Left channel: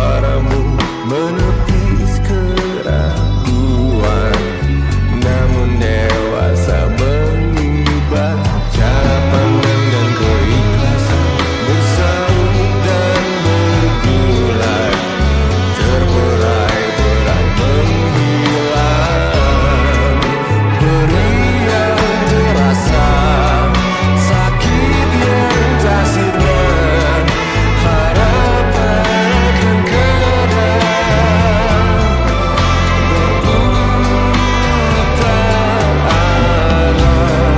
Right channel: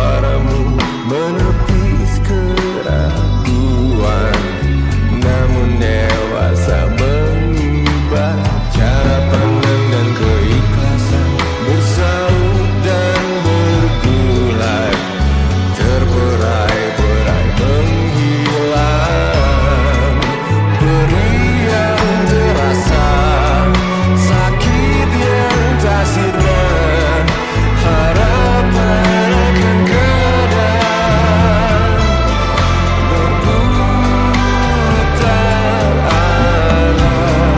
suaramu menepis keraguan, namun dewasa mengubah cara pandang dan keikhlasan, bersaut dan bergulai, terberai-berai menghilang. Perih yang terasa, sakit yang tak sirna, harapan akan kadang berputar arah.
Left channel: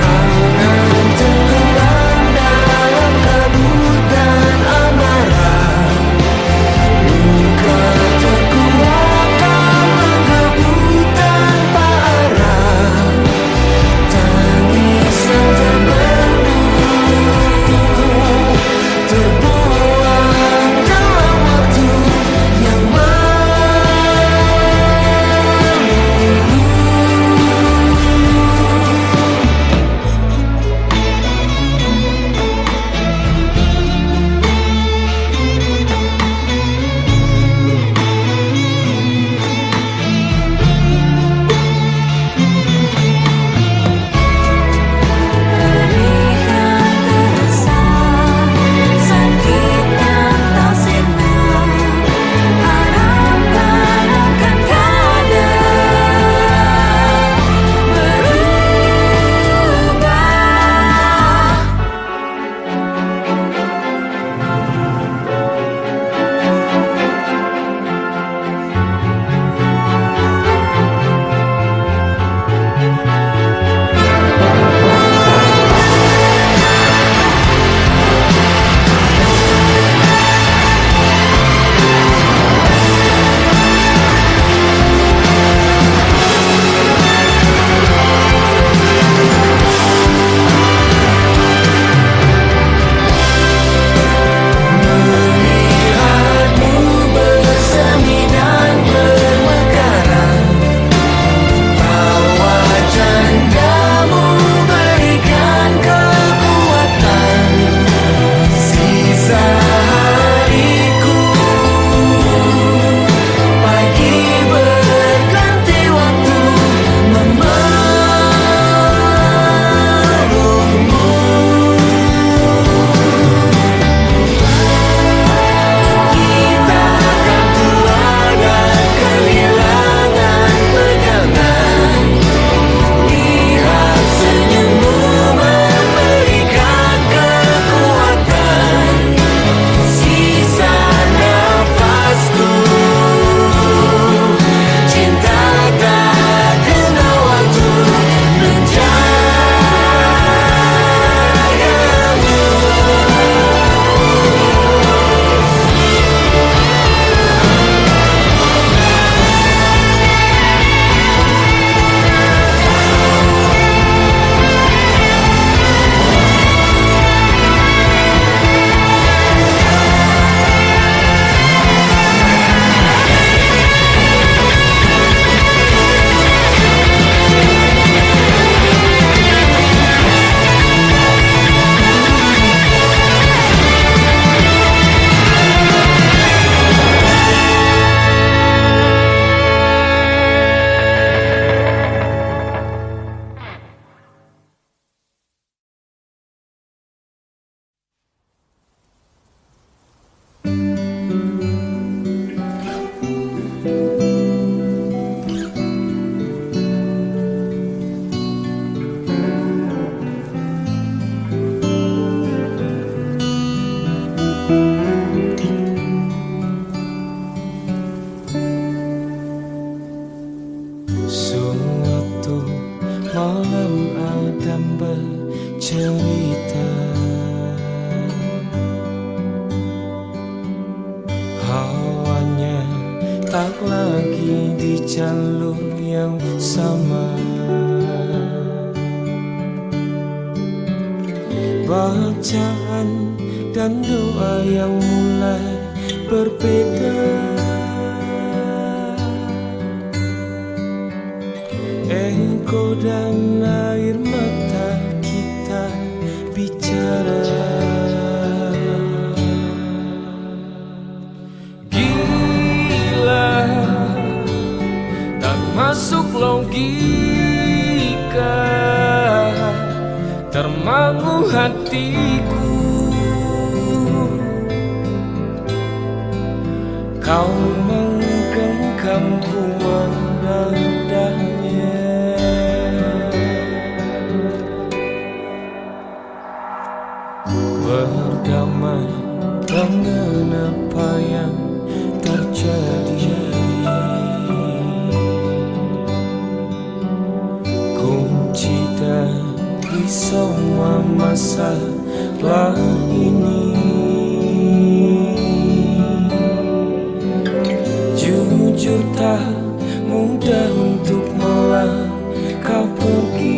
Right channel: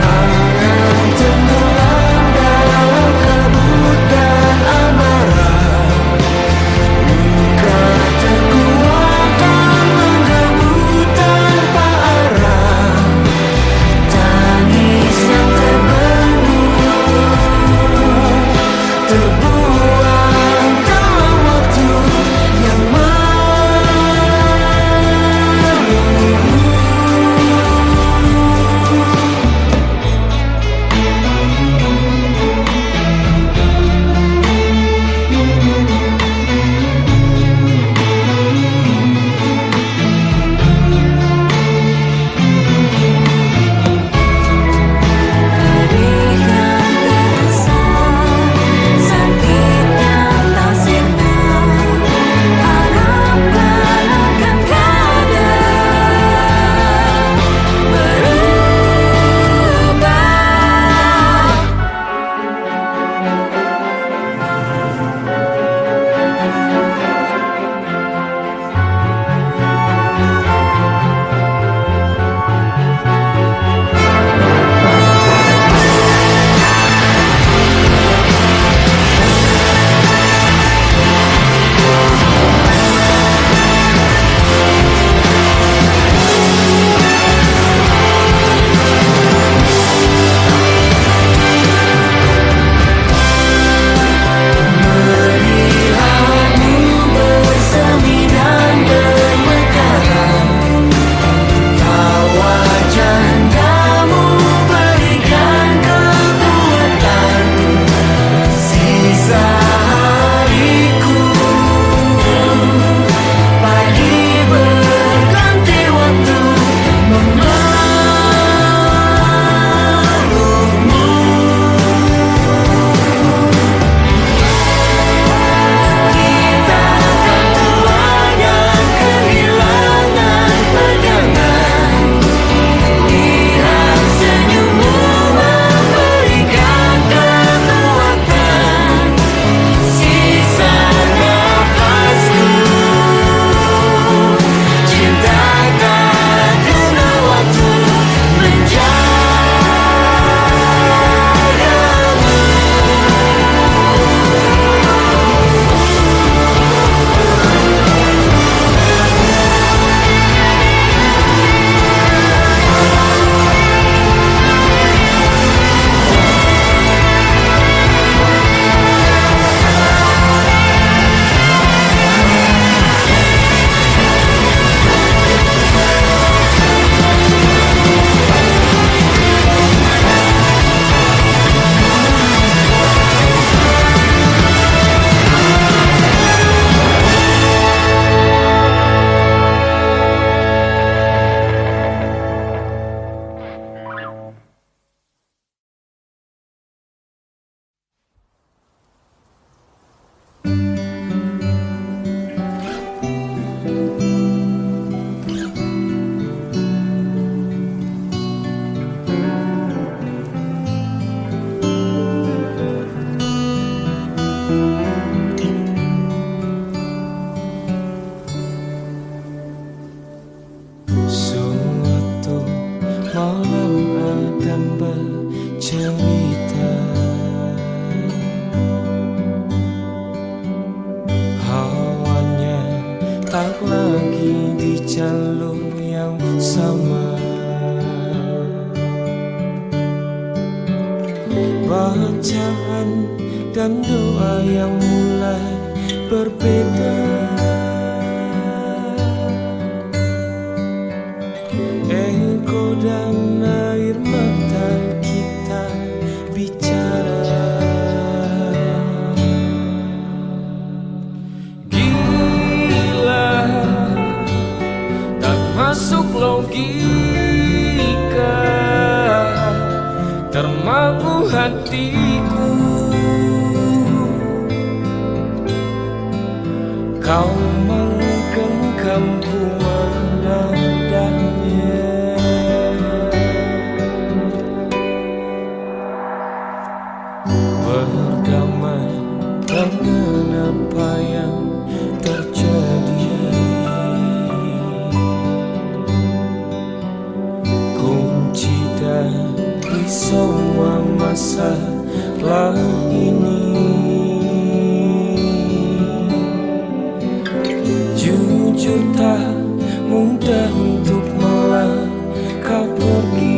Angan tenggelam dalam kabut dan amarah, luka terkuat tak menggebu tanpa arah, tangis yang terbuang dalam waktu yang tak lagi di jalur yang sama. Bacaan dan doa yang mulai berbeda. Engkau dan air mata kita bicara. masuk logika, termangu hatiku. Kau menggenggamku menadahnya. Berdamai dengan apa yang terjadi, kunci dari semua masalah ini. Jujur tak mudah untuk melangkah pergi.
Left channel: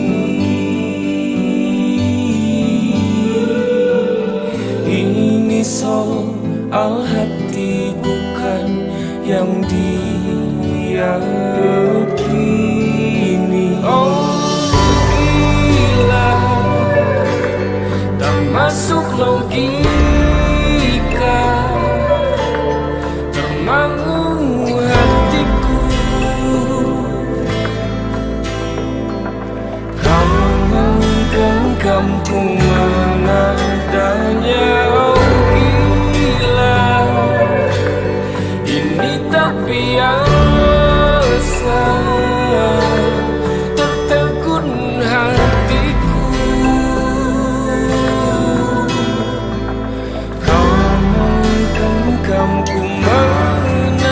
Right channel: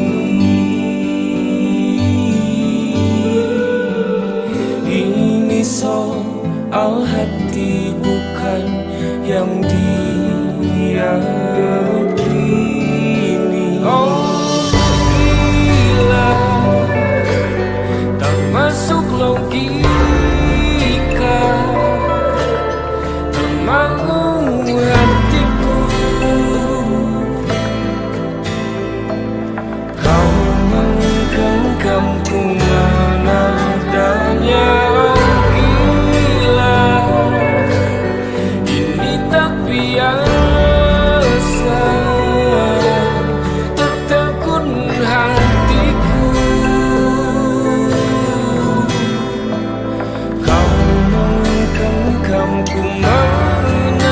Ini soal hati bukan yang diyakini. Oh gila, tak masuk logika, termangu hatiku. Kau menggenggamku menadahnya. Oh gila, ini tak biasa, tertegun hatiku. Kau menggenggamku menadahnya.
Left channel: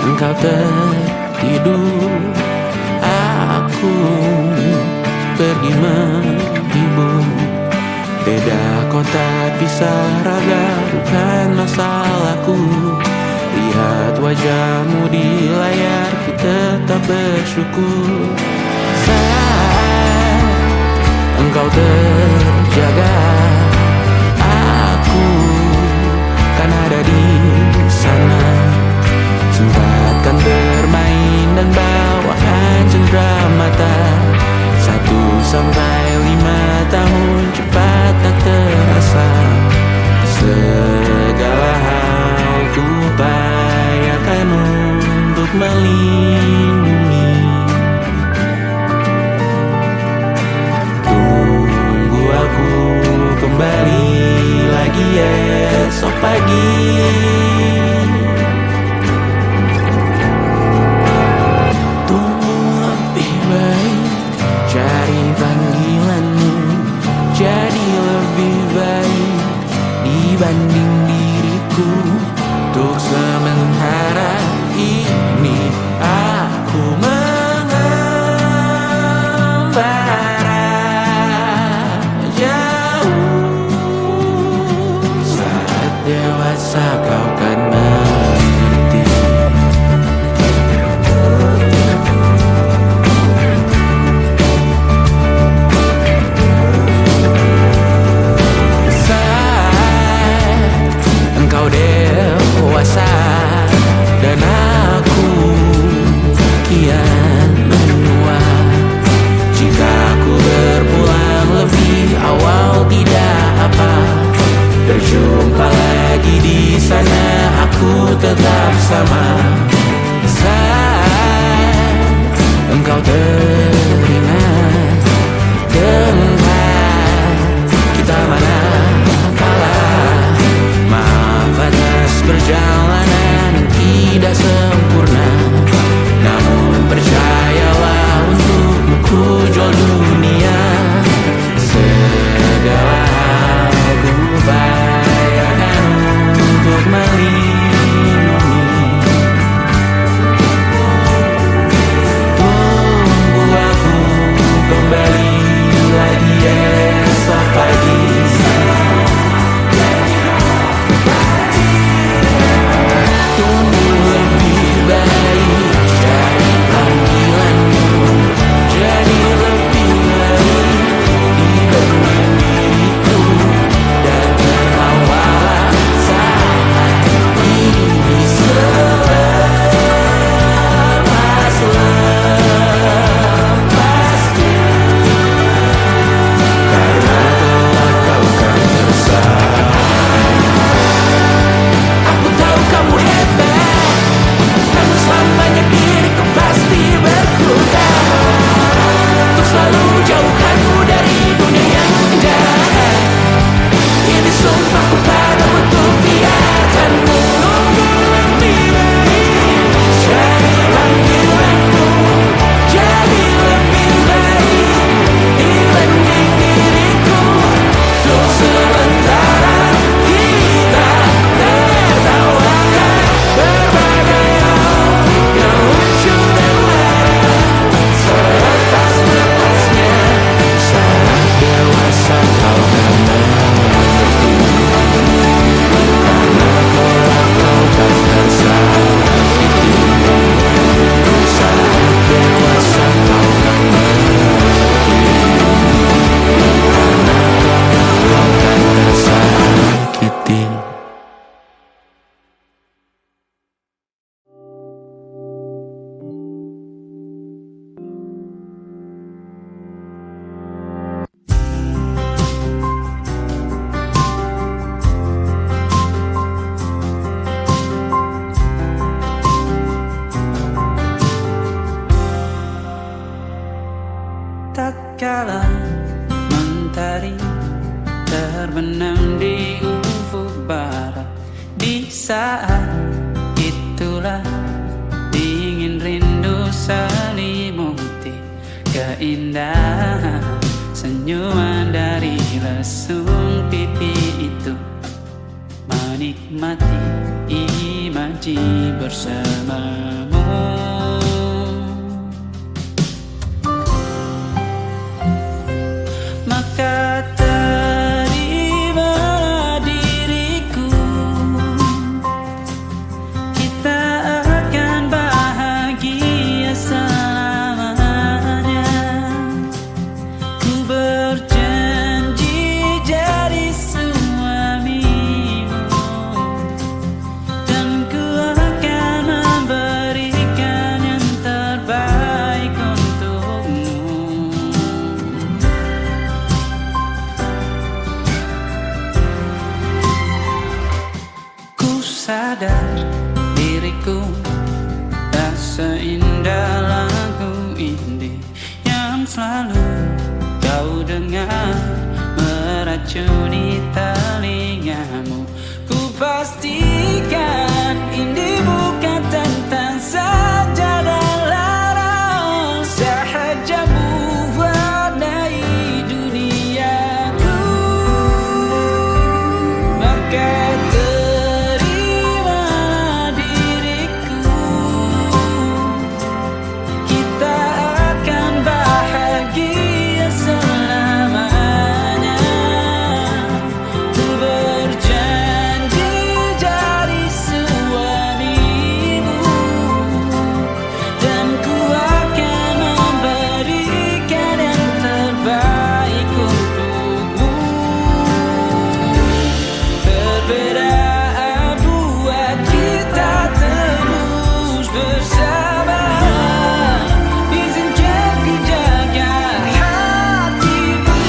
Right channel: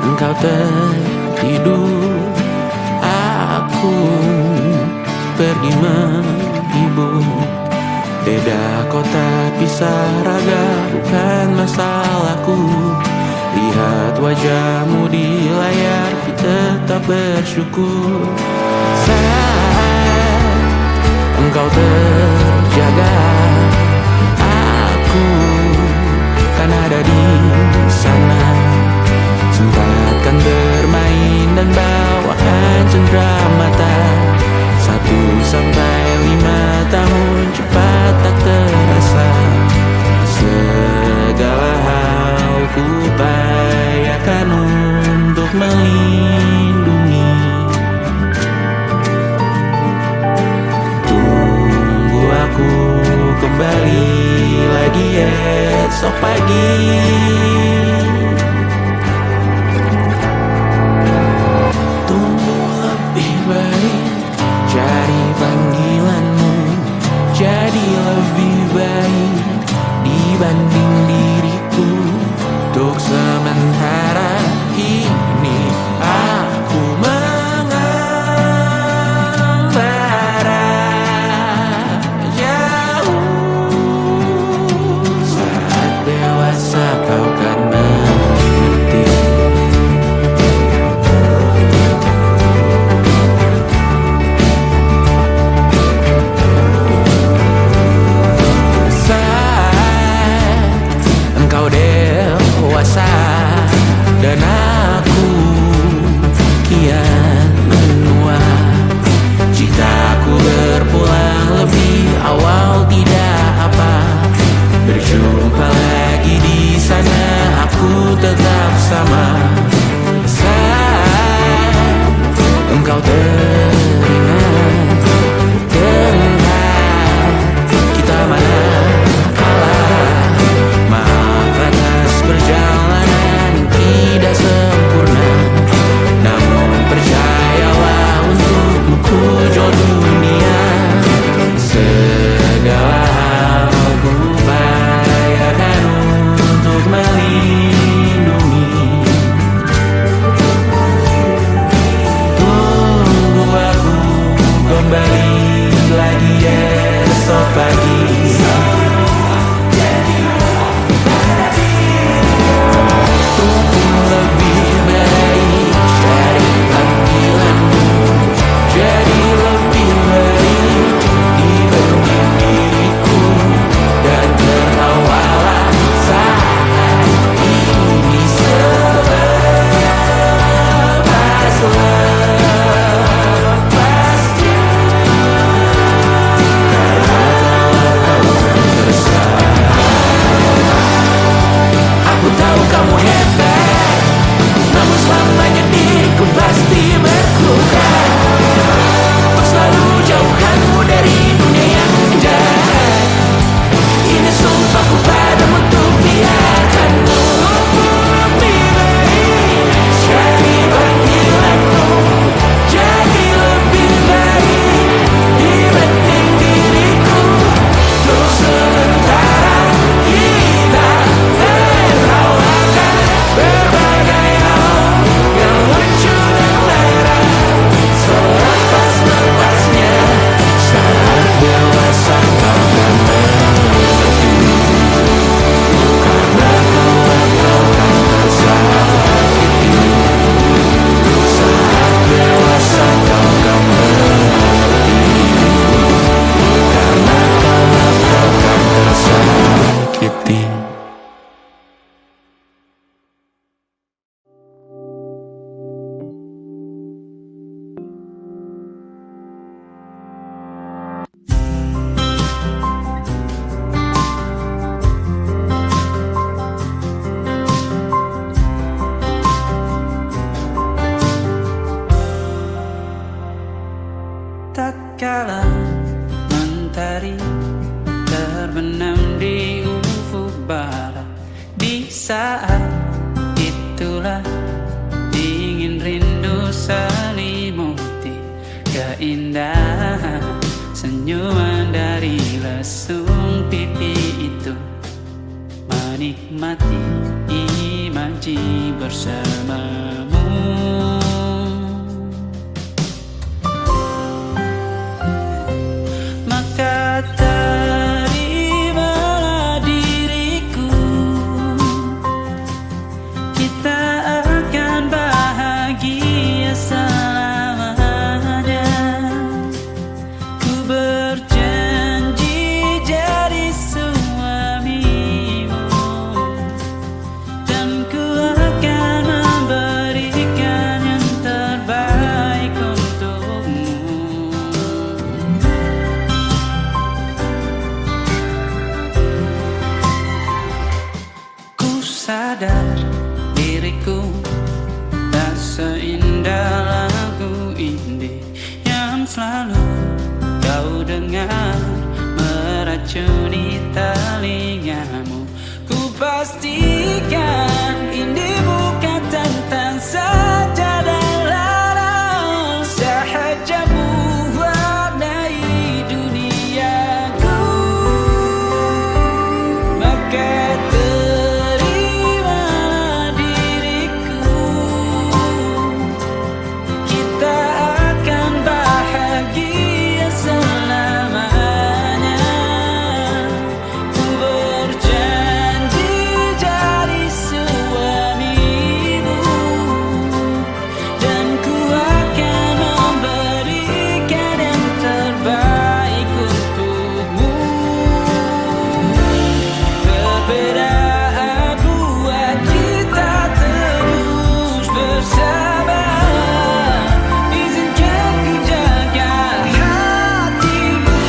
Engkau tertidur, aku pergi menghibur. Beda kota pisah raga bukan masalahku. Lihat wajahmu di layar, ku tetap bersyukur. Saat engkau terjaga, aku kan ada di sana. Sempatkan bermain dan bawakan cenderamata. 1-5 tahun cepat tak terasa. Segala hal ku upayakan untuk melindungi. Tunggu aku kembali lagi esok pagi. Cari panggilanmu jadi lebih baik dibanding diriku. Untuk sementara ini aku mengembara. tatkala mentari terbenam di ufuk barat. Di saat itulah dingin rindu selimuti keindahan senyuman dari lesung pipi itu. Menikmati imaji bersamamu. Maka terimalah diriku, kita akan bahagia selamanya. Ku berjanji jadi suamimu, dan ku akan memberikan yang terbaik untukmu. Ku sadar diriku tak seindah lagu indie yang selalu kau dengar meracuni telingamu. Ku pastikan indie bukan tentang sajadah larang, sahaja mewarnai duniaku. Maka terimalah diriku, kita akan bahagia selamanya. Ku berjanji jadi suamimu, dan ku akan memberikan yang terbaik untukmu. Perbedaan buat kita terus bersama. Izinkan ku jaga hatimu.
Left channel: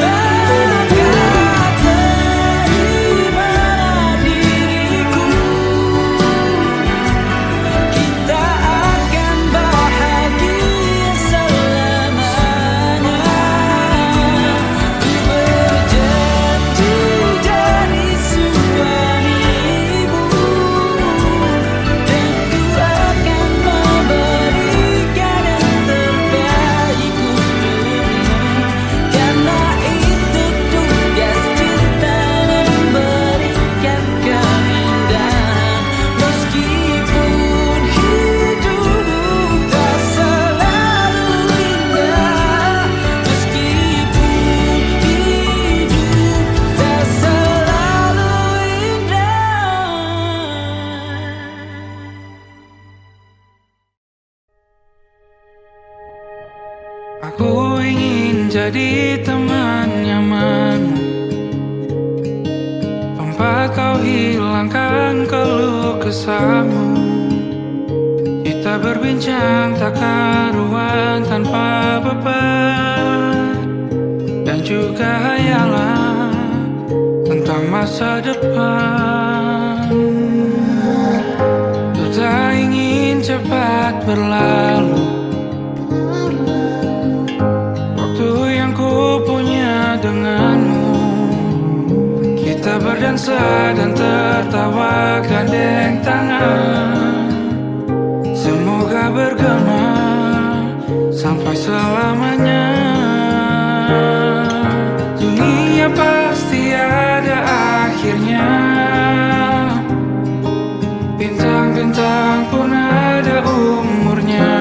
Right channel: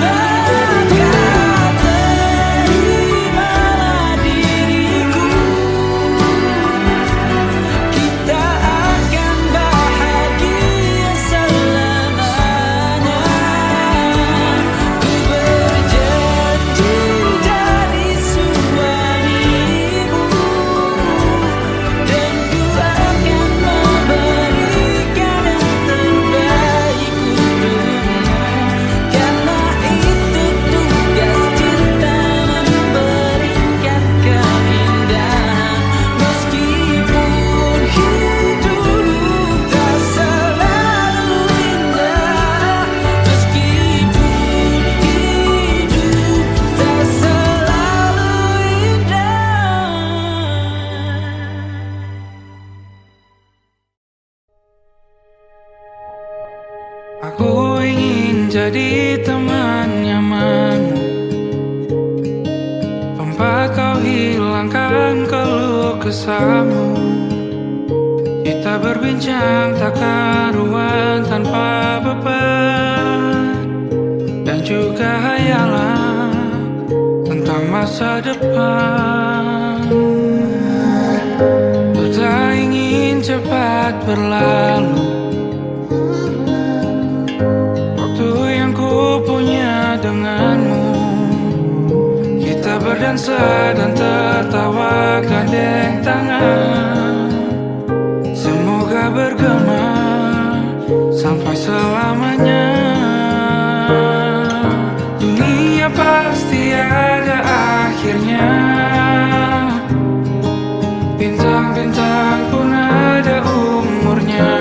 Maka terimalah diriku, kita akan bahagia selamanya. Ku berjanji jadi suamimu, dan ku akan memberikan yang terbaik untukmu. Karena itu tugas cinta, memberikan keindahan. Meskipun hidup tak selalu indah, meskipun hidup tak selalu indah. Aku ingin jadi teman nyamanmu, tempat kau hilangkan keluh kesahmu. Kita berbincang tak karuan tanpa beban, dan juga hayalan tentang masa depan. Ku tak ingin cepat berlalu waktu yang ku punya denganmu. Kita berdansa dan tertawa gandeng tangan. Semoga bergema sampai selamanya. Dunia pasti ada akhirnya, bintang-bintang pun ada umurnya.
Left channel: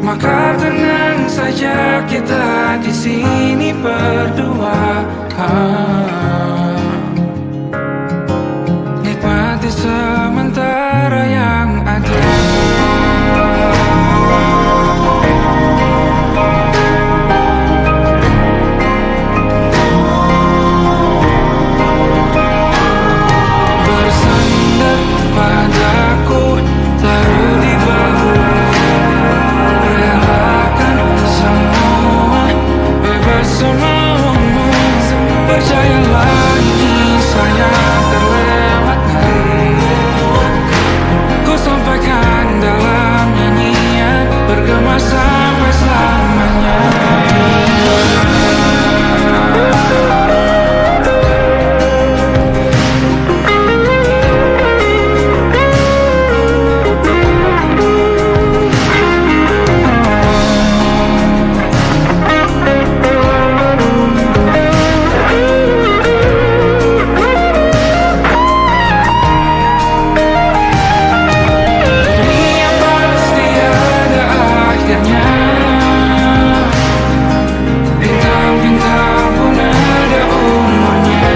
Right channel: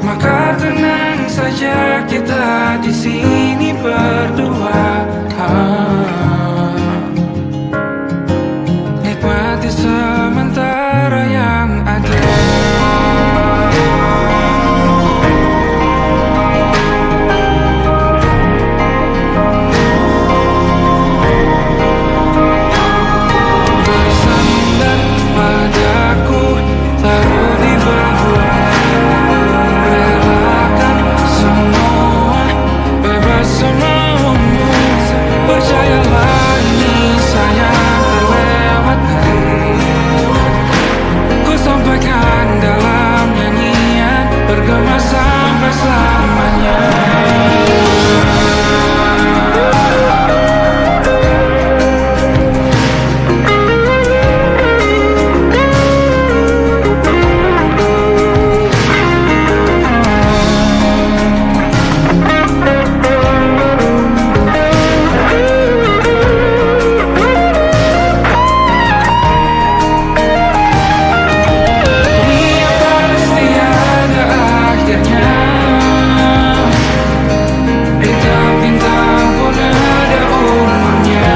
Maka tenang saja, kita di sini berdua. Nikmati sementara yang ada. Bersandar padaku, taruh di bahu, relakan semua bergema sampai selamanya. Bintang-bintang pun ada umurnya.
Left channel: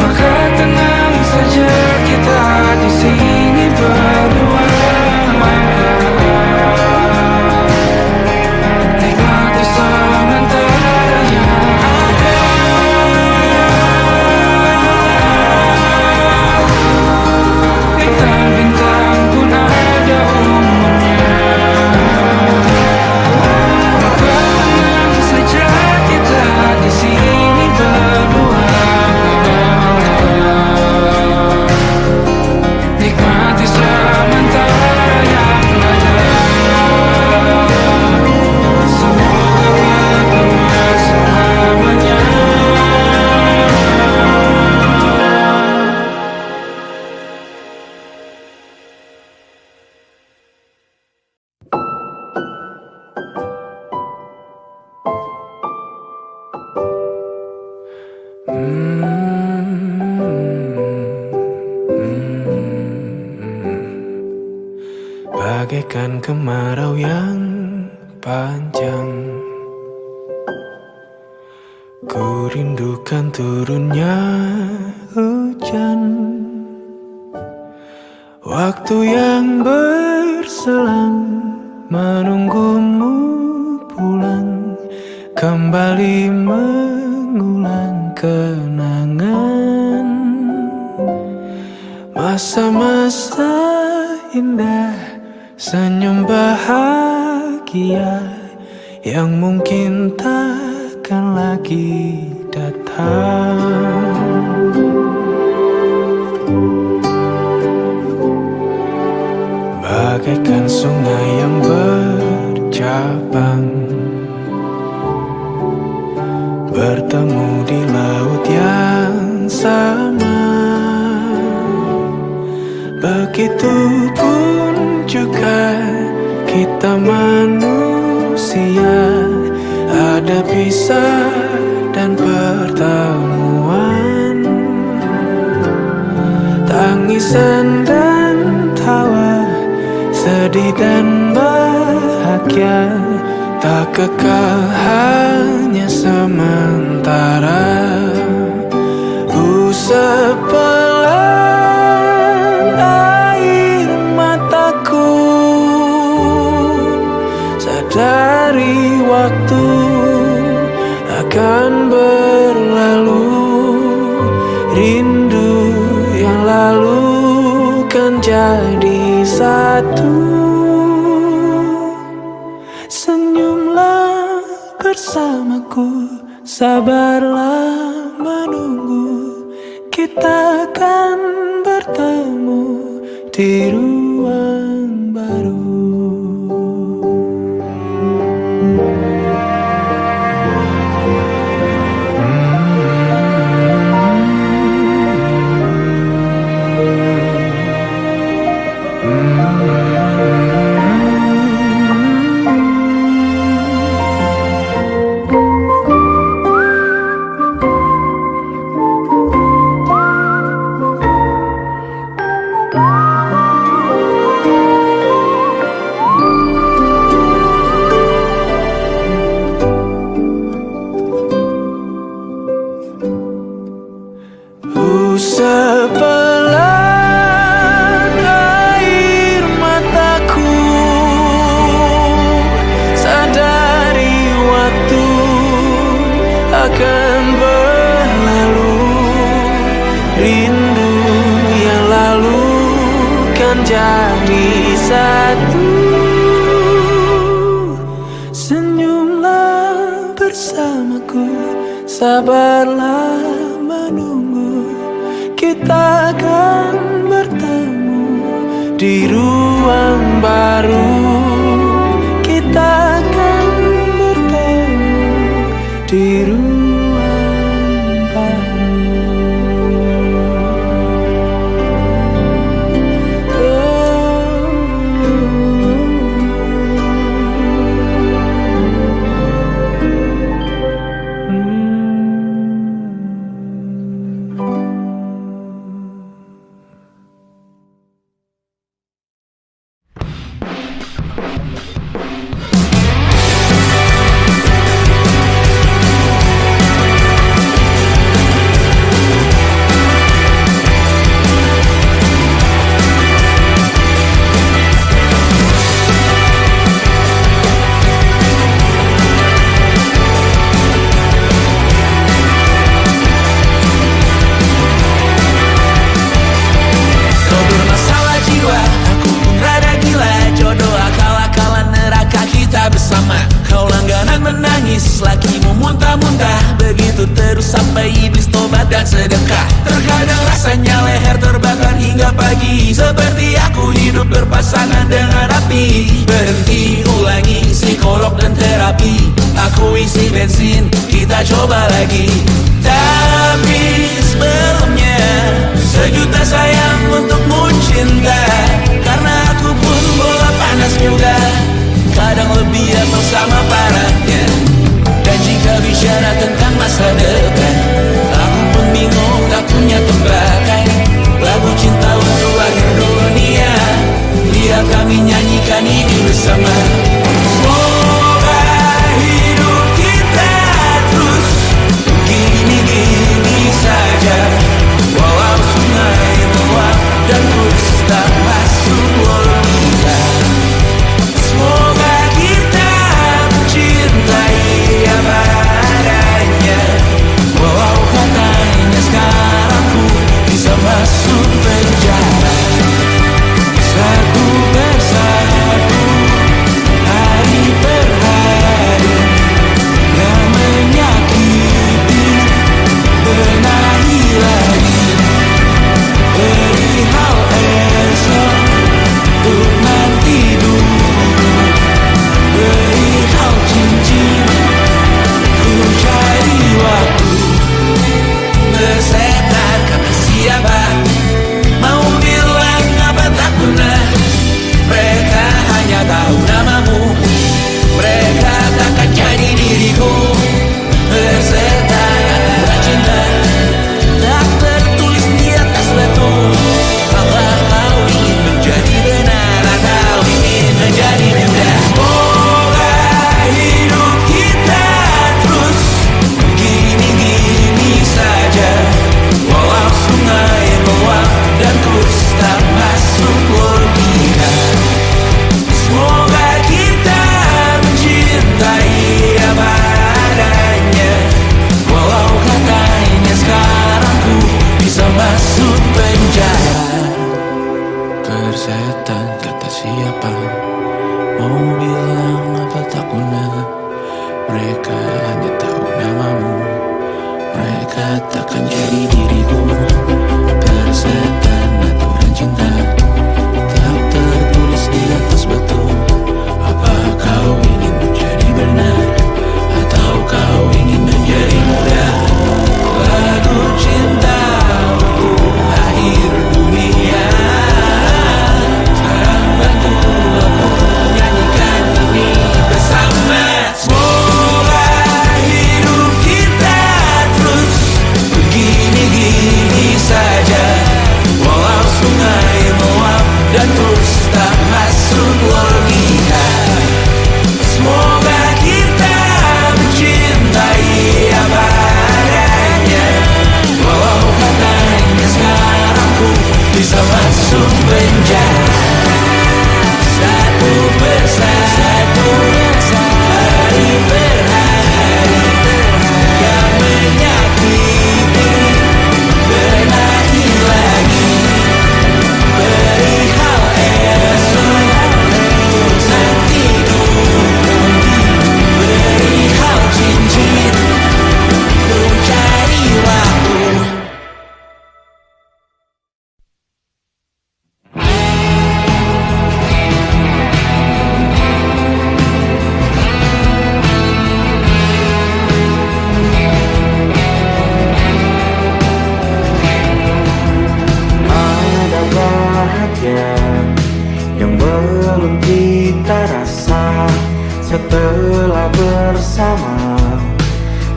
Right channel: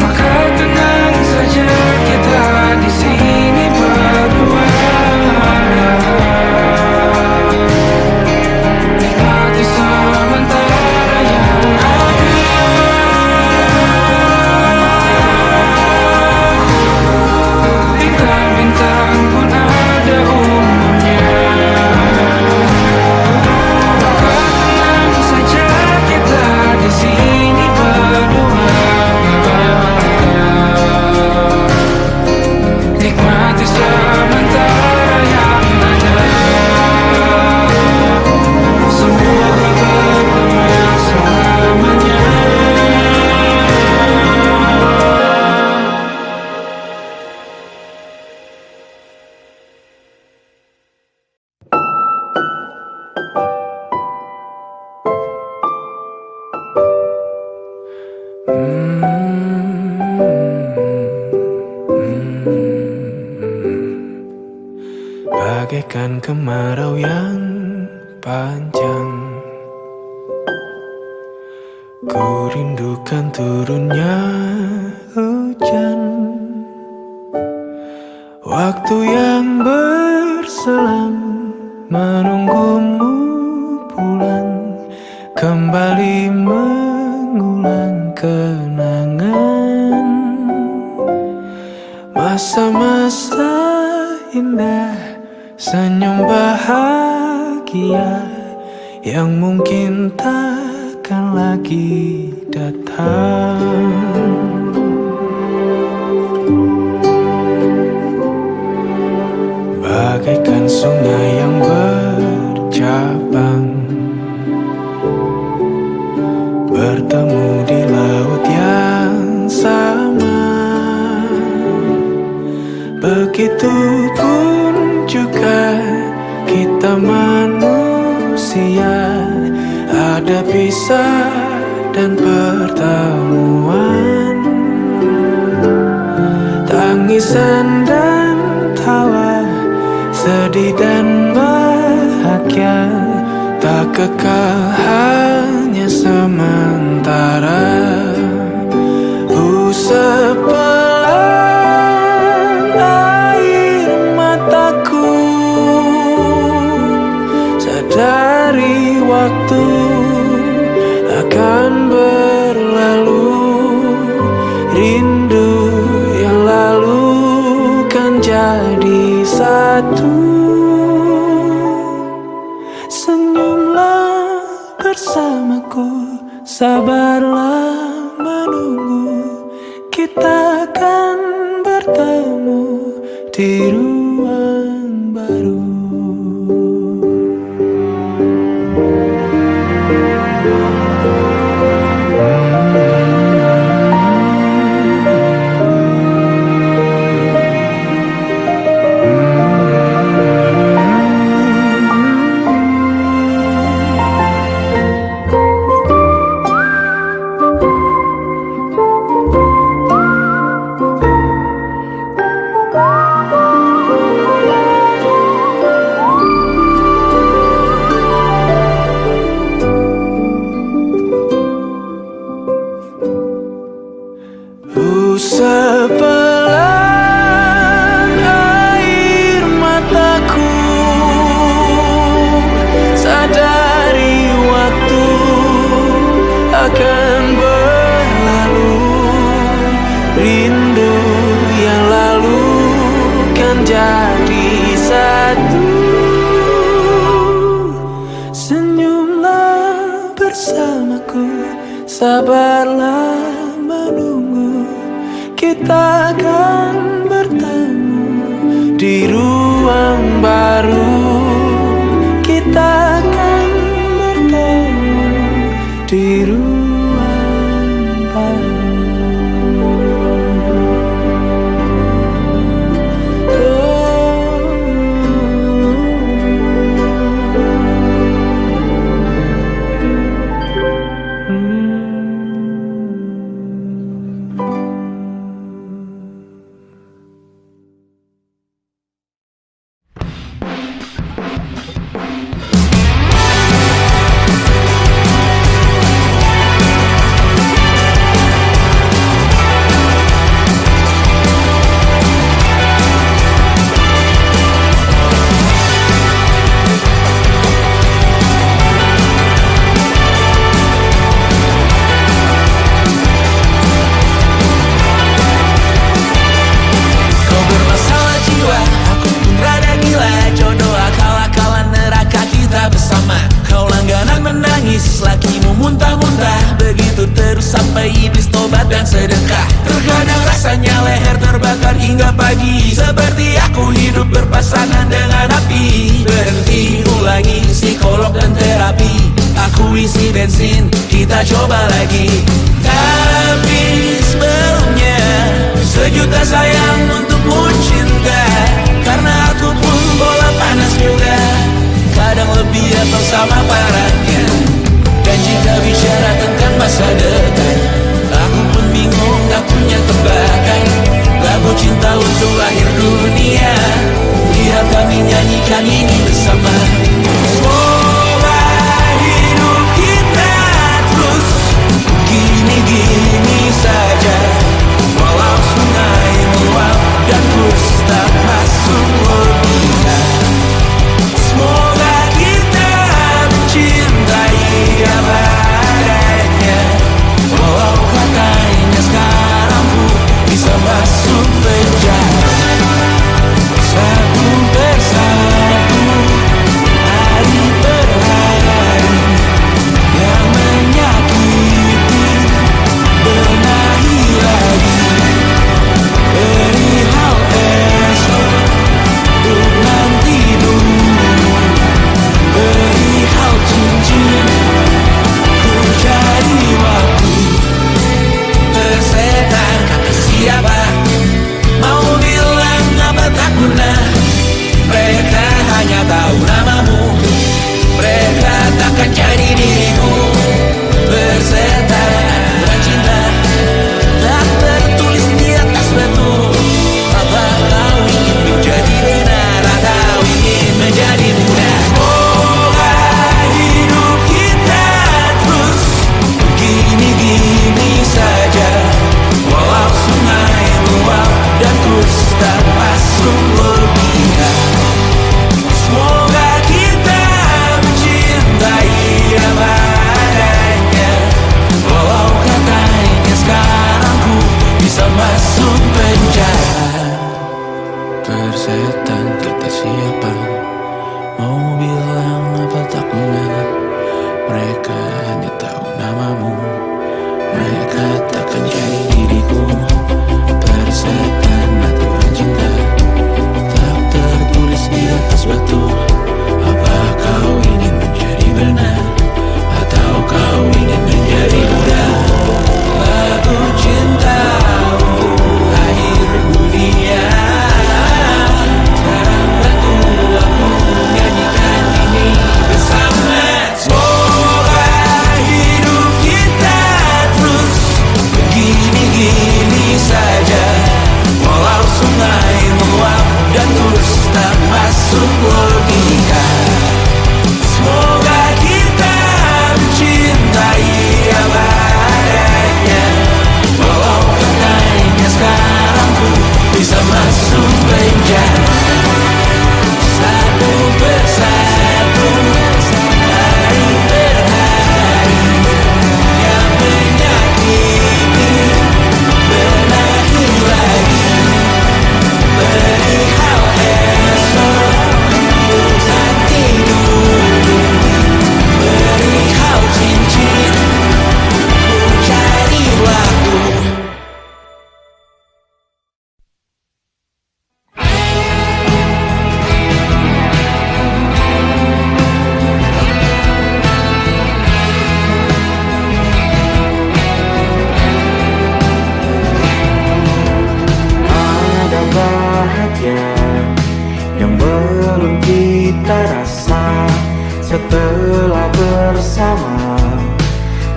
Maka tenang saja kita di sini berdua. Nikmati sementara yang ada. Bintang-bintang pun ada umurnya. Di sini berdua, nikmati sementara yang ada. Semoga bergema selamanya. Bagaikan kemarau yang panjang, ku rindukan turunnya hujan. Waktu yang berselang menunggumu pulang, kembali mengulang kenangan masa-masa indah, senyum bahagia yang mungkin takkan lagi datang. Bagaikan sungai yang bercabang, bertemu di laut yang sama. Begitupun juga kita manusia, ada pisah dan pertemuan, tangisan dan tawa, sedih dan bahagia, tak kekal hanya sementara. Usap pelan air mataku, sadari waktu akan berlalu. Rindu yang lalu kan jadi satu. Senyumlah bersamaku, sabarlah menunggu, kita akan bertemu di ruang baru. Sepelan air mataku, sadari waktu akan berlalu. Rindu yang lalu kan jadi satu. Senyumlah bersamaku, sabarlah menunggu, kita akan bertemu di ruang baru kita akan bertemu di ruang baru. Lakimu muntah-muntah, begitu terus sampai iblis tobat dan sedekah. Terkadang rasanya leher terbakar hingga pagi, seperti aku hidup berpasangan dengan api. Berhenti, ulangi psikolog dan terapi. Aku isi bensin, kita coba lagi. Tapi sebelumnya, sejuta sayang untukmu cinta. Karena aku pun bola panas juga, kadang lebih atau sama parahnya. Dan jika bicara tentang masa depan, aku pun bingung tak punya tebakan. Lagu cinta untuk akhir dunia, lihat kami nyanyikan ini bersama. Semoga hidup kita terus gini-gini saja, walau sungai meluap dan kurs tak masuk logika. Semoga kita mencintai apa adanya, walau katanya sekarang ku bisa masuk penjara. Satu persatu, hari per hari, yang menyakiti benahi lagi. Perihal esok, untuk nanti dulu. Perihal cincin, ku cari waktu. Persetan kata siapa, mau bilang apa tak guna. Mereka hanya tahu namamu, mereka takkan jadi diriku. Persetan aturan cinta, tak tertulis di atas batu. Apa kau ingin menjadi benar atau ingin menjadi muda? Semoga hidup kita terus gini-gini saja, walau sungai meluap dan kurs tak masuk logika. Semoga kita mencintai apa adanya, walau katanya sekarang ku bisa masuk penjara. Persetan kata siapa, mau bilang apa tak guna. Mereka hanya tahu namamu, mereka takkan jadi diriku. Persetan aturan cinta, tak tertulis di atas batu. Apa kau ingin menjadi benar atau kau ingin menjadi muda? Lagu cinta untuk akhir dunia, bantu aku nyanyikan ini bersama. Semoga hidup kita terus gini-gini saja, bersama.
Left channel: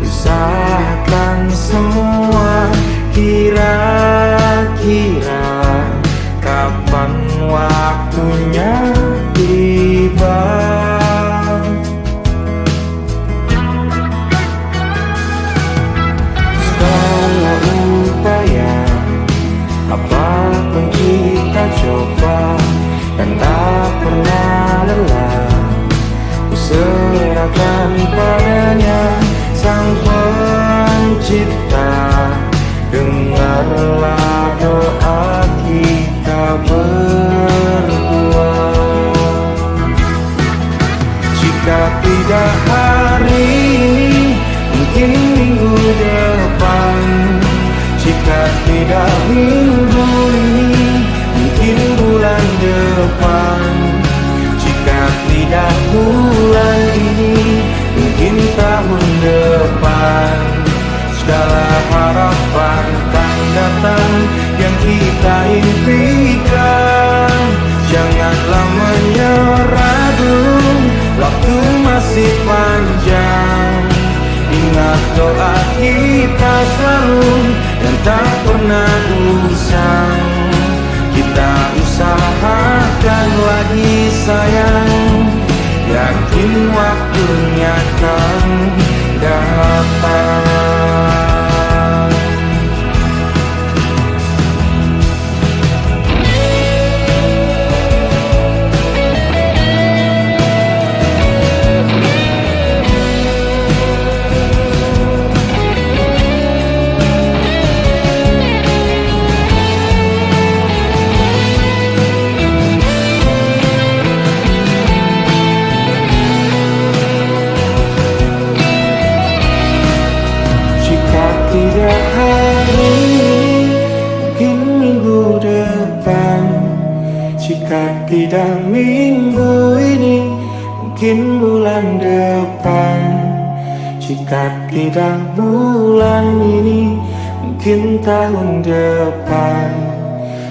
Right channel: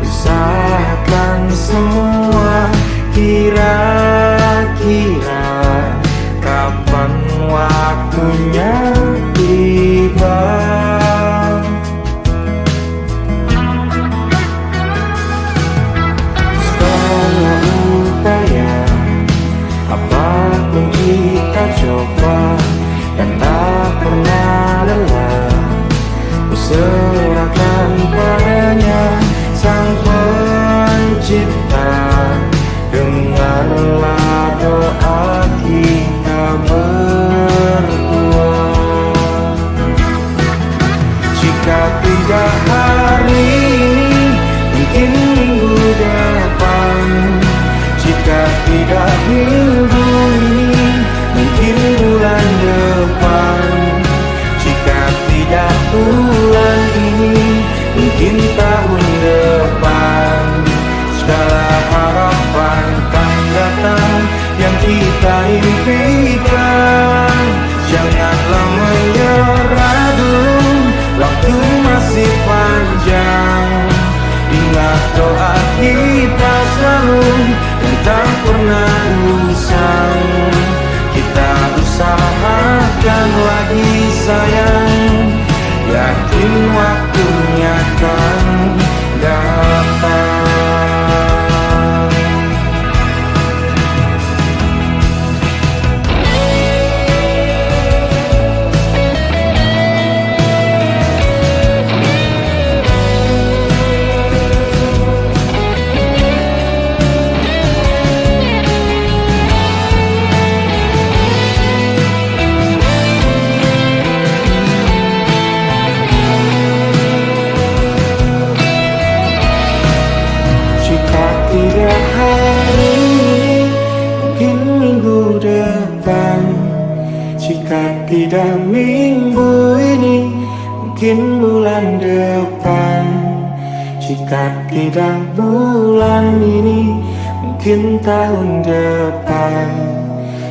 Usahakan semua, kira-kira kapan waktunya tiba. Setelah upaya, apapun kita coba dan tak pernah lelah, ku serahkan padanya Sang Pencipta. Dengarlah doa kita berdua. Jika tidak hari ini, mungkin minggu depan. Jika tidak minggu ini, mungkin bulan depan. Jika tidak bulan ini, mungkin tahun depan. Segala harapan kan datang yang kita impikan. Janganlah menyerah dulu, waktu masih panjang. Ingat doa kita selalu dan tak pernah usang. Kita usahakan lagi sayang, yakin waktunya kan datang. Tidak hari ini, mungkin minggu depan. Jika tidak minggu ini, mungkin bulan depan. Jika tidak bulan ini, mungkin tahun depan.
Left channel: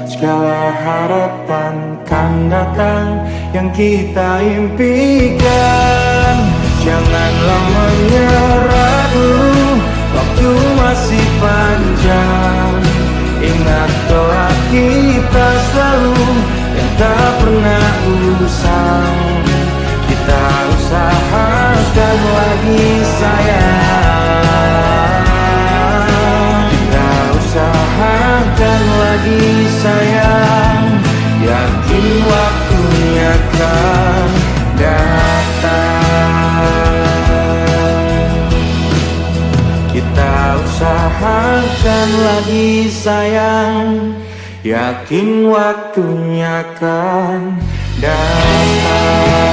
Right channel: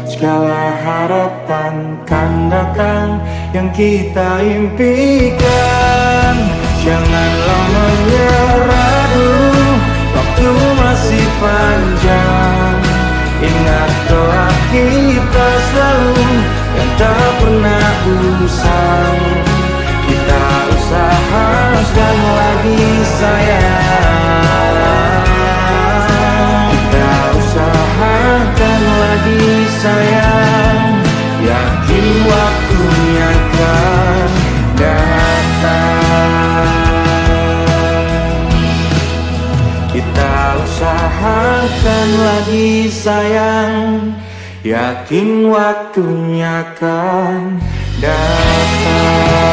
Segala harapan kan datang yang kita impikan. Janganlah menyerah dulu, waktu masih panjang. Ingat doa kita selalu yang tak pernah usang. Kita usahakan lagi sayang. Kita usahakan lagi sayang, yakin waktunya kan datang. Kita usahakan lagi sayang, yakin waktunya kan datang.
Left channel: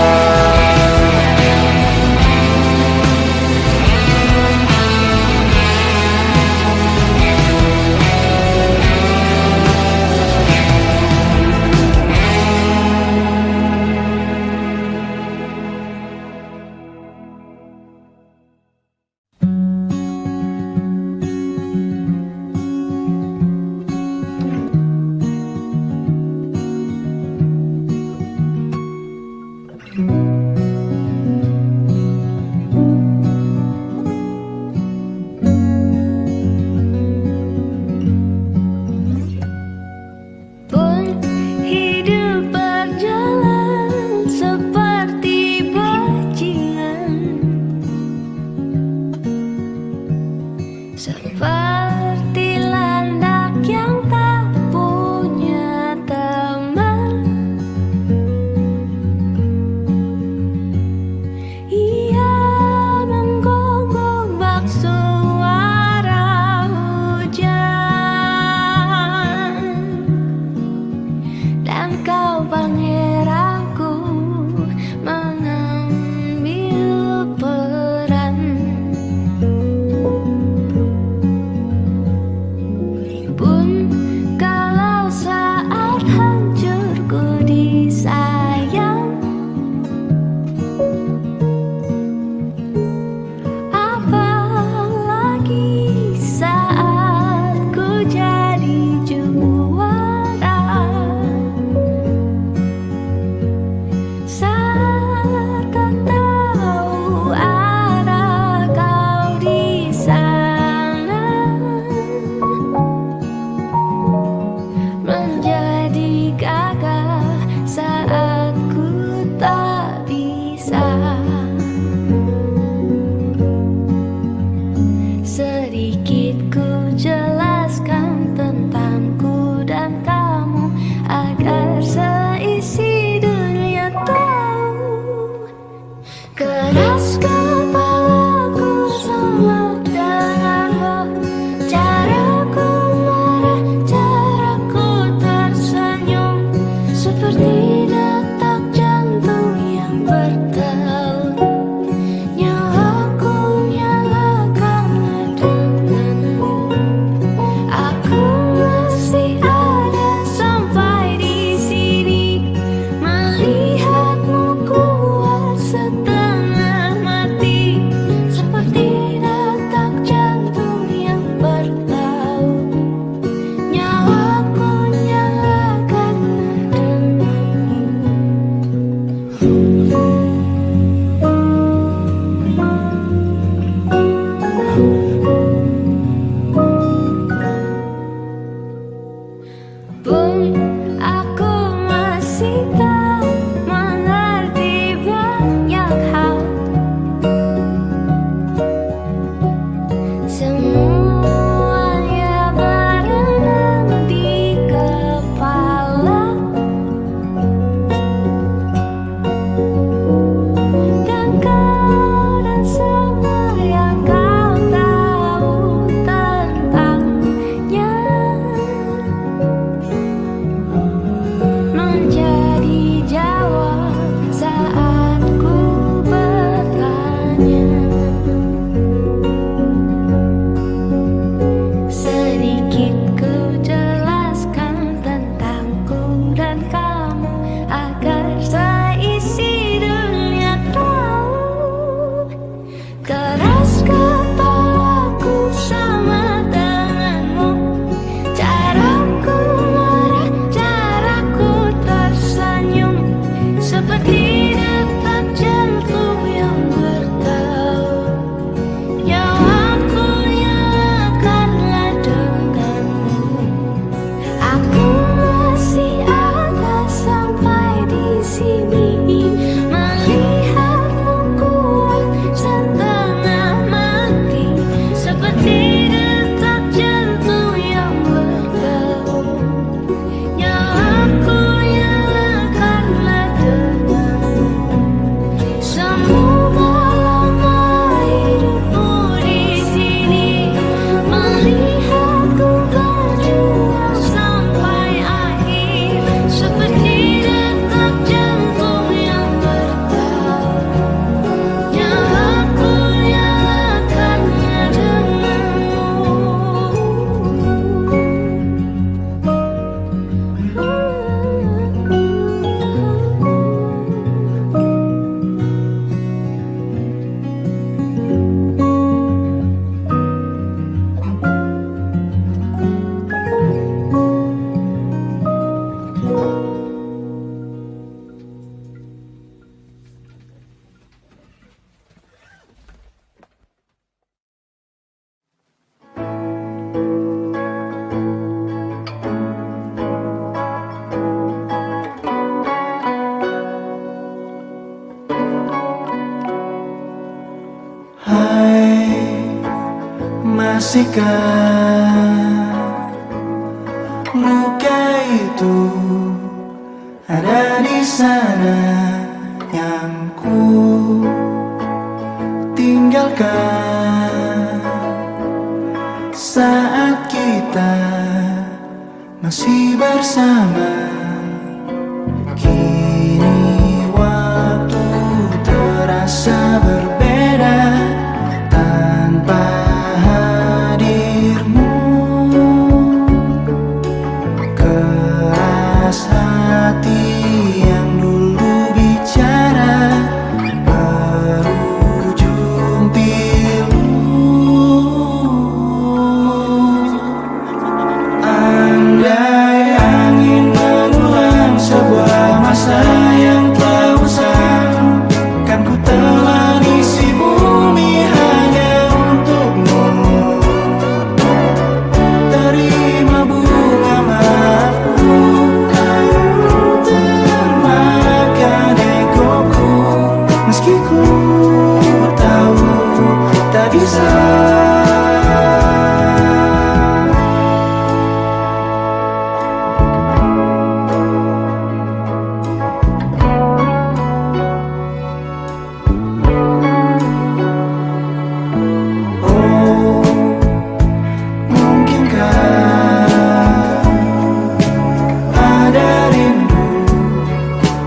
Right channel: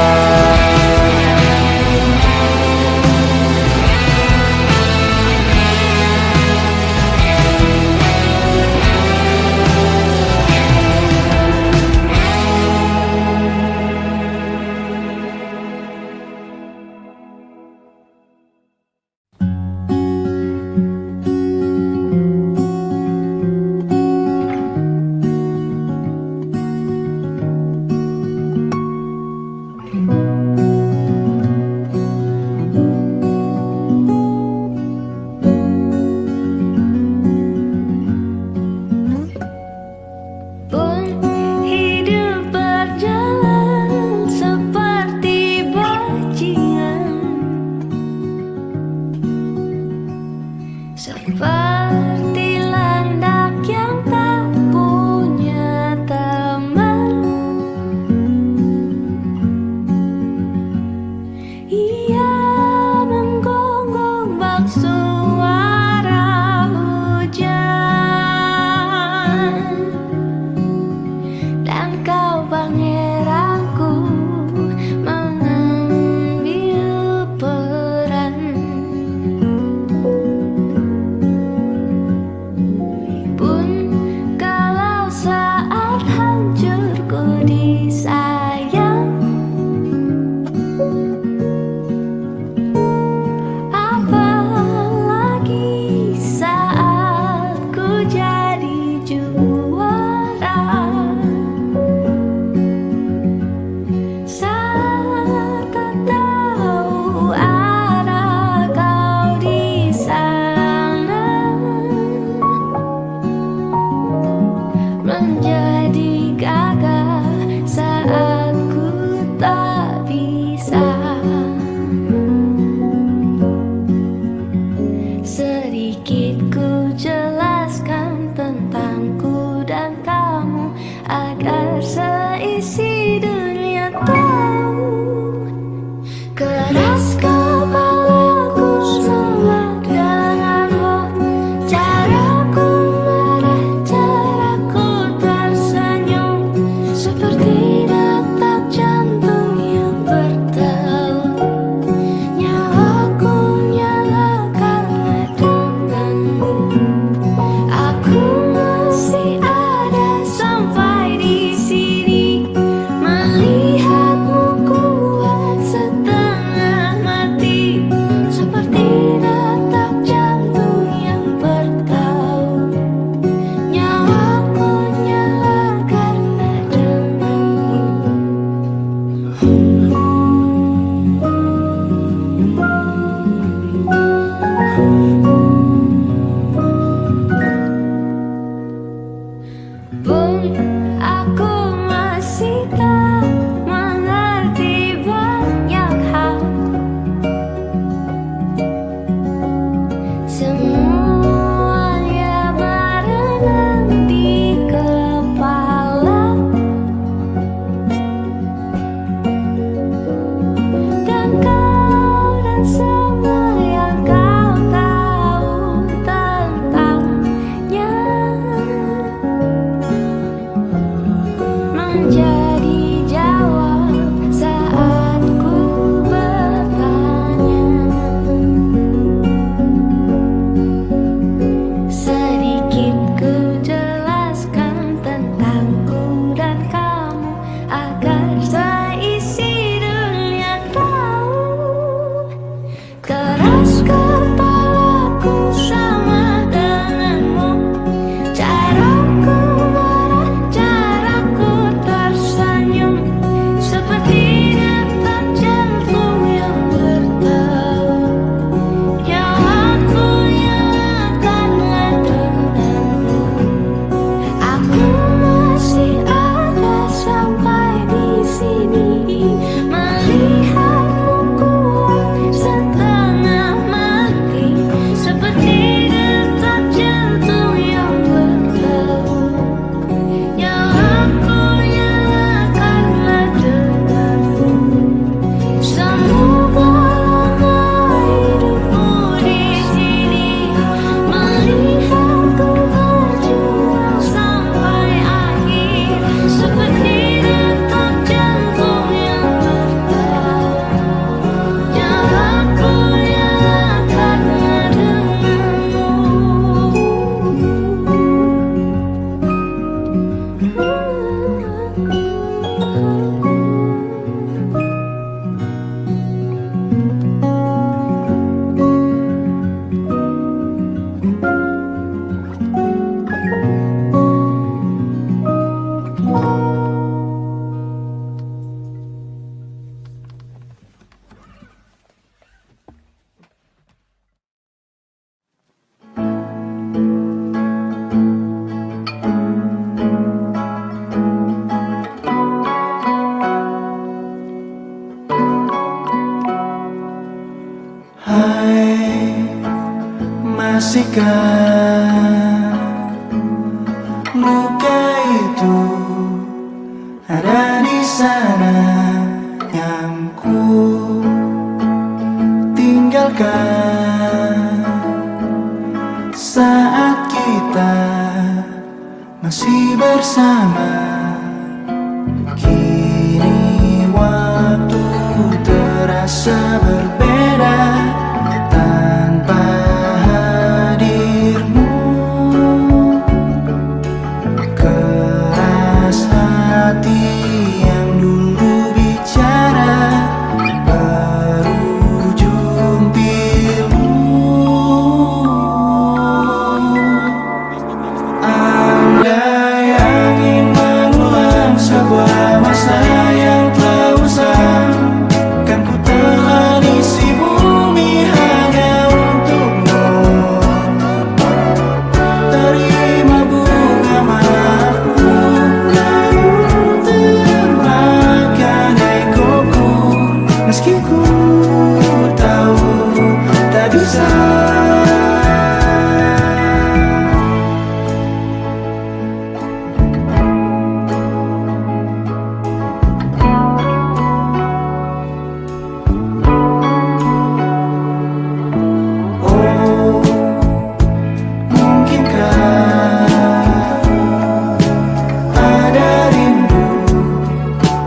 pastikan luka itu ada di sana yang ku tinggalkan saat kita masih bersama. Kini waktu terasa berbeda tanpa hadirmu. Keras hati yang dulu bicara berujung pilu. Andai angin mengulang sebuah masa yang telah usang, kan ku telah isi bumi hanya untukmu. Terima bunga maafku, layu termakan egoku, meski ku tahu tak bisa. Ada rindu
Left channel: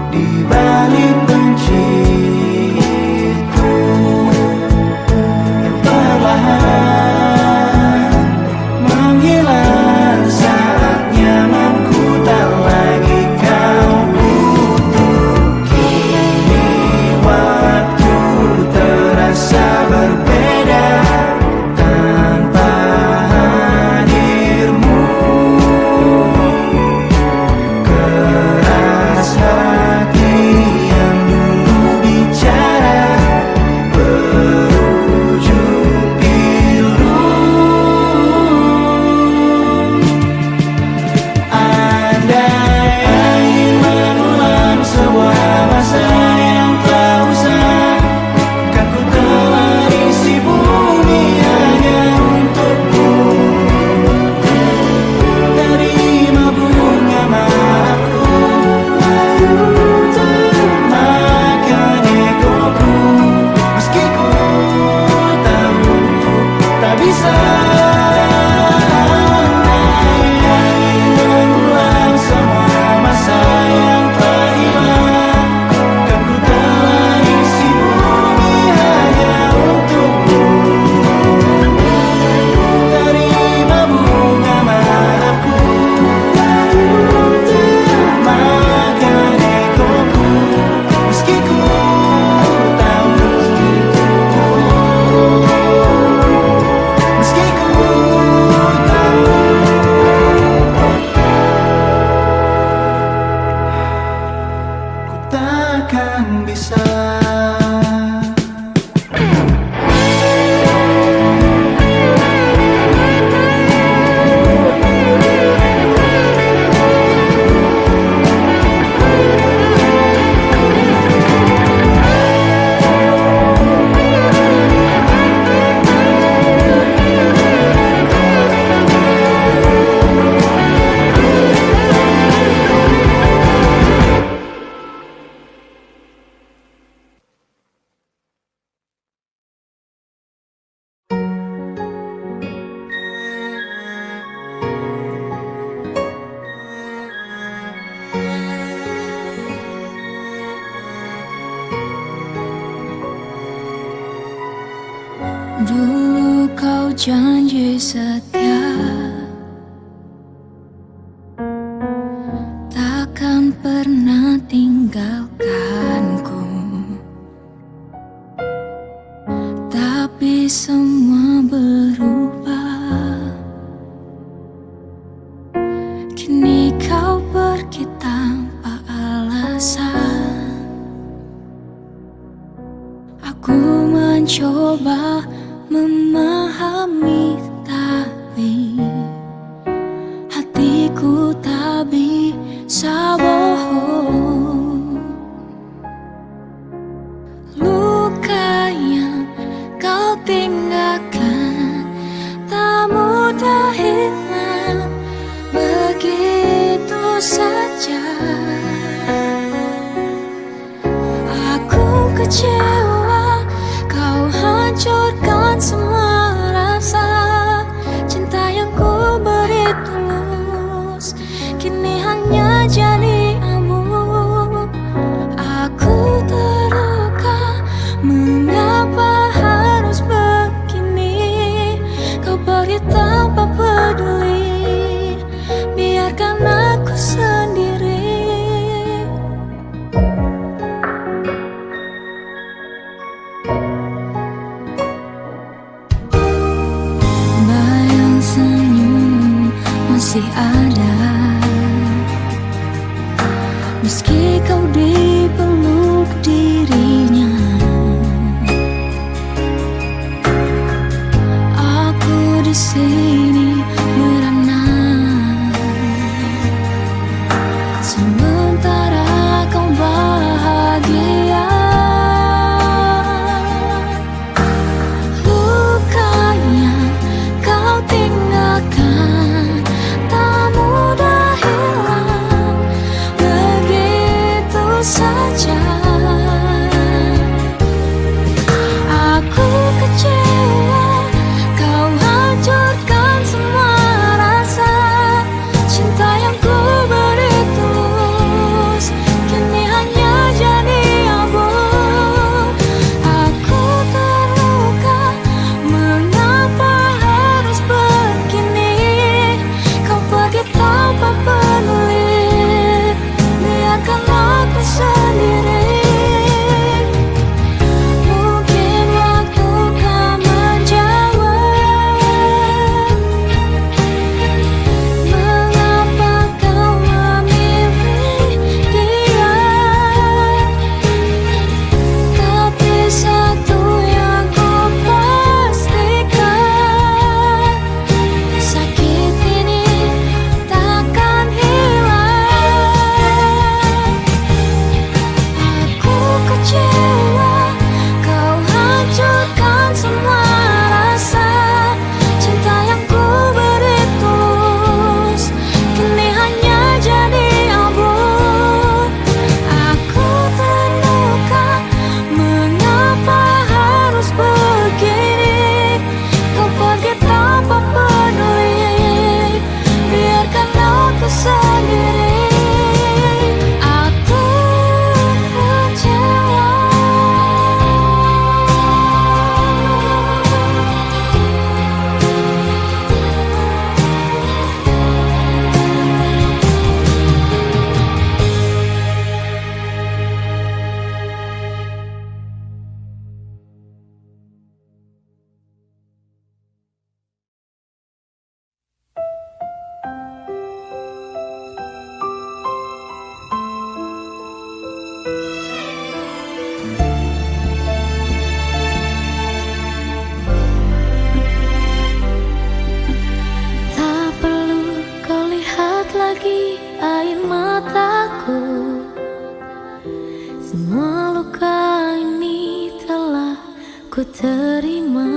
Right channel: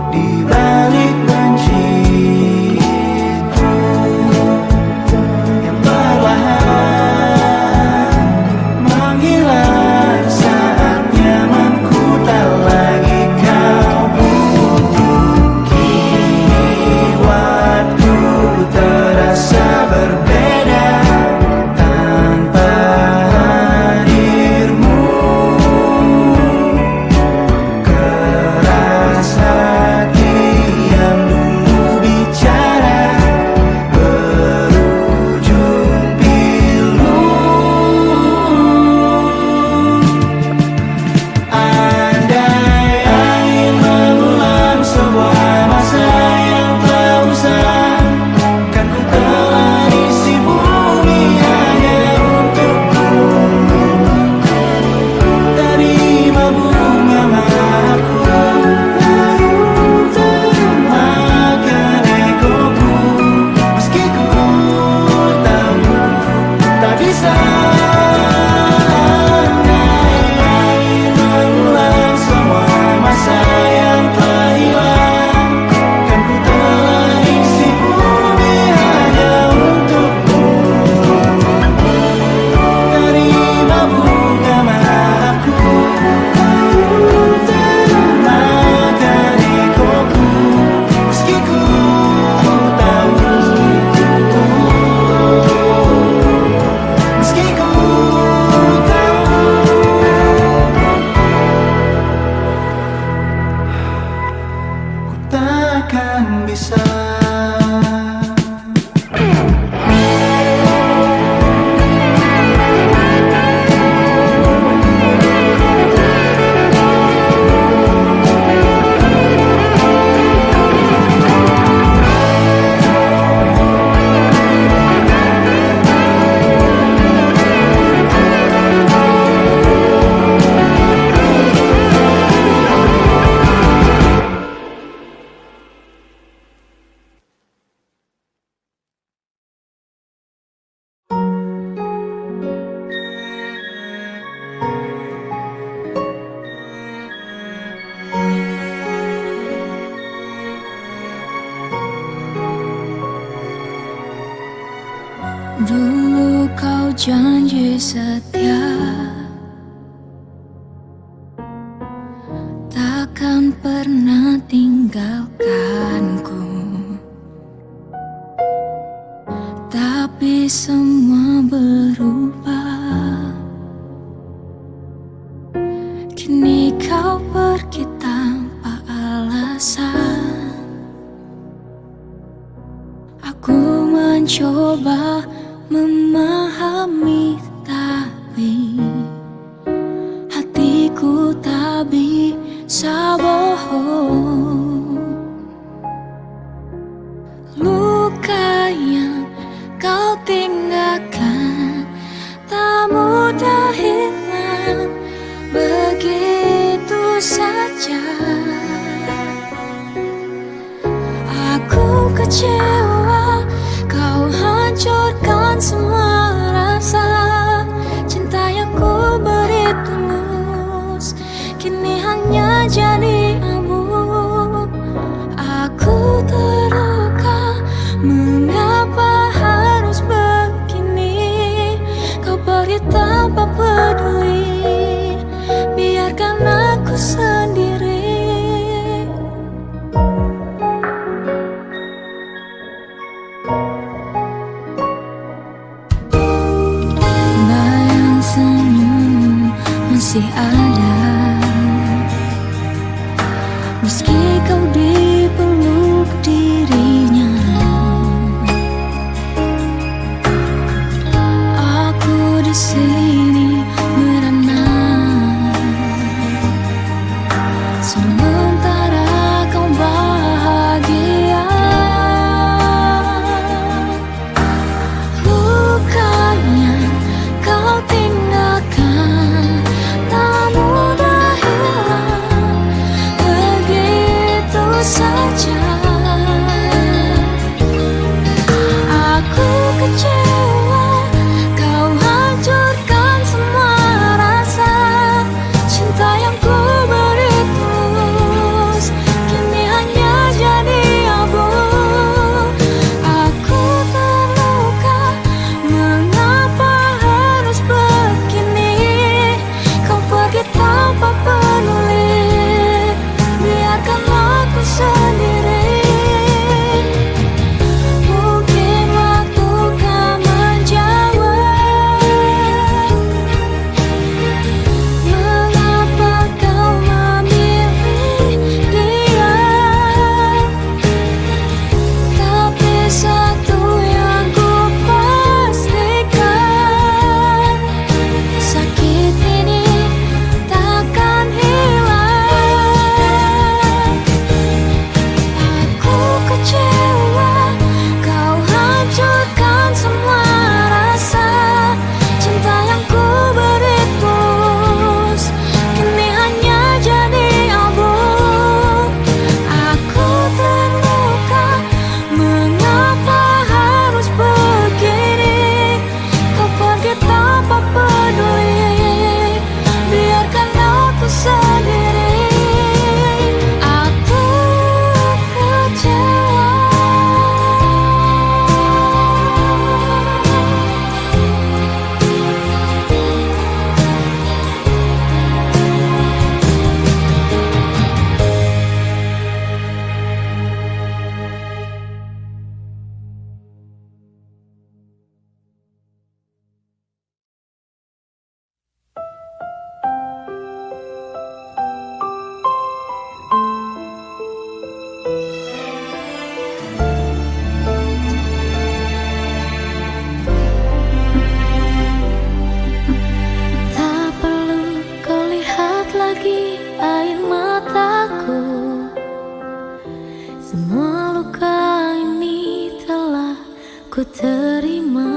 di balik benci itu yang perlahan menghilang saat nyamanku tak lagi kau butuh. Kini waktu terasa berbeda tanpa hadirmu. Keras hati yang dulu bicara berujung pilu. Andai angin mengulang sebuah masa yang telah usang, kan ku telah isi bumi hanya untukmu. Terima bunga maafku, layu termakan egoku, meski ku tahu tak bisa. Andai angin mengulang semua masa yang telah hilang, kan ku telah isi bumi hanya untukmu. Terima bunga maafku, layu termakan egoku, meski ku tahu, meski ku tahu, ku takkan bisa. Dulu kau janji setia, takkan pernah tinggalkanku. Tapi semua berubah. Kini kau pergi tanpa alasan. Aku mencoba memahami, tapi hatiku tak bisa bohong. Luka yang kau tinggalkan tak mudah hilang begitu saja. Aku kecewa, kau hancurkan semua rasa. Cinta yang ku beri tulus kini hanya jadi abu. Aku terluka, mengapa harus begini? Kau pergi tanpa peduli, biarkan aku sendiri. Bayang senyum masih ada, meski kau dipeluk dirinya. Aku di sini merana, sementara kau bahagia. Luka yang kau tinggalkan tak mudah hilang begitu saja. Aku kecewa, kau hancurkan semua rasa. Cinta yang ku beri tulus kini hanya jadi abu. Aku terluka, mengapa harus begini? Kau pergi tanpa peduli, biarkan aku sendiri. Mungkin waktu kan menjawab mengapa kau memilih dia. Tapi satu yang ku pastikan, sakit ini takkan hilang. Aku kecewa, kau hancurkan semua rasa. Cinta yang ku beri tulus kini hanya jadi abu. Aku terluka, mengapa harus begini? Kau pergi tanpa peduli, biarkan aku sendiri. Aku kecewa. Tak perlu kau lihat lagi air mataku. Semua luka ini telah ku terima.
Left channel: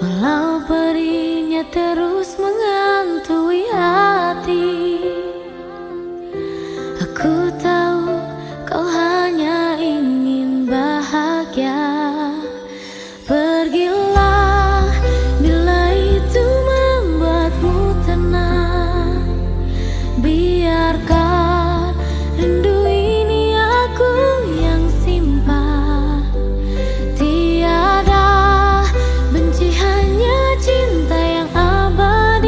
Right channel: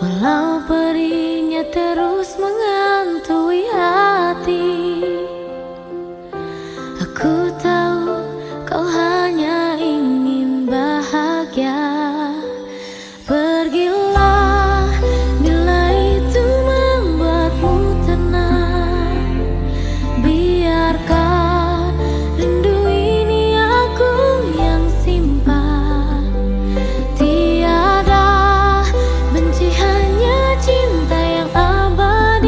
Walau perihnya terus menghantui hati, aku tahu kau hanya ingin bahagia. Pergilah bila itu membuatmu tenang. Biarkan rindu ini aku yang simpan. Tiada benci, hanya cinta yang abadi.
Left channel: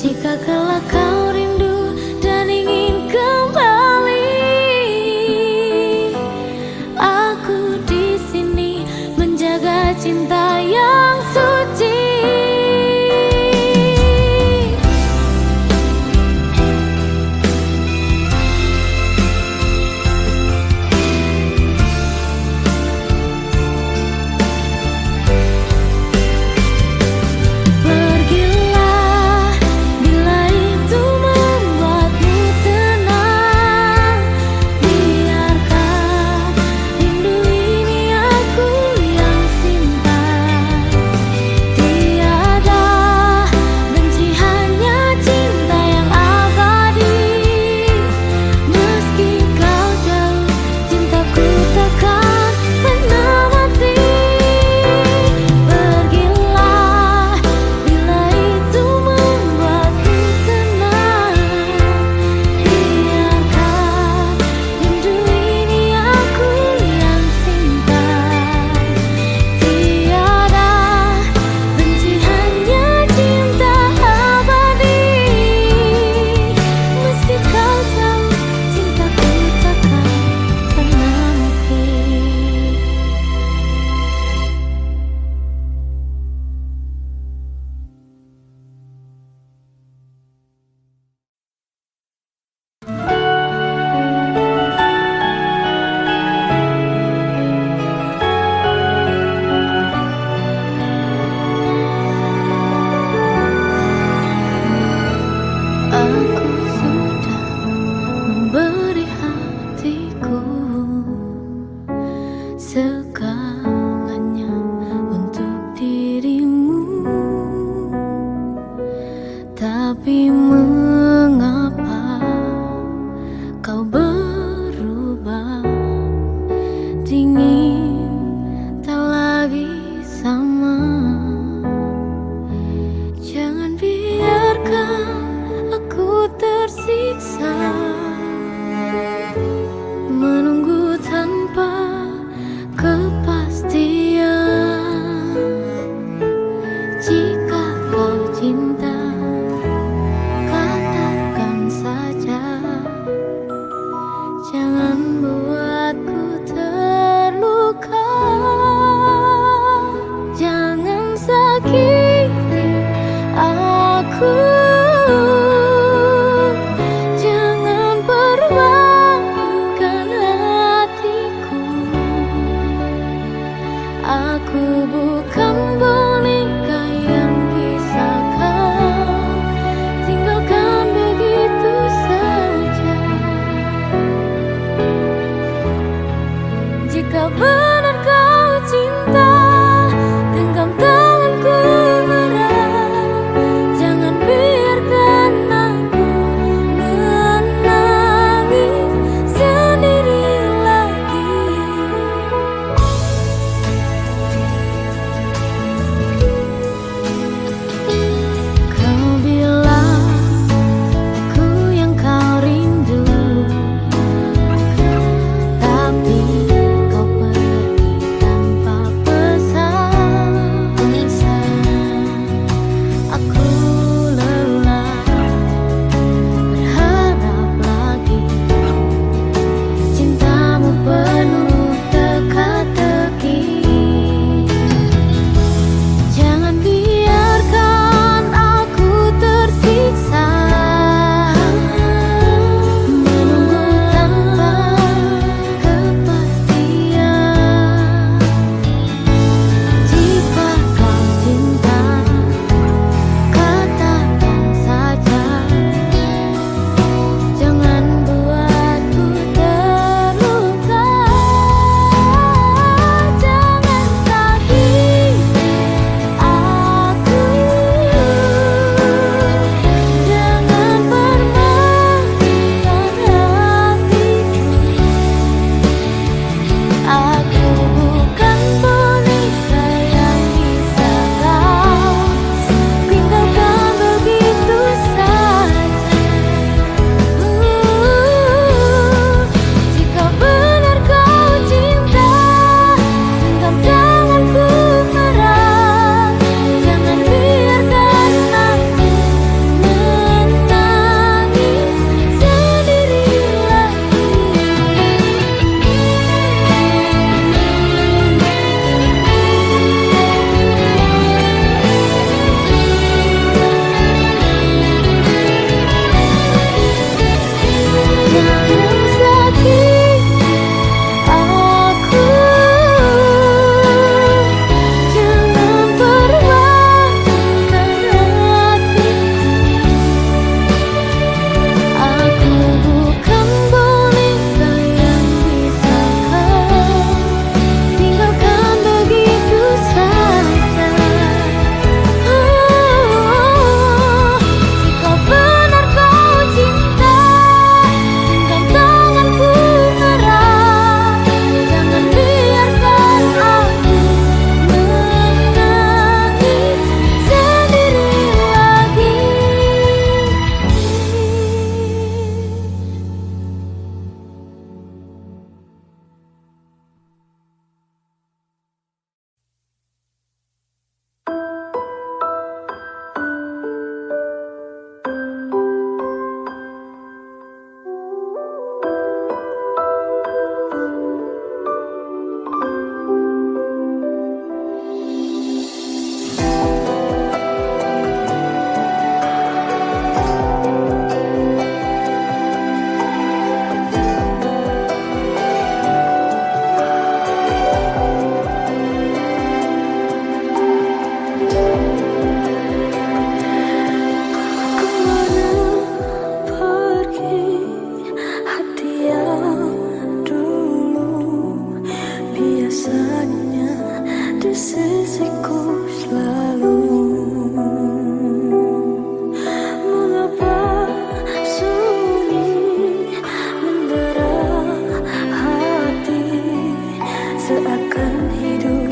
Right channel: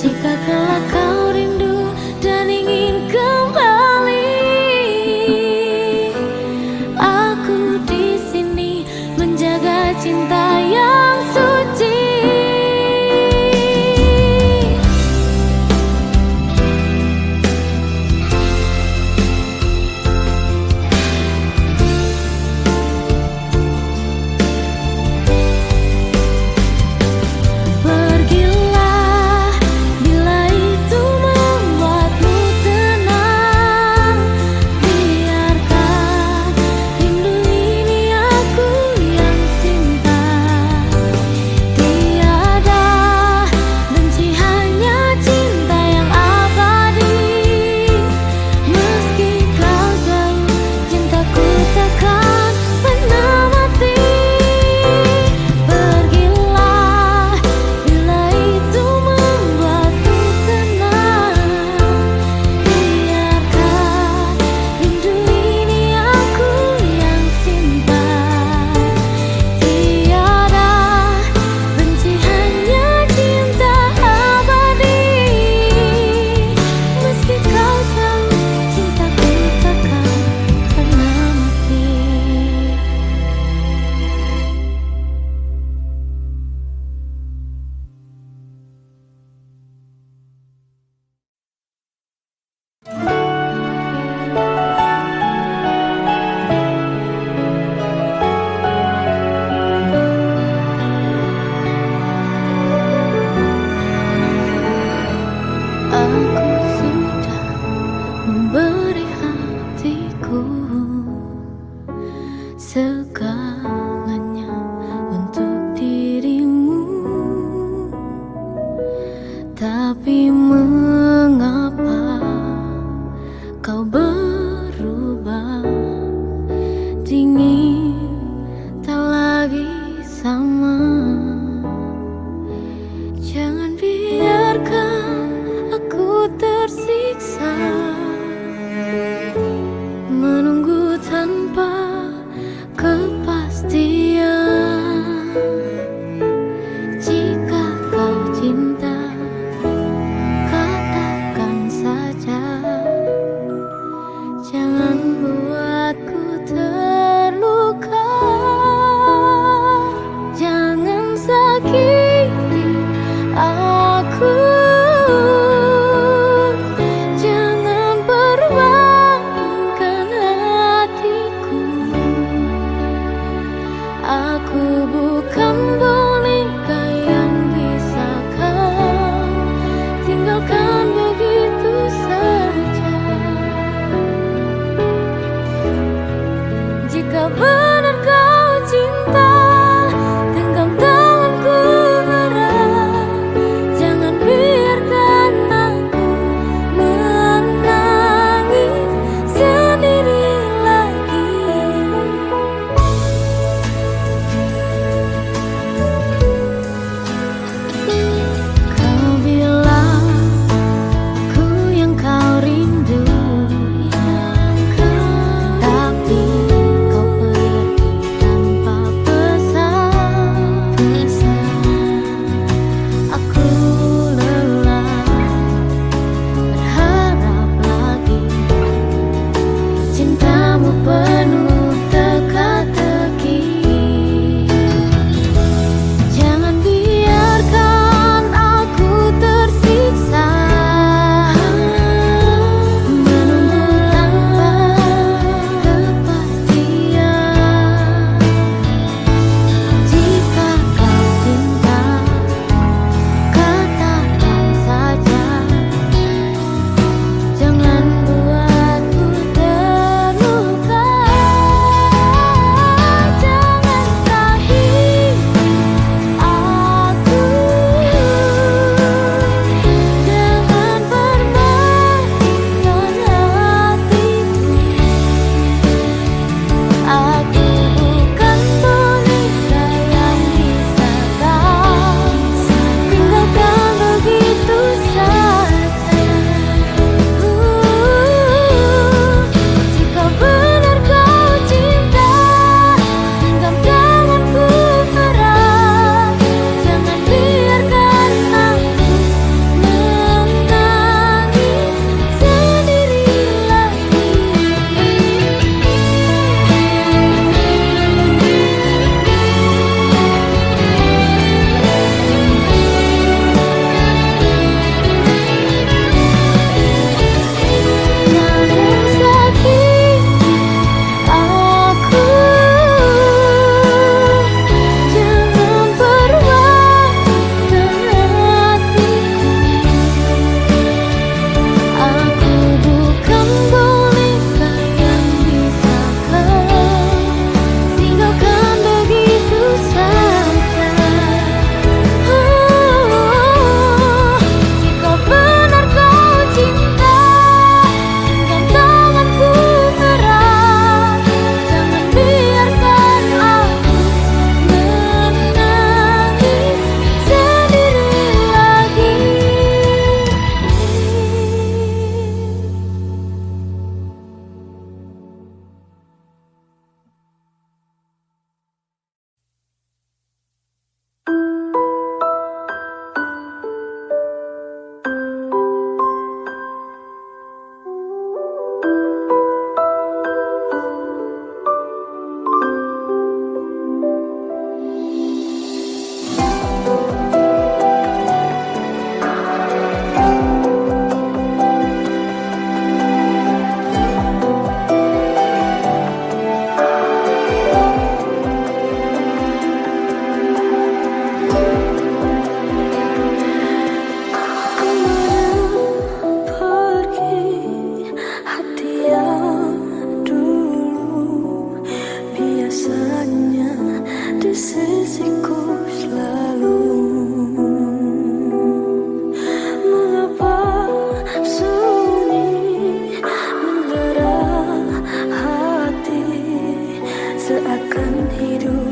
Jika kelak kau rindu dan ingin kembali, aku di sini menjaga cinta yang suci. Pergilah bila itu membuatmu tenang, biarkan rindu ini aku yang simpan. Tiada benci, hanya cinta yang abadi. Meski kau jauh, cintaku takkan pernah mati. Pergilah bila itu membuatmu tenang, biarkan rindu ini aku yang simpan. Tiada benci, hanya cinta abadi. Meski kau jauh, cintaku takkan pernah mati. Aku sudah memberi hatiku, segalanya untuk dirimu. Tapi mengapa kau berubah? Dingin, tak lagi sama. Jangan biarkan aku tersiksa, menunggu tanpa kepastian. Jika kau cinta, katakan saja. Jangan buatku terluka, jangan sakiti aku. Jangan permainkan hatiku. Aku bukan boneka yang bisa kau tinggalkan begitu saja. Jika benar kau cinta, genggam tanganku erat. Jangan biarkan aku menangis sendiri lagi. Kau bilang aku yang kau rindu, tapi kau pergi akan hidup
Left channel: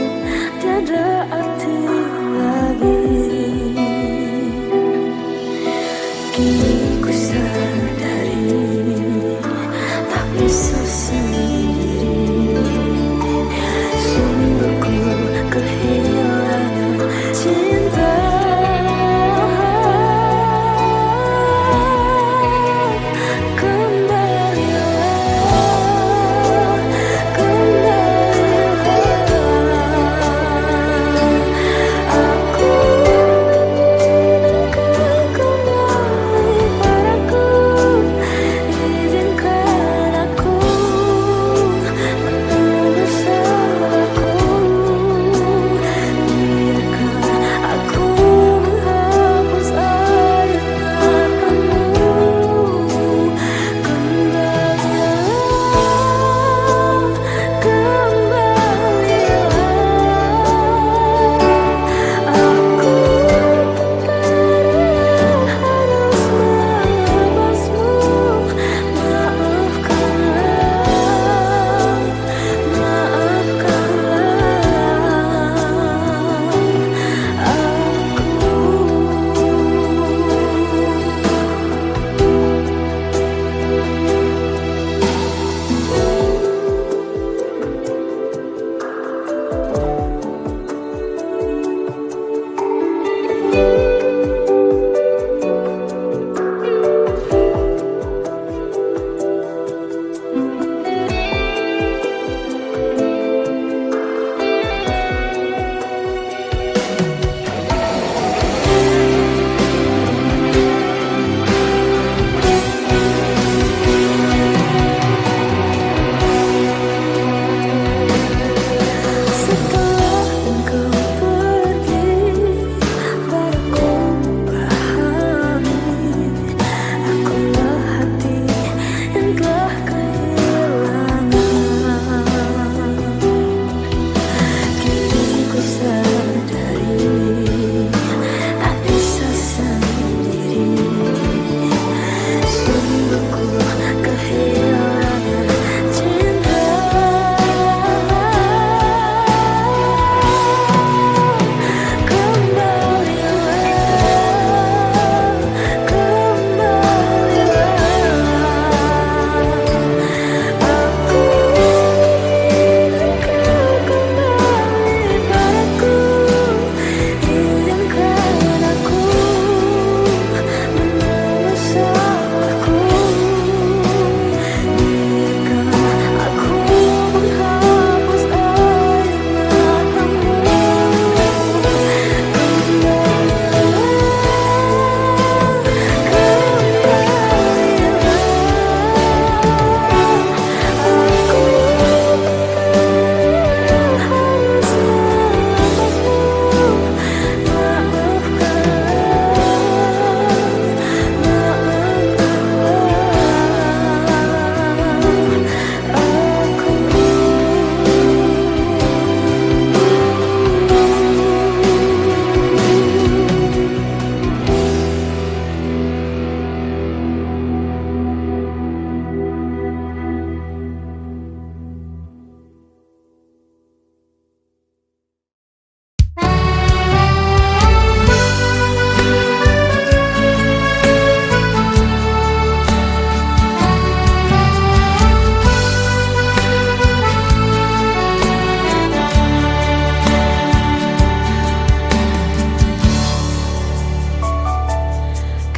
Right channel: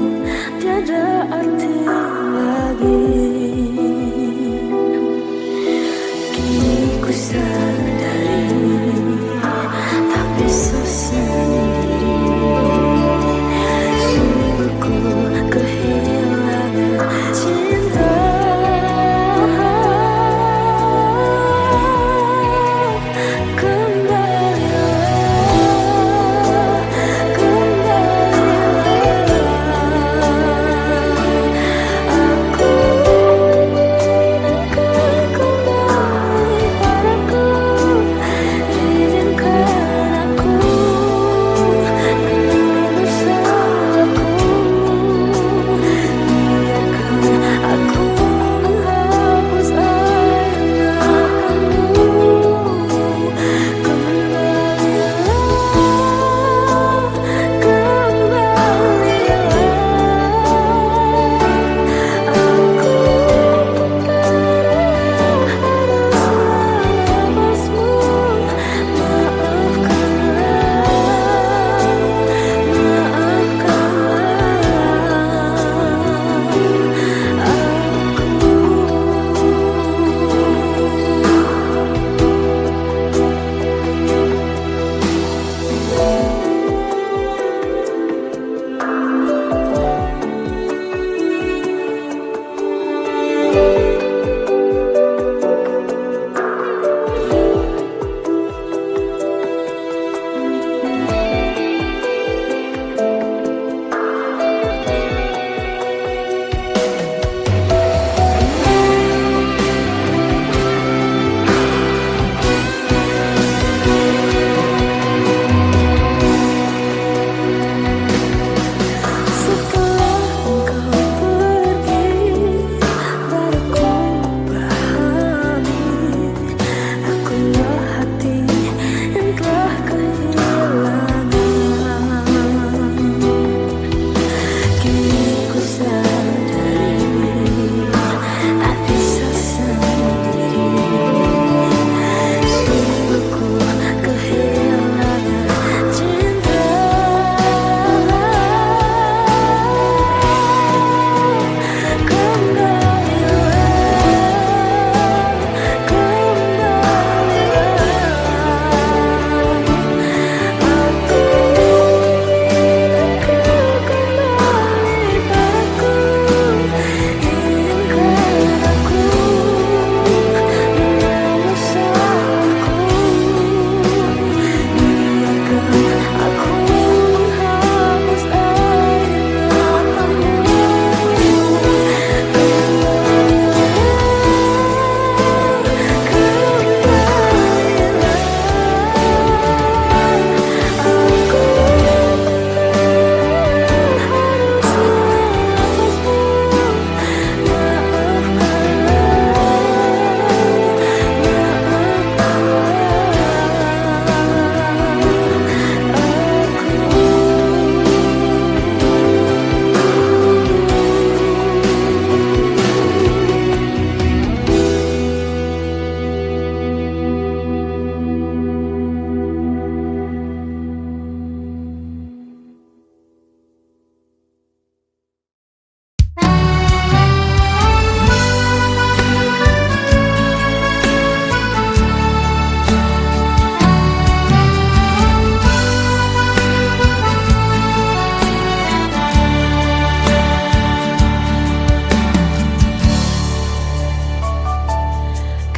tiada arti lagi. Kini ku sadari tak bisa sendiri. Sungguh ku kehilangan cinta.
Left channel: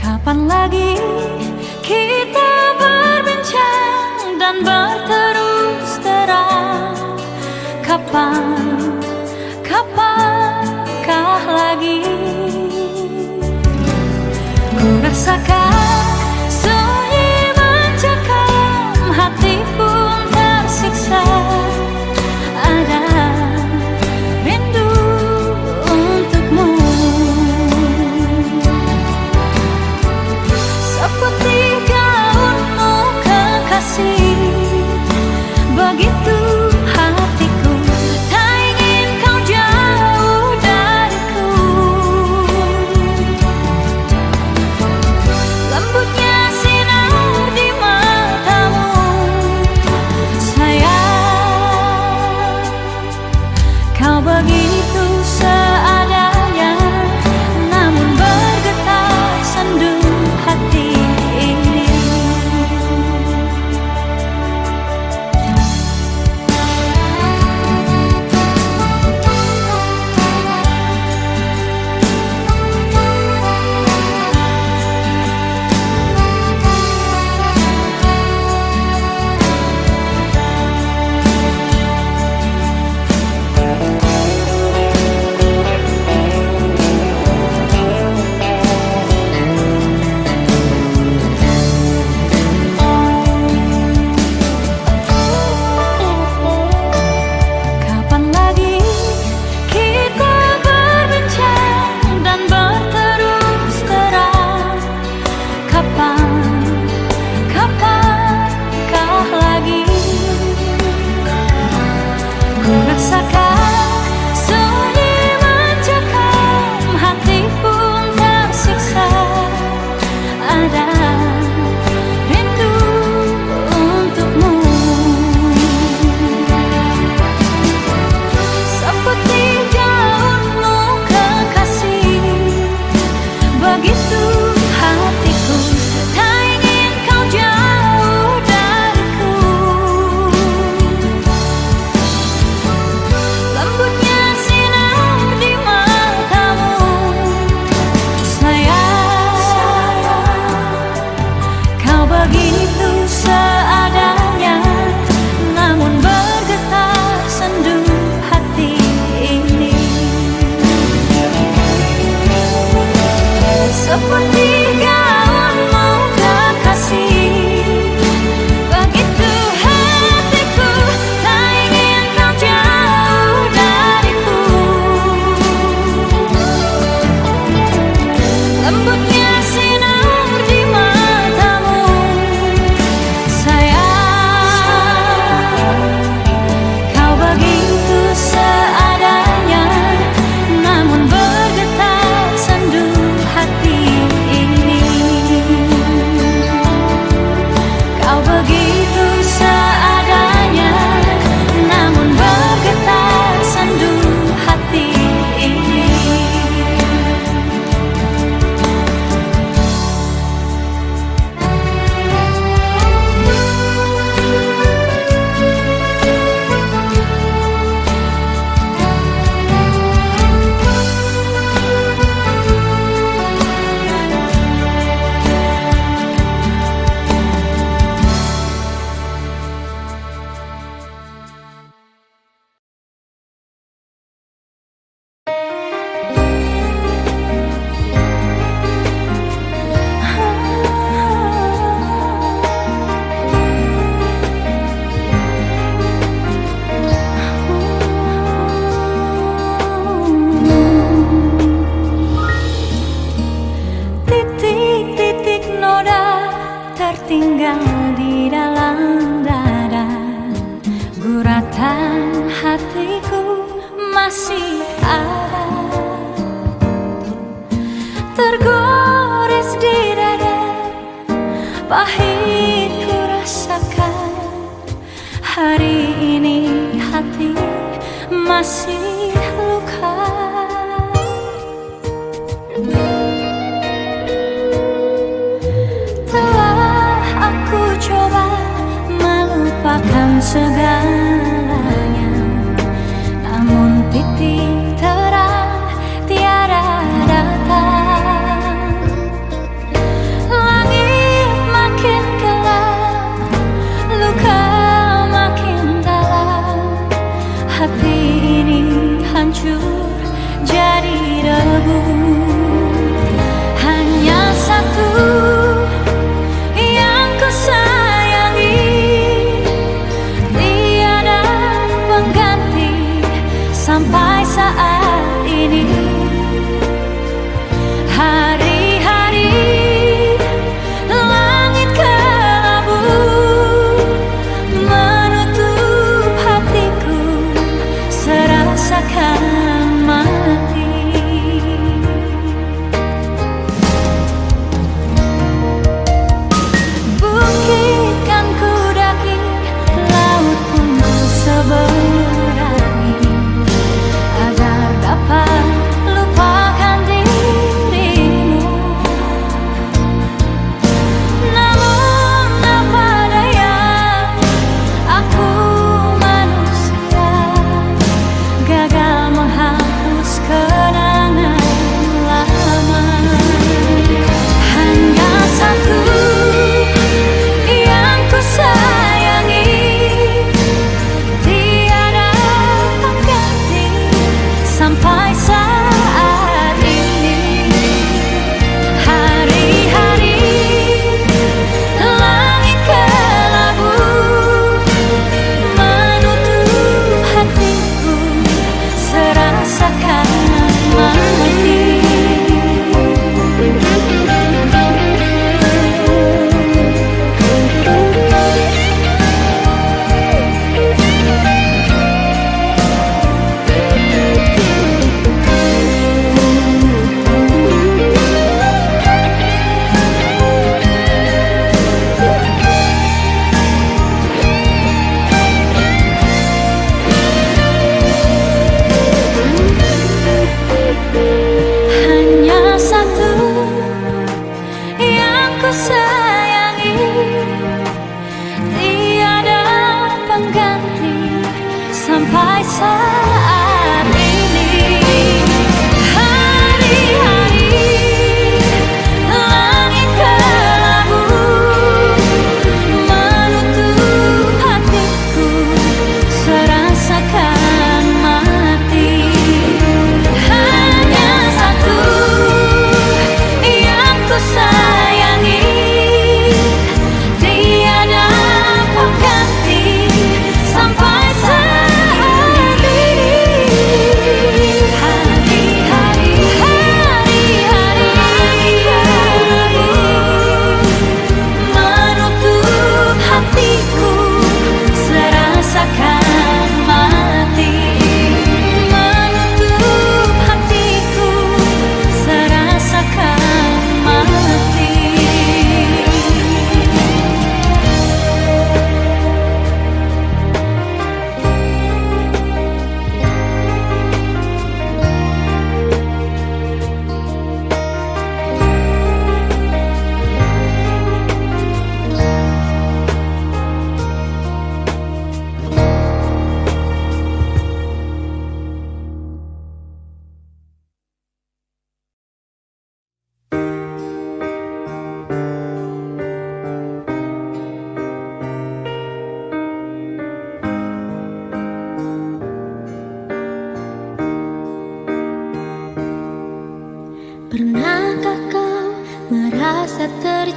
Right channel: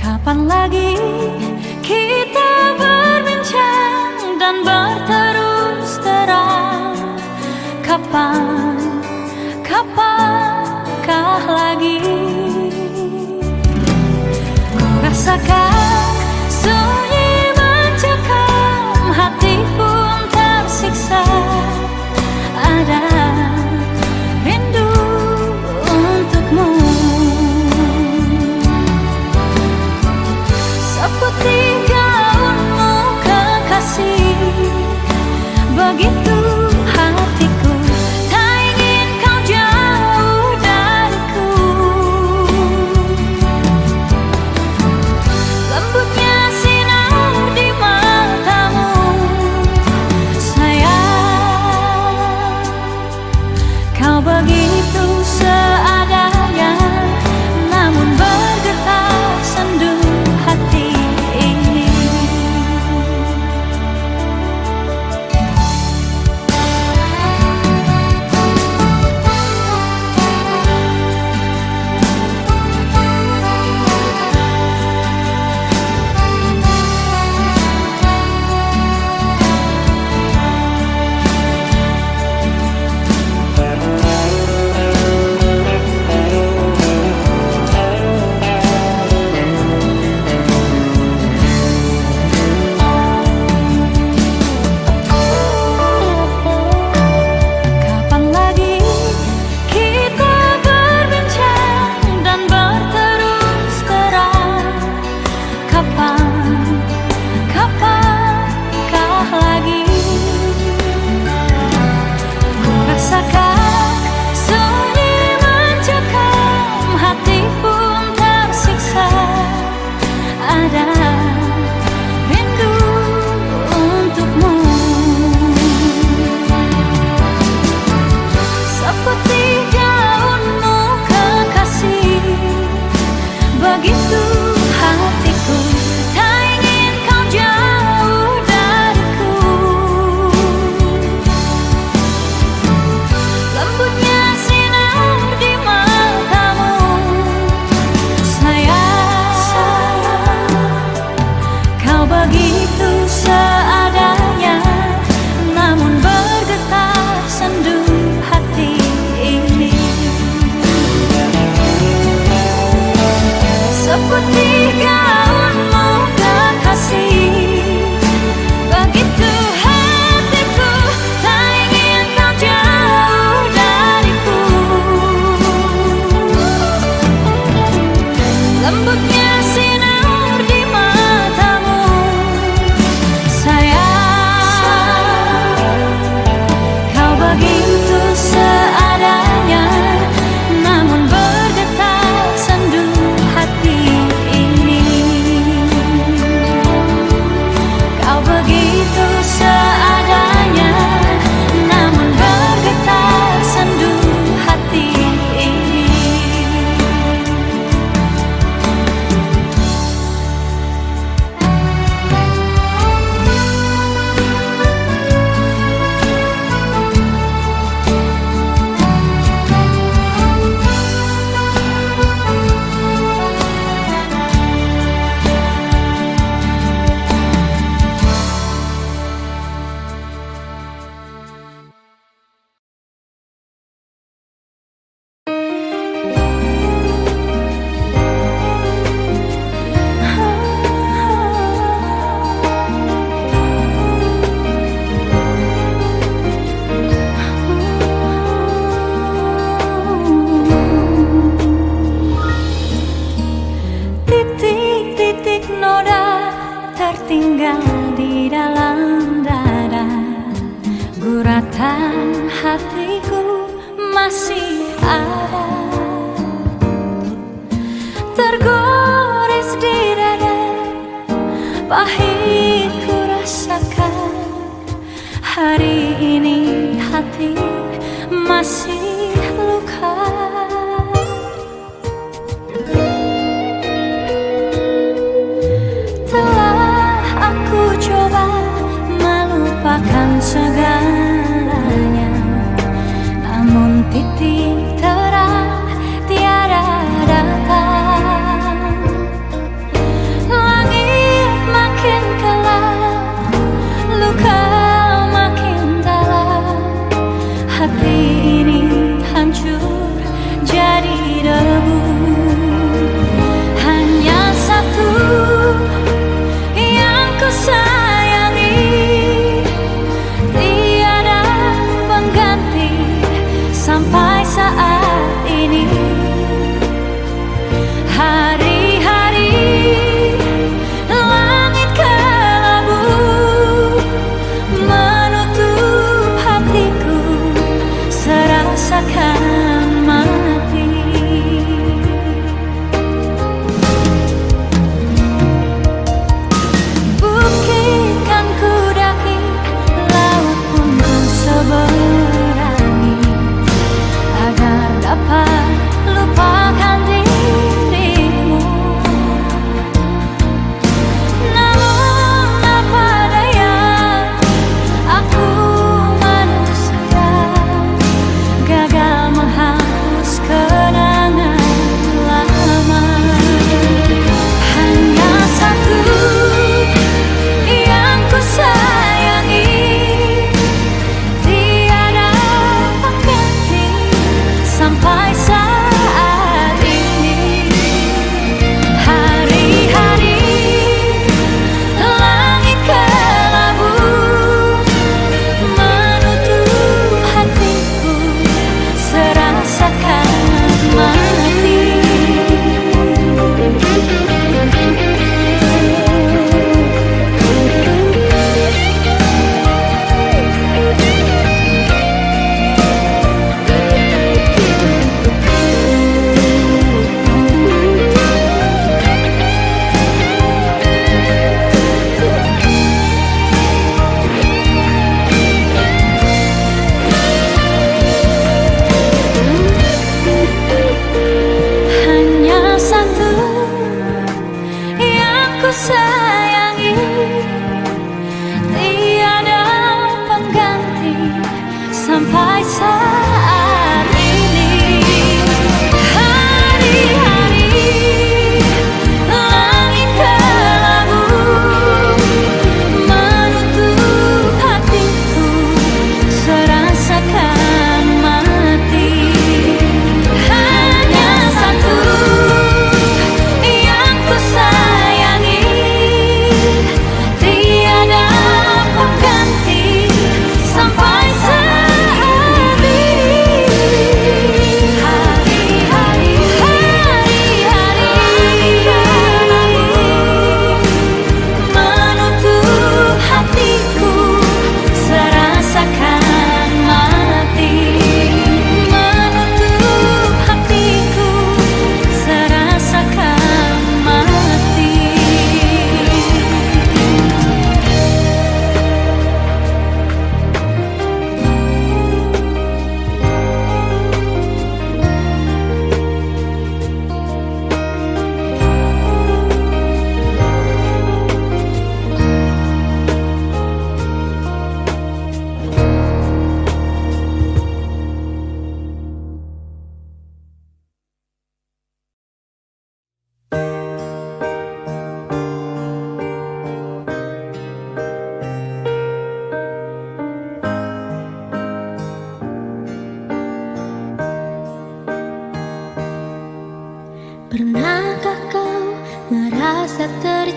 Kapan lagi kita berbincang dan berterus terang? Kapankah lagi ku rasakan sunyi mencekam, hati pun tersiksa. Ada rindu untukmu, seperti gaunmu kekasih. Begitu hatiku tak ingin kau jauh dariku. Lembut kapankah lagi ku rasakan sunyi mencekam, hati pun tersiksa. Ada rindu untukmu, seperti daunmu kekasih, begitu hatiku tak ingin kau jauh dariku. Lembutnya sinar di matamu, sayang, kau begitu seadanya, namun bergetar sendu hati ini. Seperti gaunmu kekasih, begitu hatiku tak ingin kau jauh dariku. Lembutnya sinar di matamu, sayang, kau begitu seadanya, namun bergetar sendu hati ini. Kau begitu seadanya, namun bergetar sendu hati ini. Titik-titik noda tertinggal di dalam dada, guratan hatiku masih ada, tergores di dada, pahit ku rasakan. Hari ini hati masih luka. Telah aku coba melupakan segalanya, namun titik terang tiada datang. Langit makin gelap, luka makin dalam, hati ini hancur jadi debu. Hanya satu yang ku sayangi, tiada pengganti sampai saat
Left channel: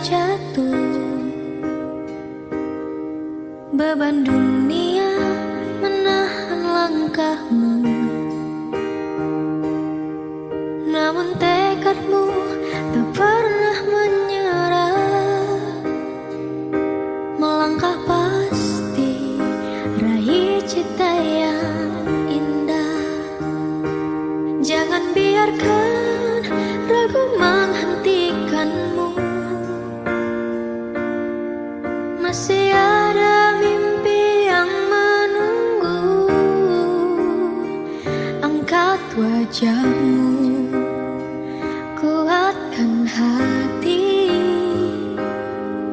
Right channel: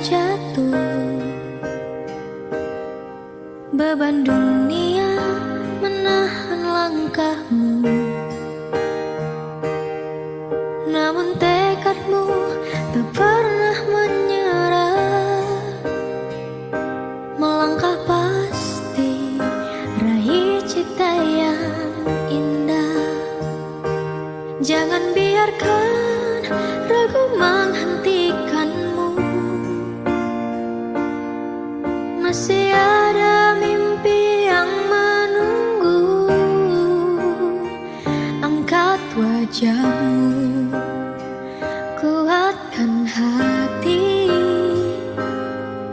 jatuh. Beban dunia menahan langkahmu, namun tekadmu tak pernah menyerah. Melangkah pasti raih cita yang indah. Jangan biarkan ragu menghentikanmu. Masih ada mimpi yang menunggu. Angkat wajahmu, kuatkan hati,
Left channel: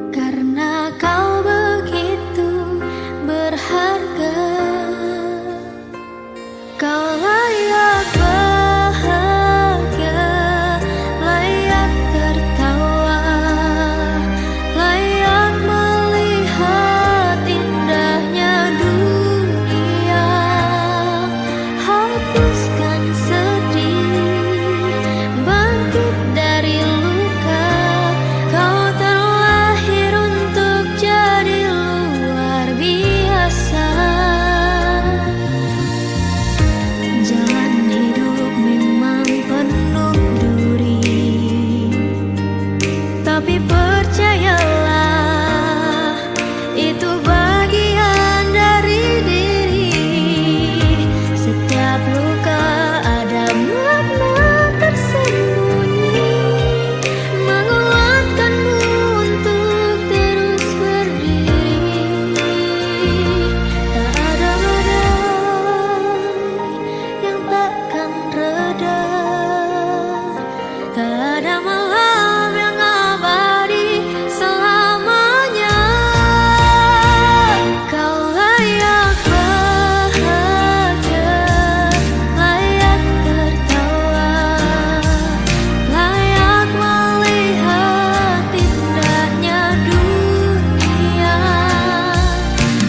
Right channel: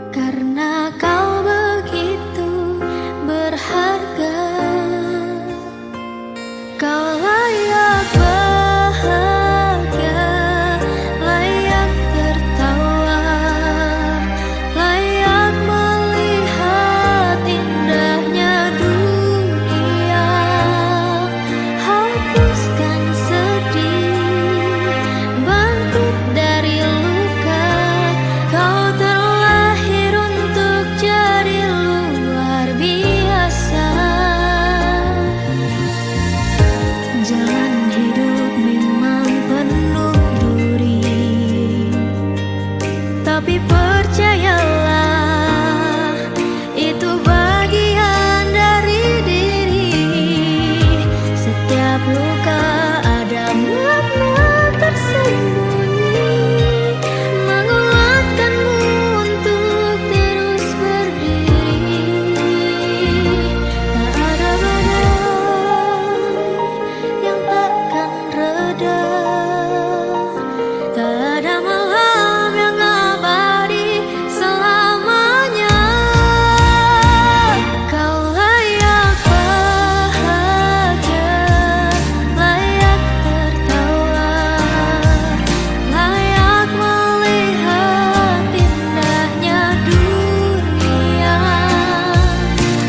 karena kau begitu berharga. Kau layak bahagia, layak tertawa, layak melihat indahnya dunia. Hapuskan sedih, bangkit dari luka. Kau terlahir untuk jadi luar biasa. Jalan hidup memang penuh duri, tapi percayalah, itu bagian dari diri. Setiap luka ada makna tersembunyi, menguatkanmu untuk terus berdiri. Tak ada badai yang takkan reda, tak ada malam yang abadi selamanya. Kau layak bahagia, layak tertawa, layak melihat indahnya dunia.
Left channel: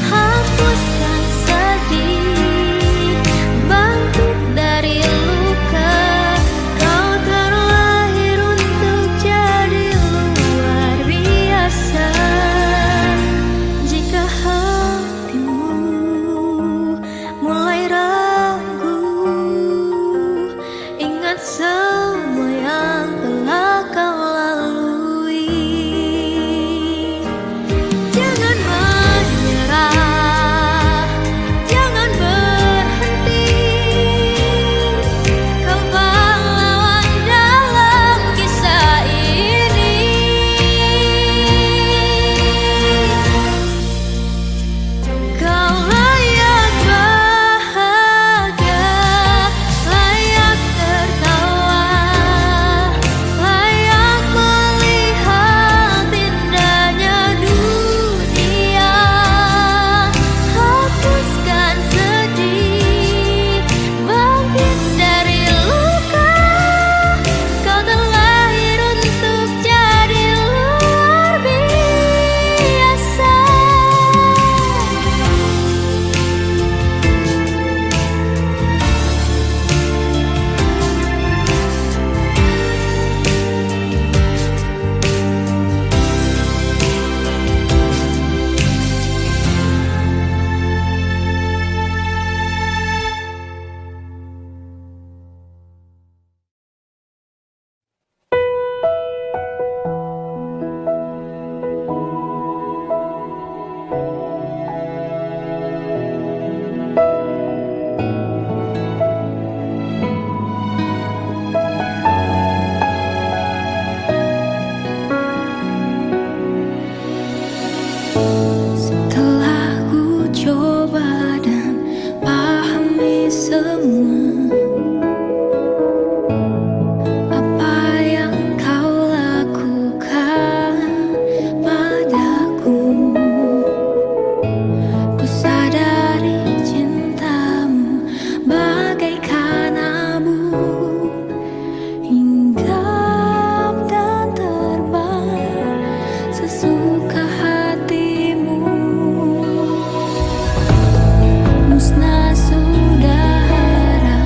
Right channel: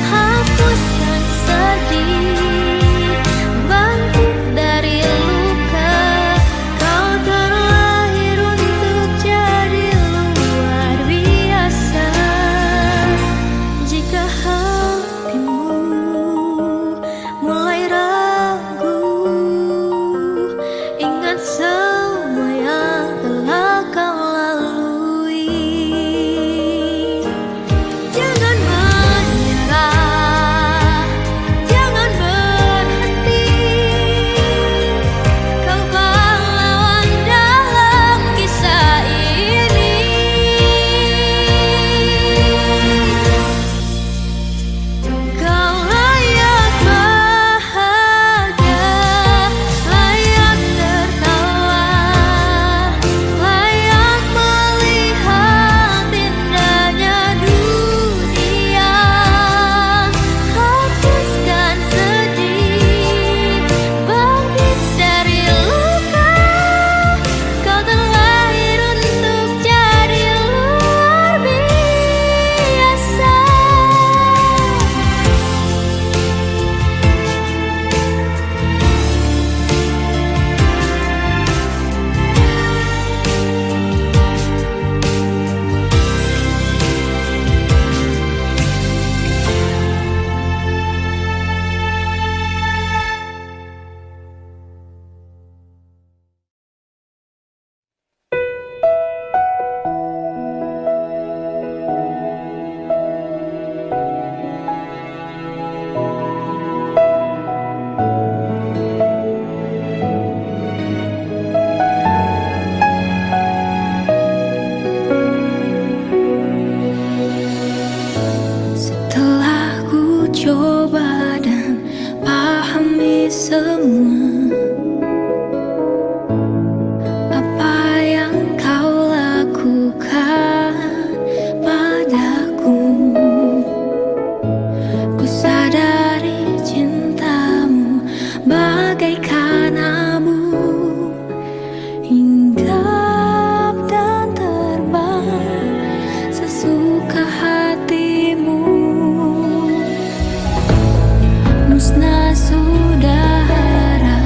Hapuskan sedih, bangkit dari luka. Kau terlahir untuk jadi luar biasa. Jika hatimu mulai ragu, ingat semua yang telah kau lalui. Jangan menyerah, jangan berhenti. Kau pahlawan dalam kisah ini. Kau layak bahagia, layak tertawa, layak melihat indahnya dunia. Hapuskan sedih, bangkit dari luka. Kau terlahir untuk jadi luar biasa. Setelah ku coba dan pahami semua apa yang kau lakukan padaku, ku sadari cintamu bagaikan abu, hinggap dan terbang sesuka hatimu. Musnah sudah harap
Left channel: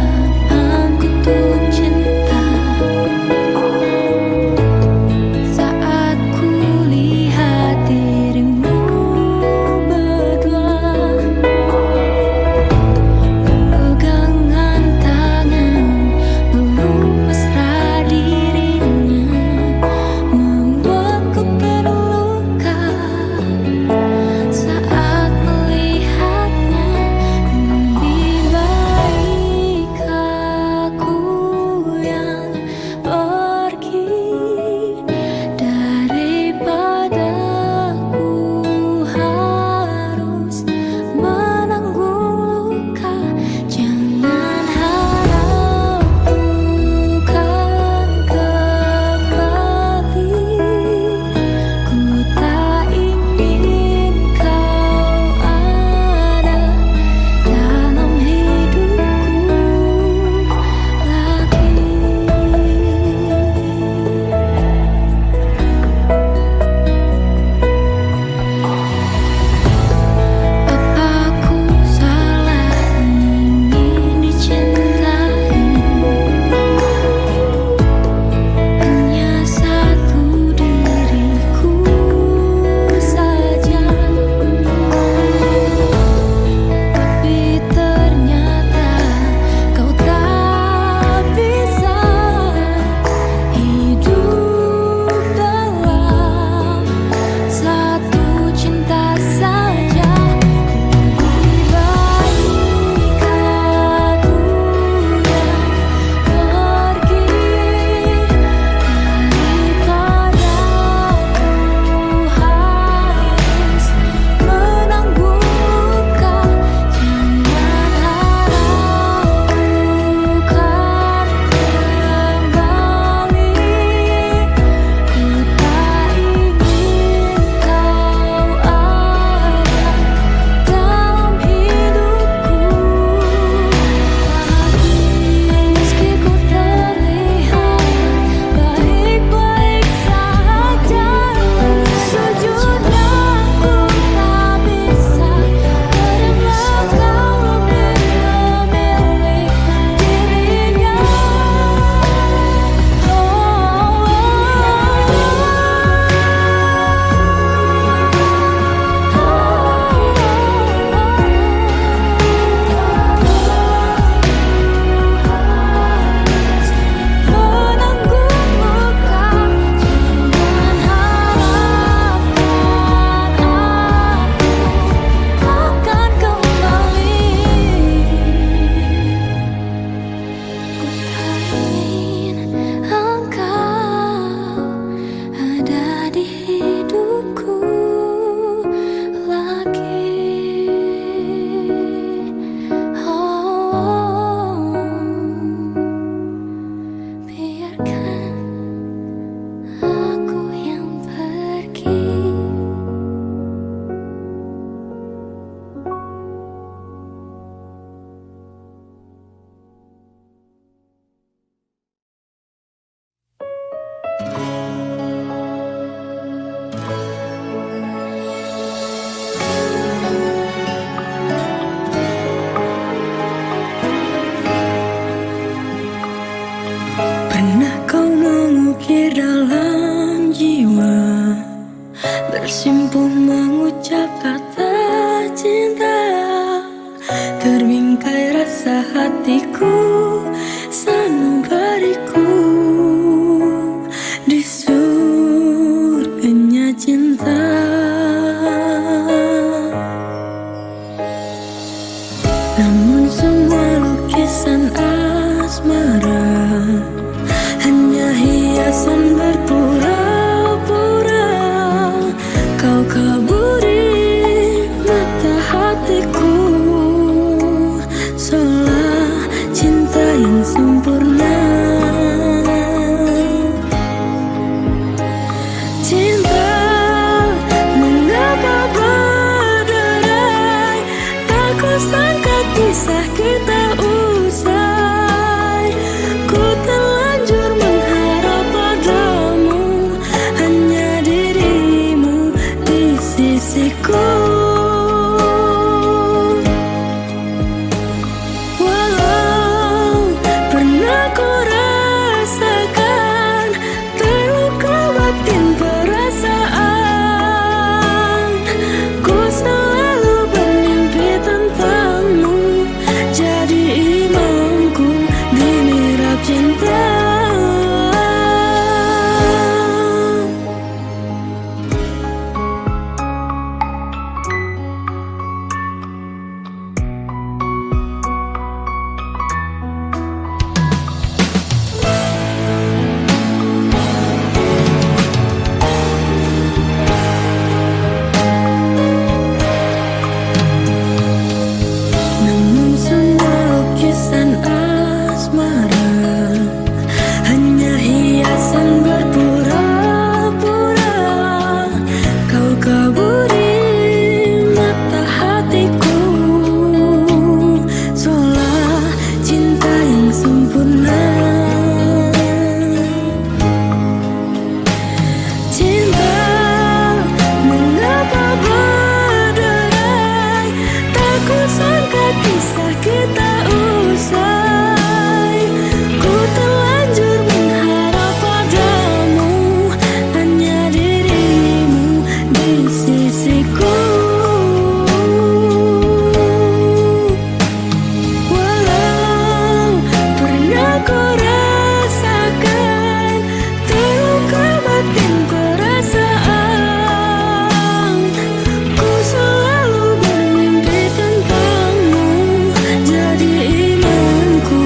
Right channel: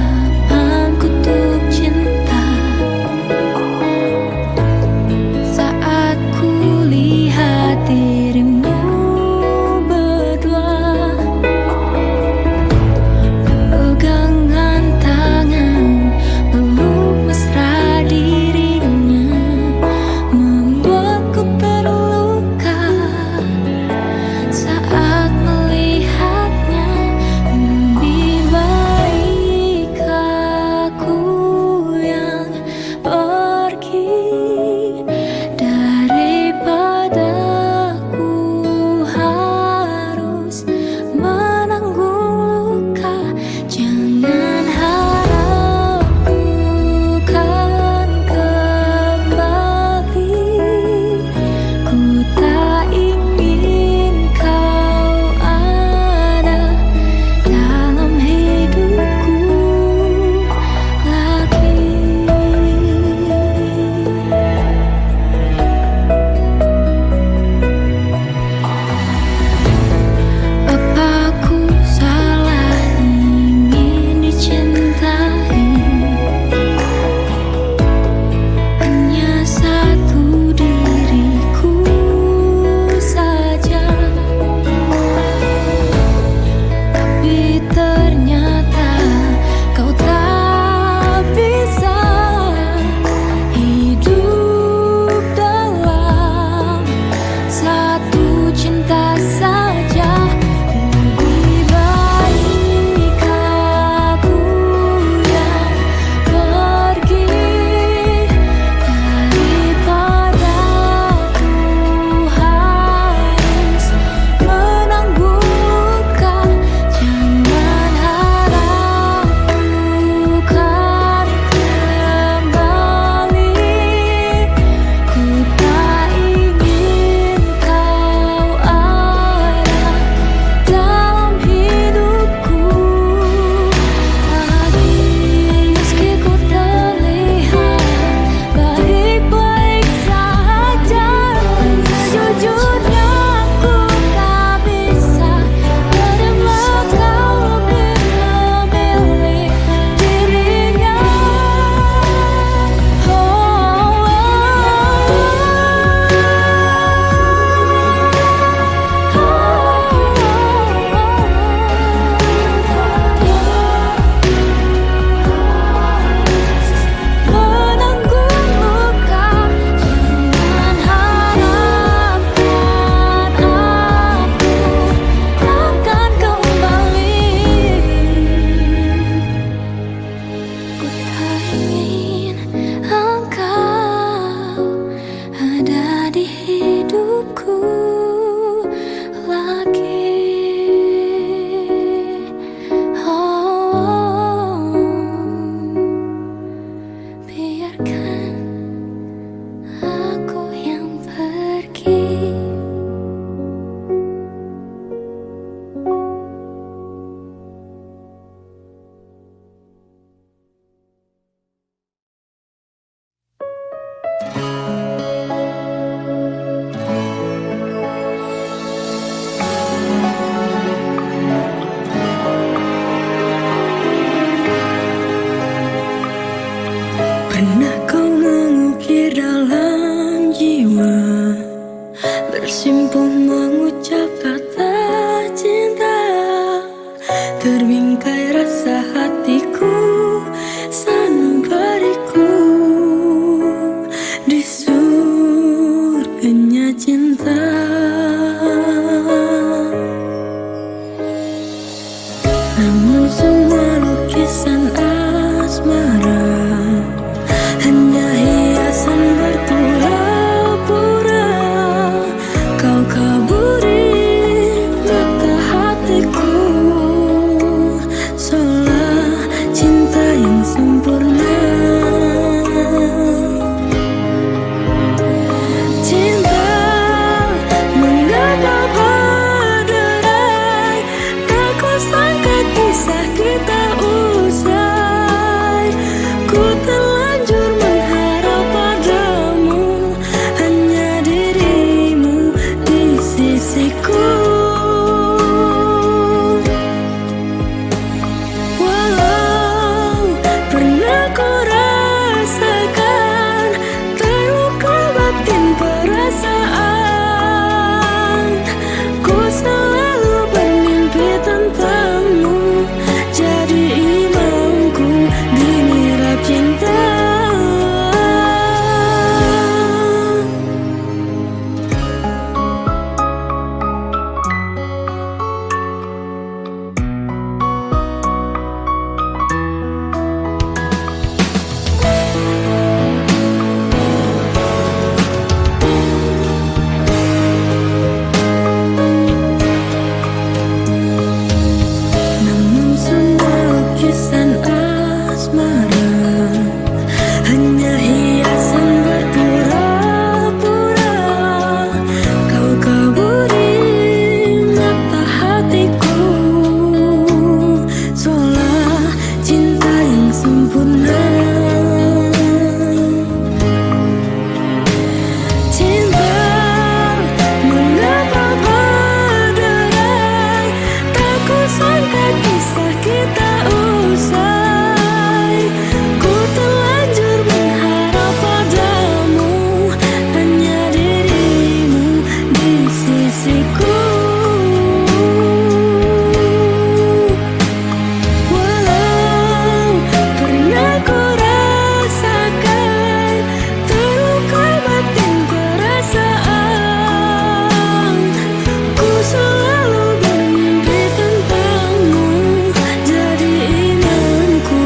bersimpuh mengucap kata cinta, terbingkai rasa hatiku sanubariku di surganya cinta. Namun semua lukisan asmara hanya hiasan berpura-pura. Kau kaburi mata hatiku, seolah cinta yang sempurna. Cinta, mengapa berderai? Tak kusangka kisah kita usai. Ku terlanjur mengharap padamu, hanya dirimu di sisiku. Walau pernah ku rasakan terluka batin perasaan, ku selalu bermimpi tentangmu, jadi imamku di mihrab cinta. Namun semua lukisan asmara hanya hiasan berpura-pura. Kau kaburi mata hatiku, seolah cinta yang sempurna. Cinta, mengapa berderai? Tak kusangka kisah kita usai. Ku terlanjur mengharap padamu, hanya dirimu di sisiku. Walau pernah ku rasakan terluka batin perasaan, ku selalu bermimpi tentangmu, jadi imanku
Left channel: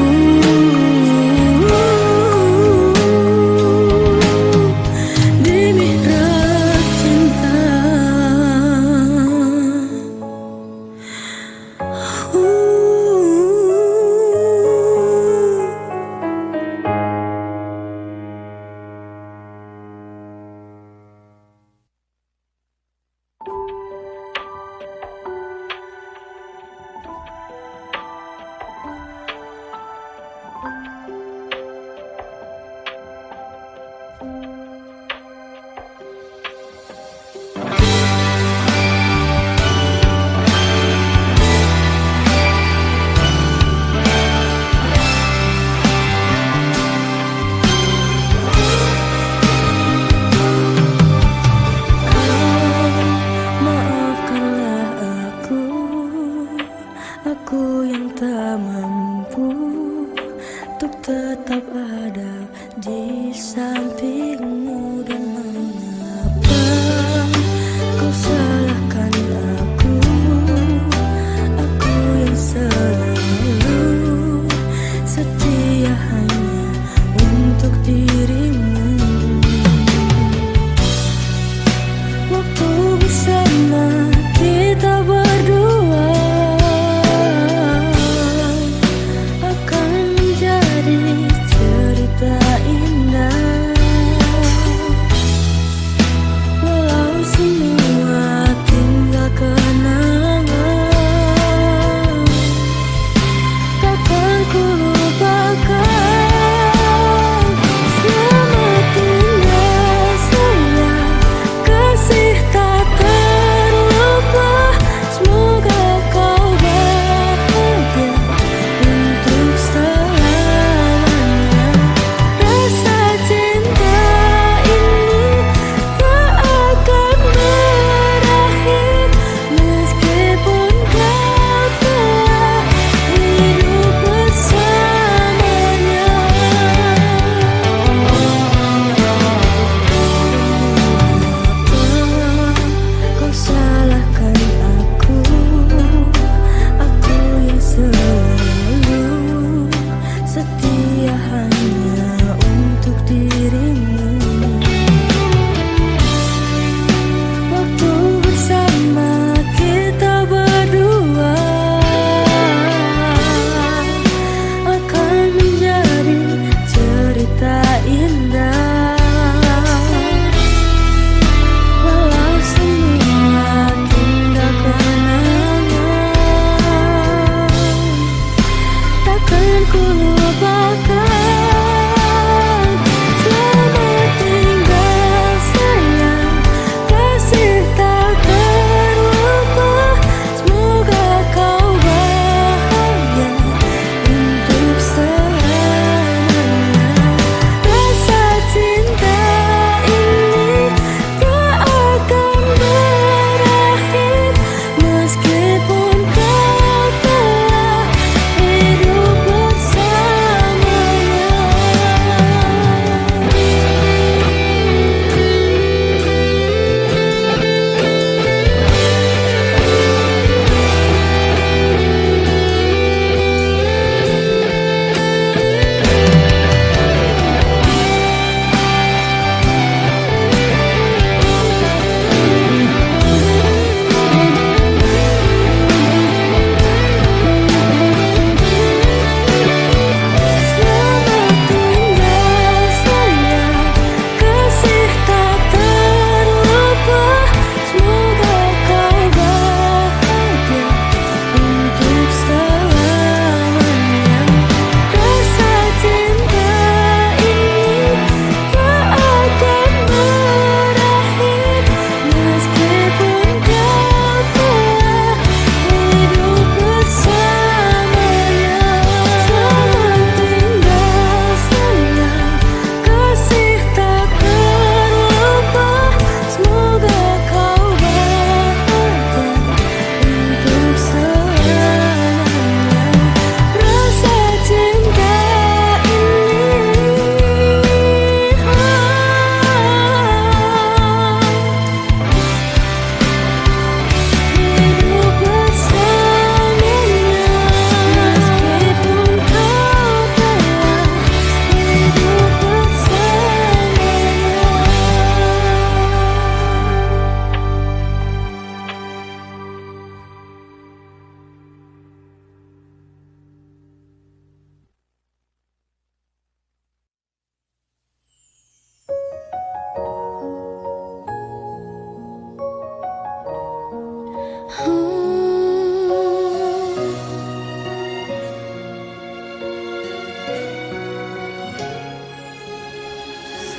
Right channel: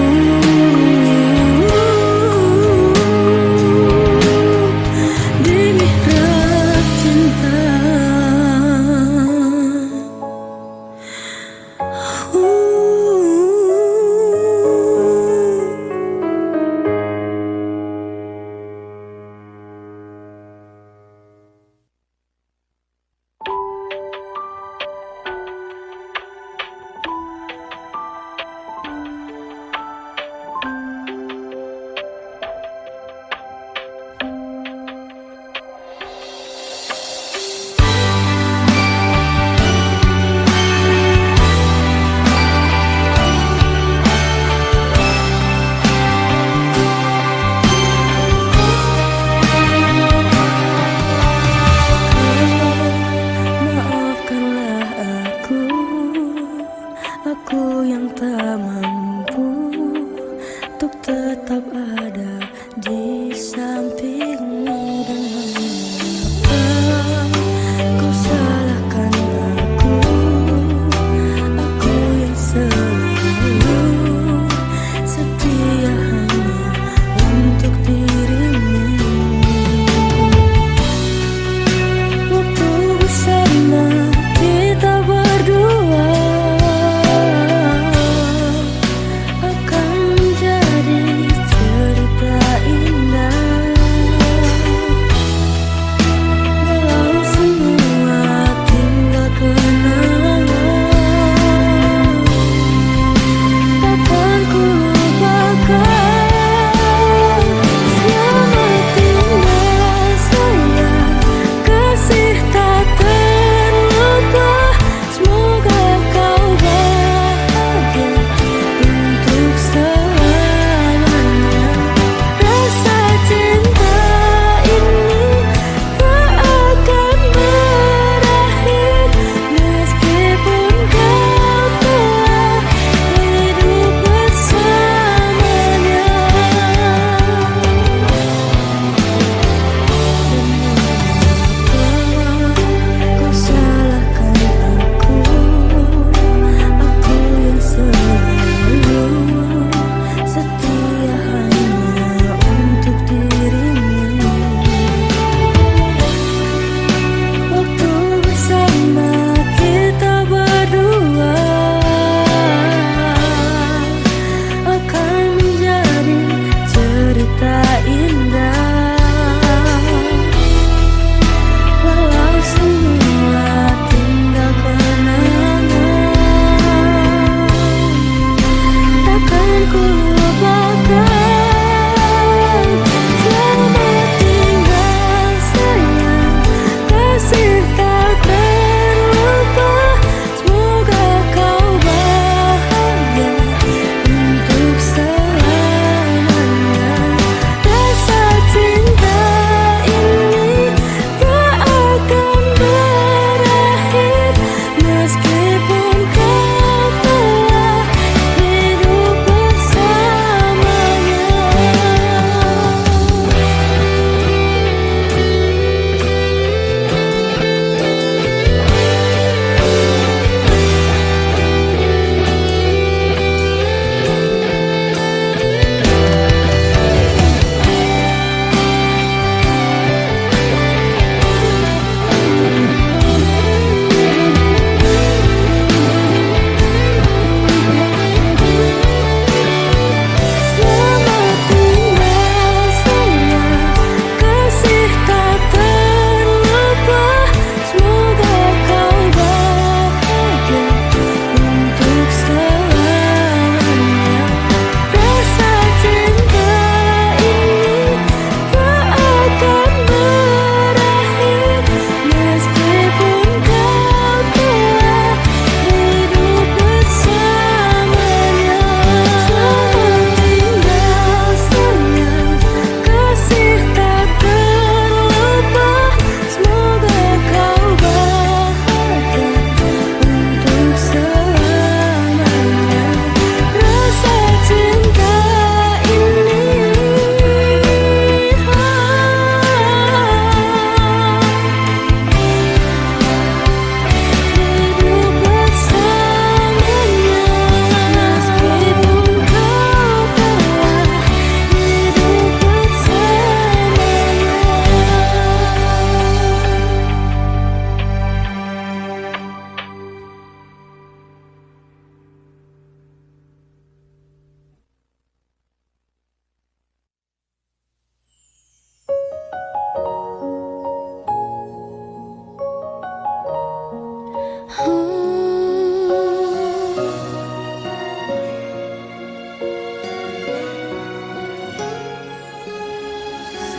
di mihrab cinta. Maafkanlah aku yang tak mampu untuk tetap ada di sampingmu. Dan mengapa kau salahkan aku yang selalu setia hanya untuk dirimu. Waktu bersama kita berdua akan menjadi cerita indah. Walau semua tinggal kenangan, takkan ku lupakan. Selamat tinggal sayang, kasih tak terlupa.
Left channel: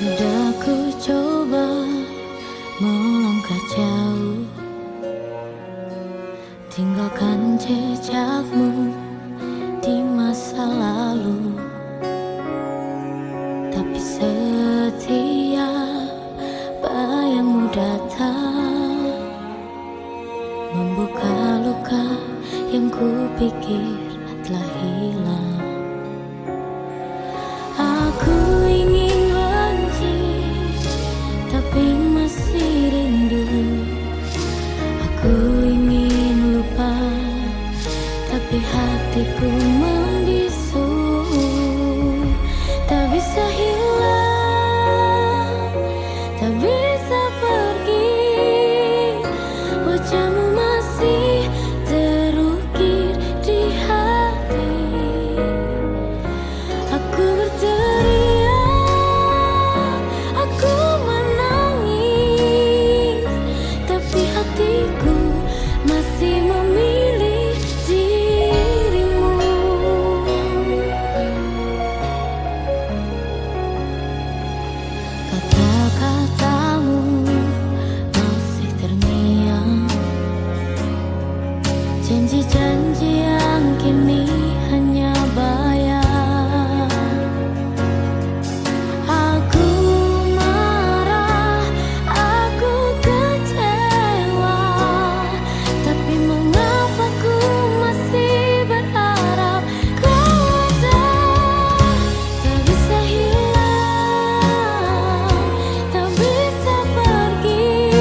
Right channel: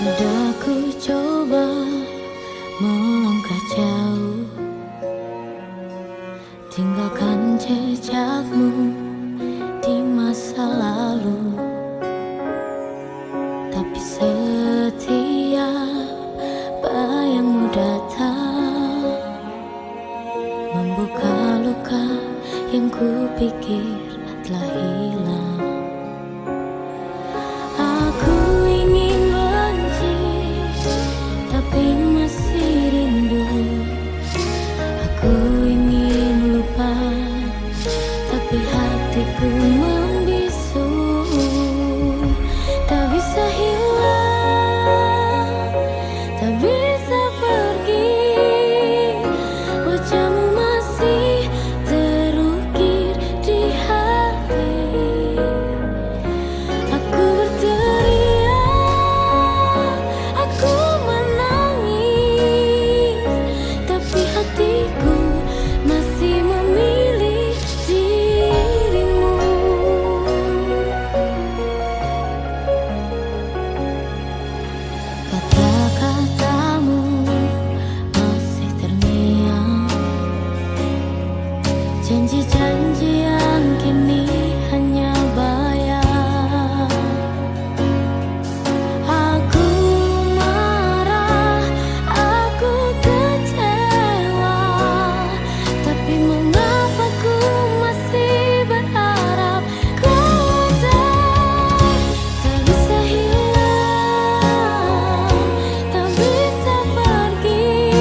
Sudah ku coba melangkah jauh, tinggalkan jejakmu di masa lalu. Tapi setiap bayangmu datang, membuka luka yang ku pikir telah hilang. Aku ingin tapi masih rindu. Aku ingin lupa, tapi hatiku membisu. Tak bisa hilang, tak bisa pergi. Wajahmu masih terukir di hati. Aku berteriak, aku hatiku masih memilih dirimu. Kata-katamu masih terngiang, janji-janji yang kini hanya bayang. Aku marah, aku tapi mengapa ku masih berharap kau ada. Tak bisa hilang, tak bisa pergi.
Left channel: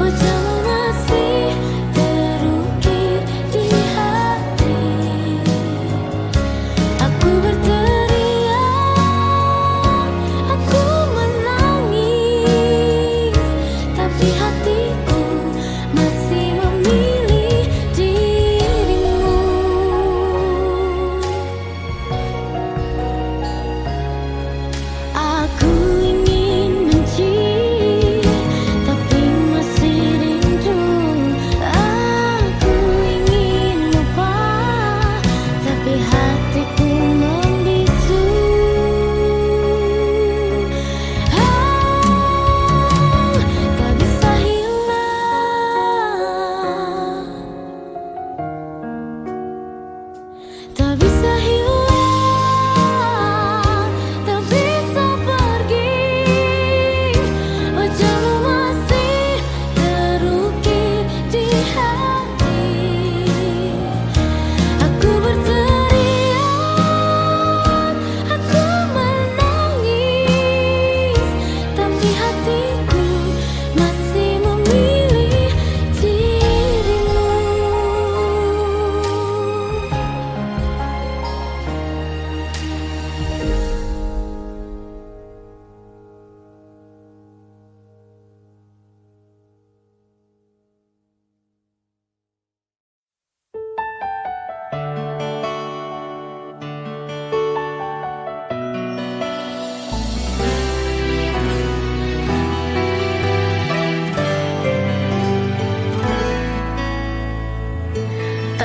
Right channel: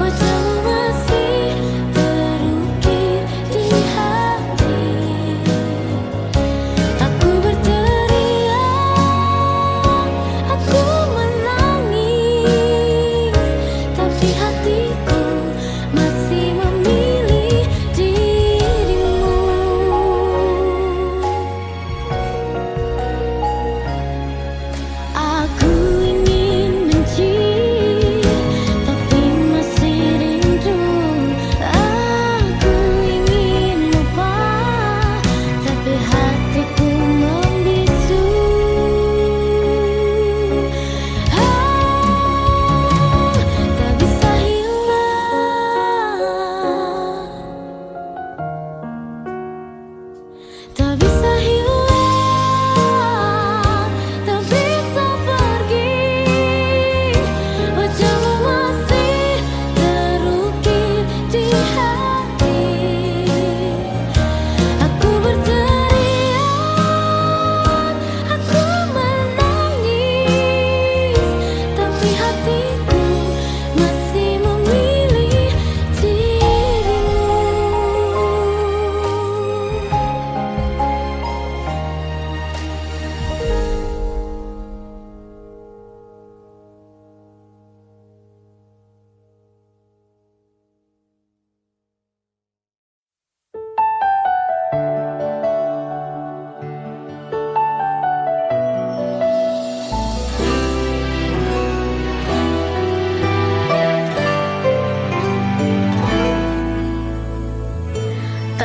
Wajahmu masih terukir di hati.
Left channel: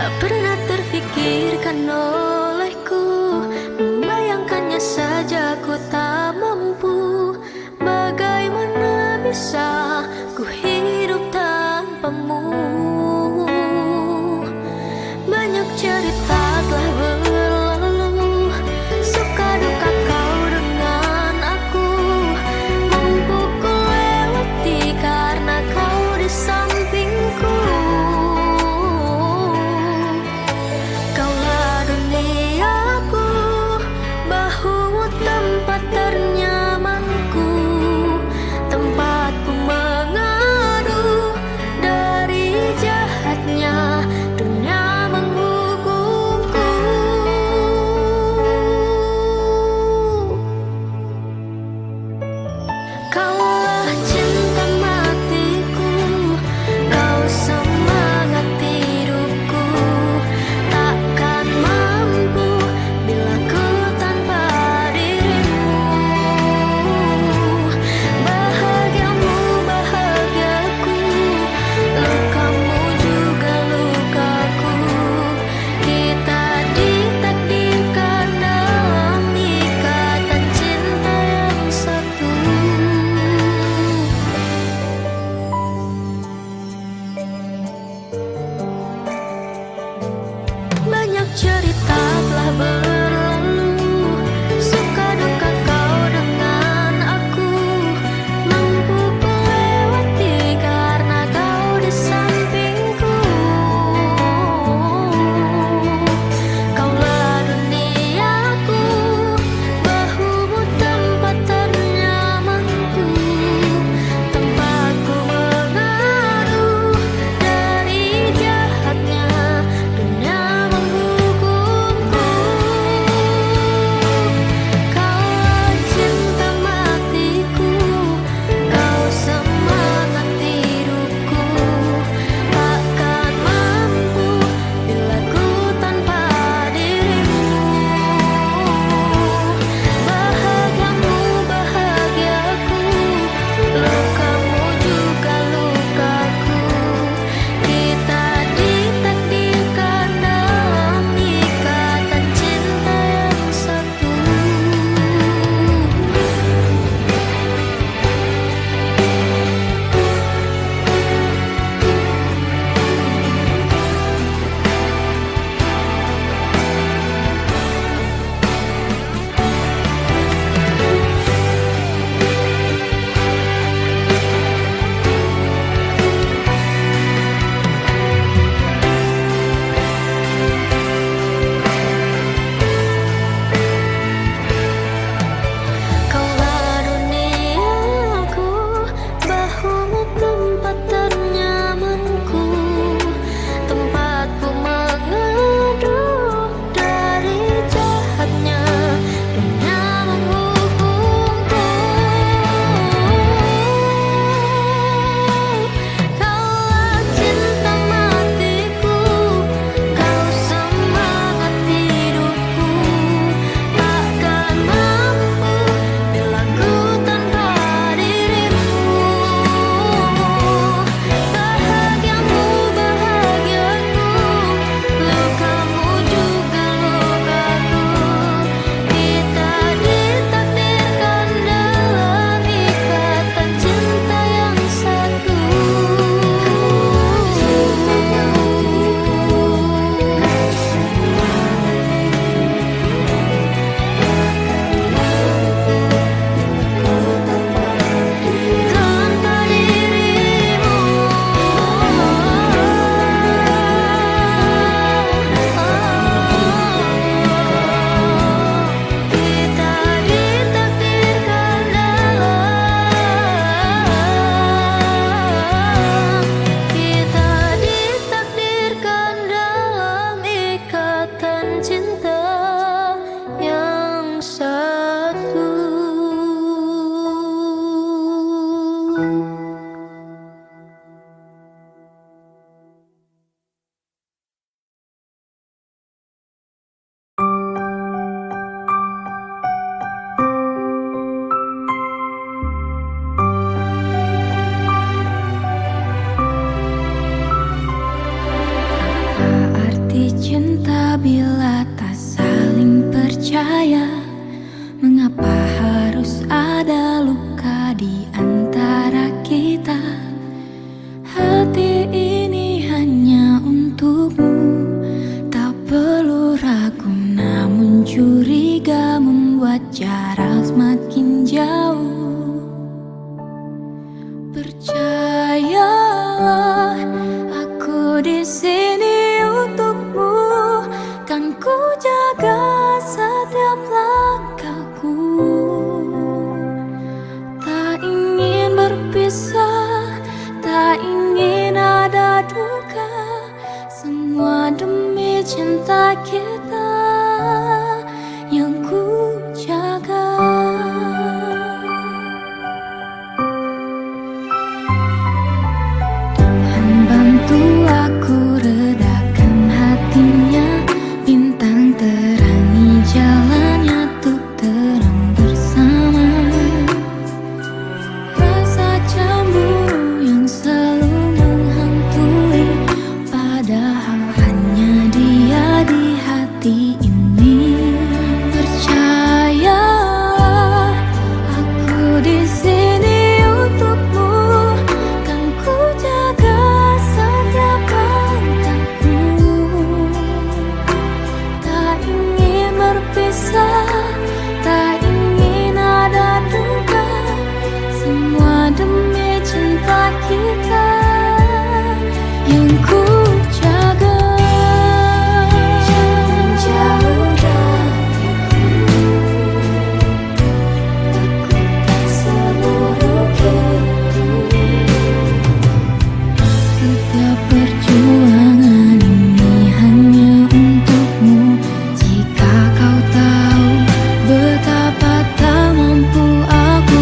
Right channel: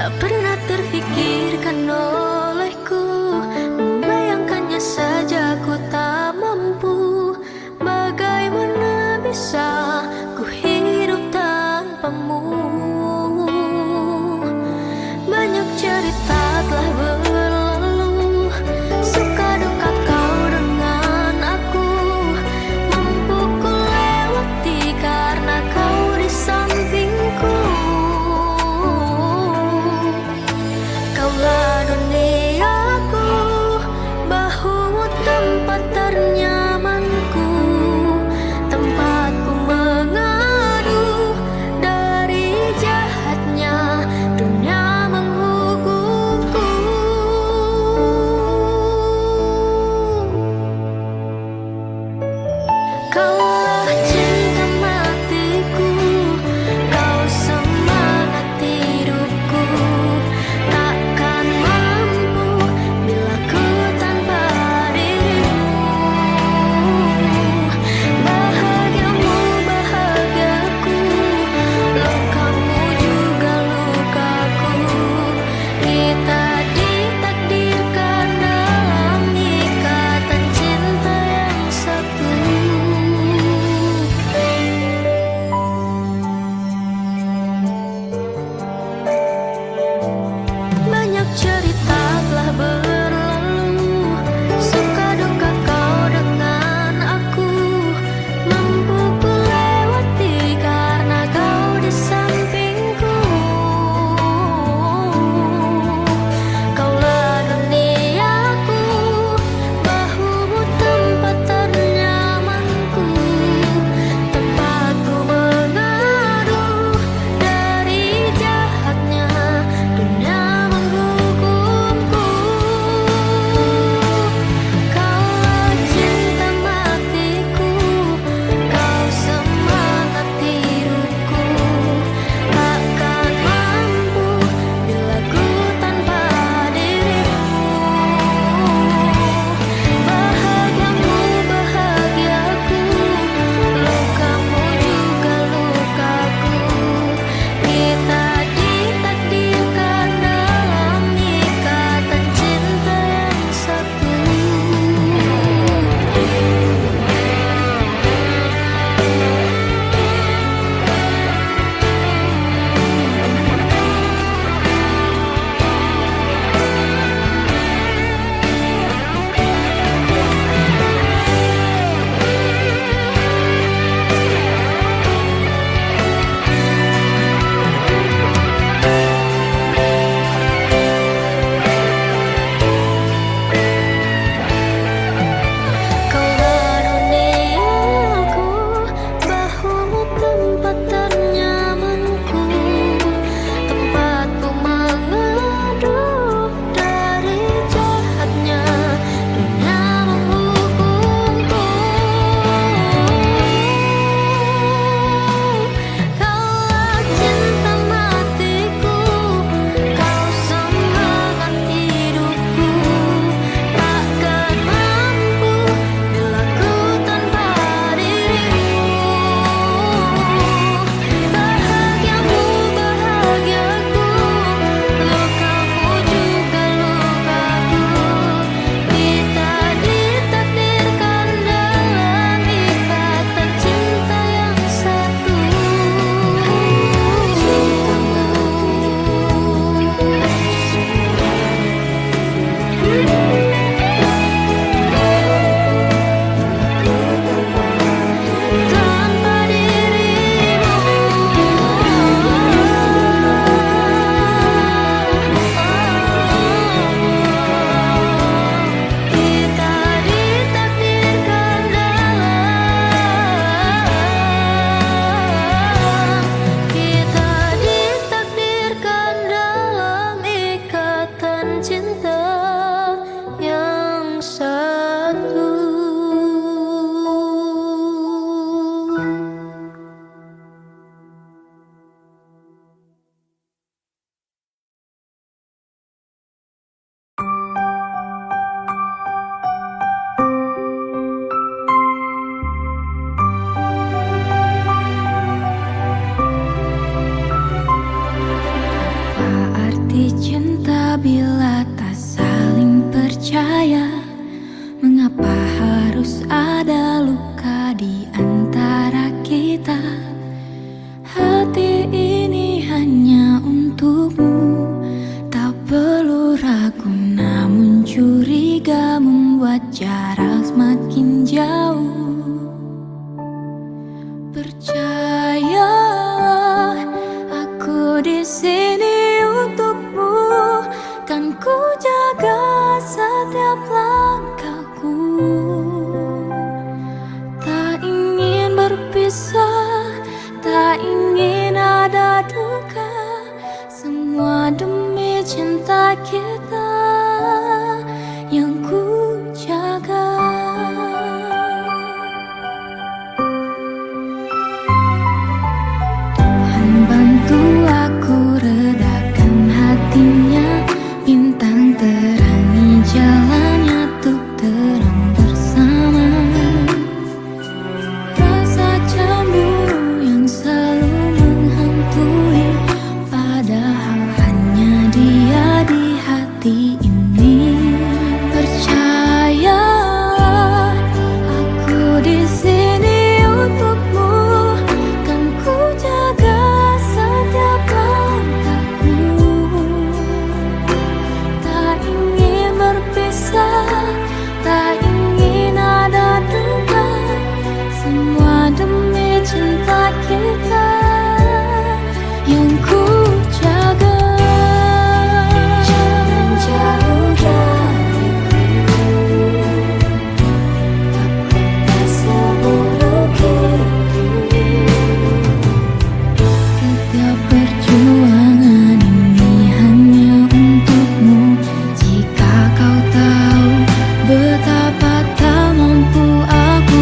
Tak pernah terfikirkan olehku, membayangkannya saja ku tak mampu. Bagaimana bisa ku hidup tanpamu? Banyak cerita telah berlalu, suka duka kau dengan aku. Mampu ku lewati karena kau di sampingku. Kaulah dunia cinta bila tak saling percaya? Mengapa harus ada luka di antara kita? Hati ini hanya untukmu. Tak perlu ragu, namun curiga membuat jarak semakin jauh. Percayalah, aku di sini untukmu. Kan ku jaga setiap langkahku. Tak ingin berpisah, tak ingin ada duka. Semua demi cinta kita yang ku jaga. Tuhan bantu aku redakan hatinya. Bintang terangi jalannya untuk terang bersama. Rasa cemburu yang selalu menghantui, padahal hanya dia di hati ini. Percayalah, aku di sini untukmu. Kan ku jaga setiap langkahku. Tak ingin berpisah, tak ingin ada duka. Semua demi cinta kita yang ku jaga. Jangan jauh dariku, aku tak seburuk itu. Setiap perjuangan ini hanya untukmu. Jika kau tahu betapa tak mampu aku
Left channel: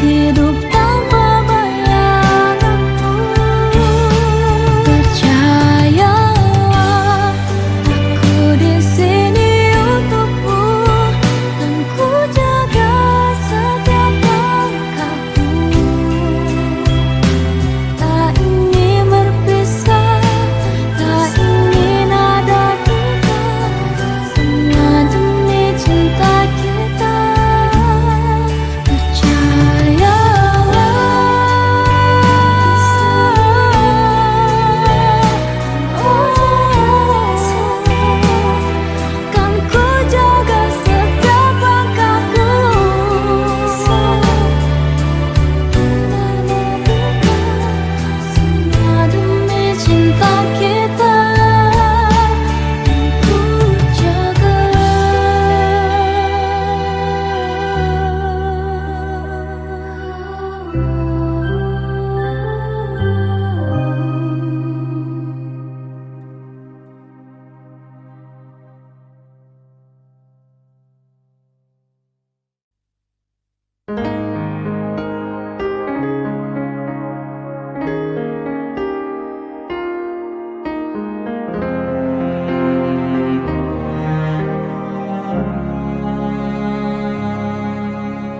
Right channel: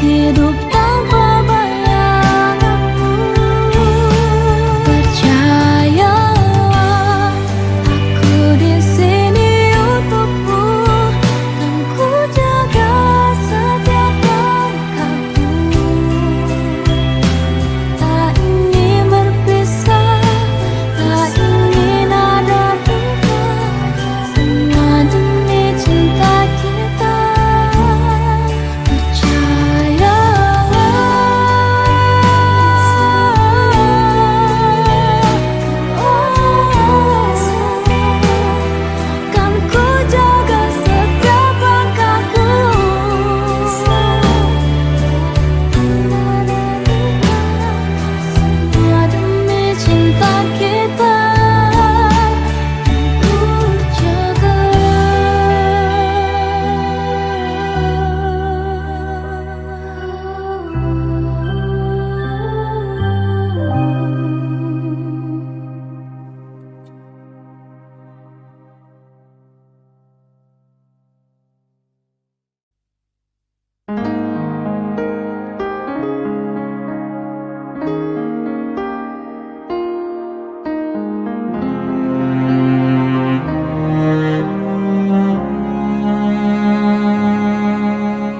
hidup tanpa bayanganmu. Percayalah, aku di sini untukmu. Kan ku jaga setiap langkahku. Tak ingin berpisah, tak ingin ada duka. Semua demi cinta kita. Kan ku jaga setiap langkahku. Semua demi cinta kita ku jaga.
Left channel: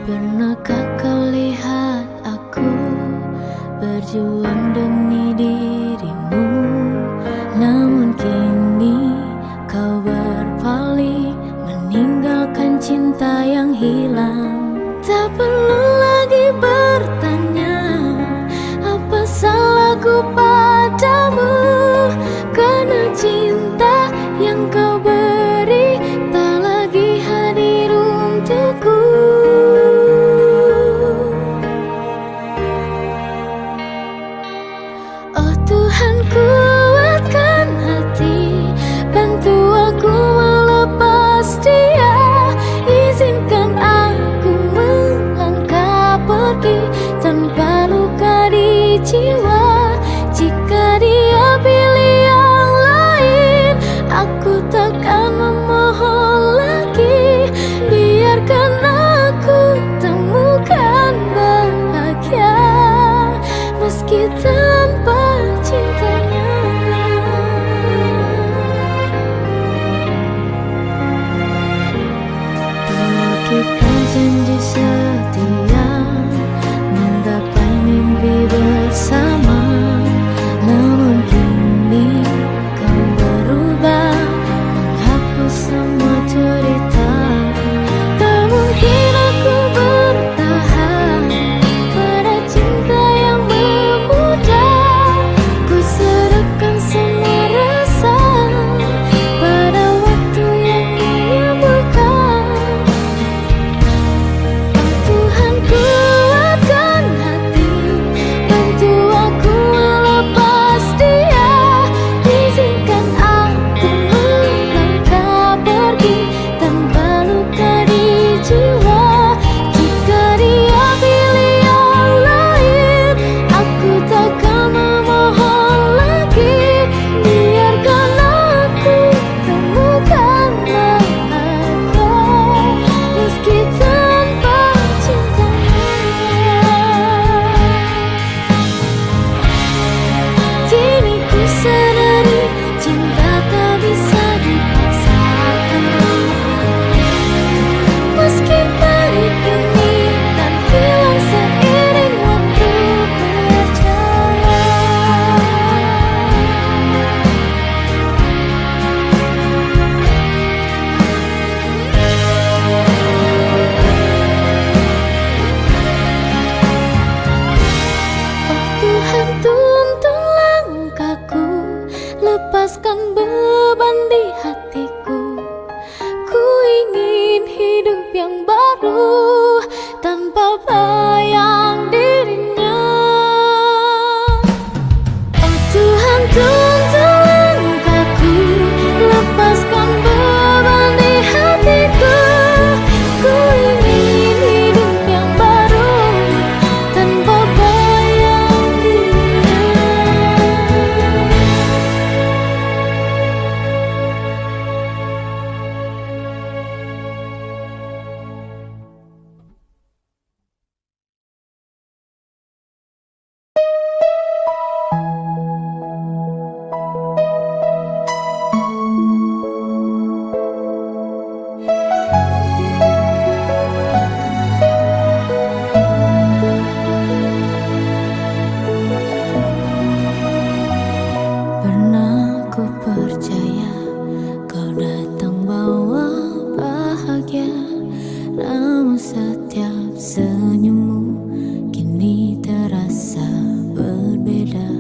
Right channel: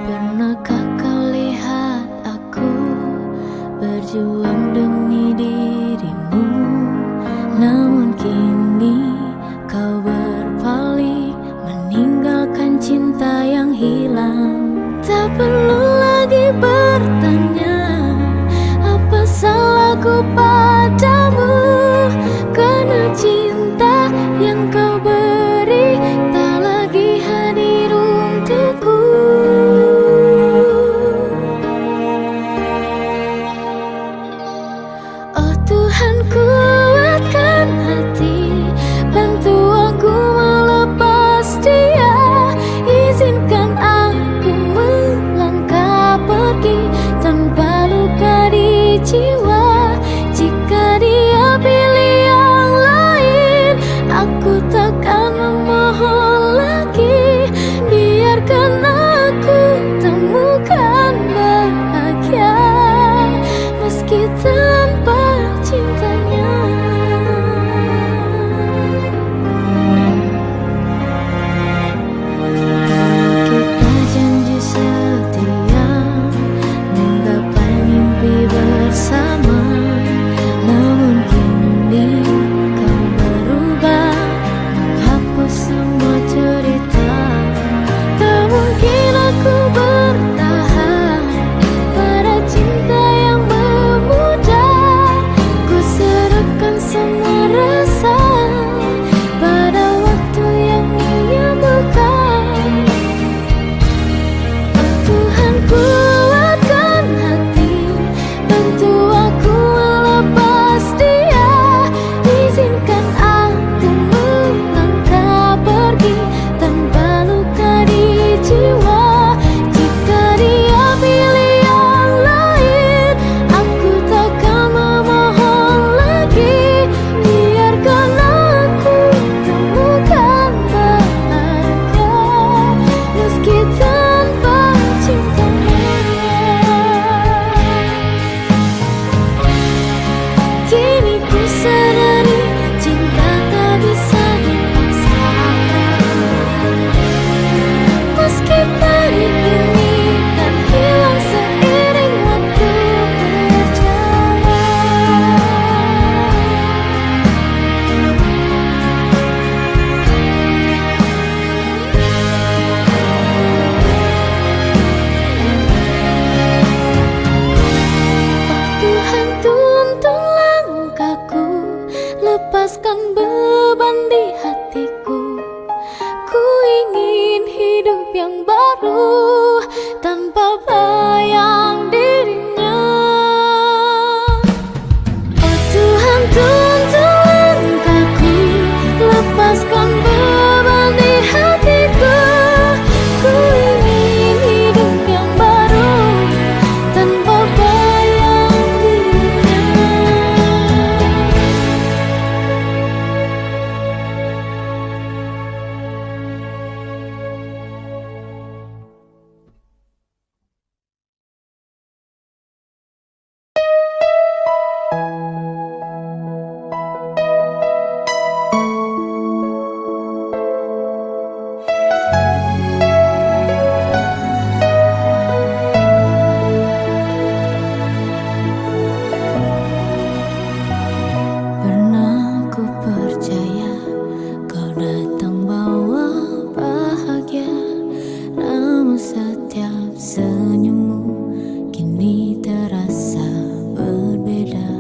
Pernahkah kau lihat aku berjuang demi dirimu? Namun kini kau berpaling, meninggalkan cinta yang hilang. Tak perlu lagi bertanya apa salahku padamu, karena cinta yang kau beri tak lagi hadir untukku. Oh Tuhan, kuatkan hati, bantu aku melepas dia. Izinkan aku melangkah pergi tanpa luka di jiwa. Jika dia pilih yang lain, aku takkan memohon lagi. Biarkan aku temukan bahagia meski tanpa cintanya. Aku percaya kau datang bawa bahagia, namun setiap senyummu kini terasa berbeda.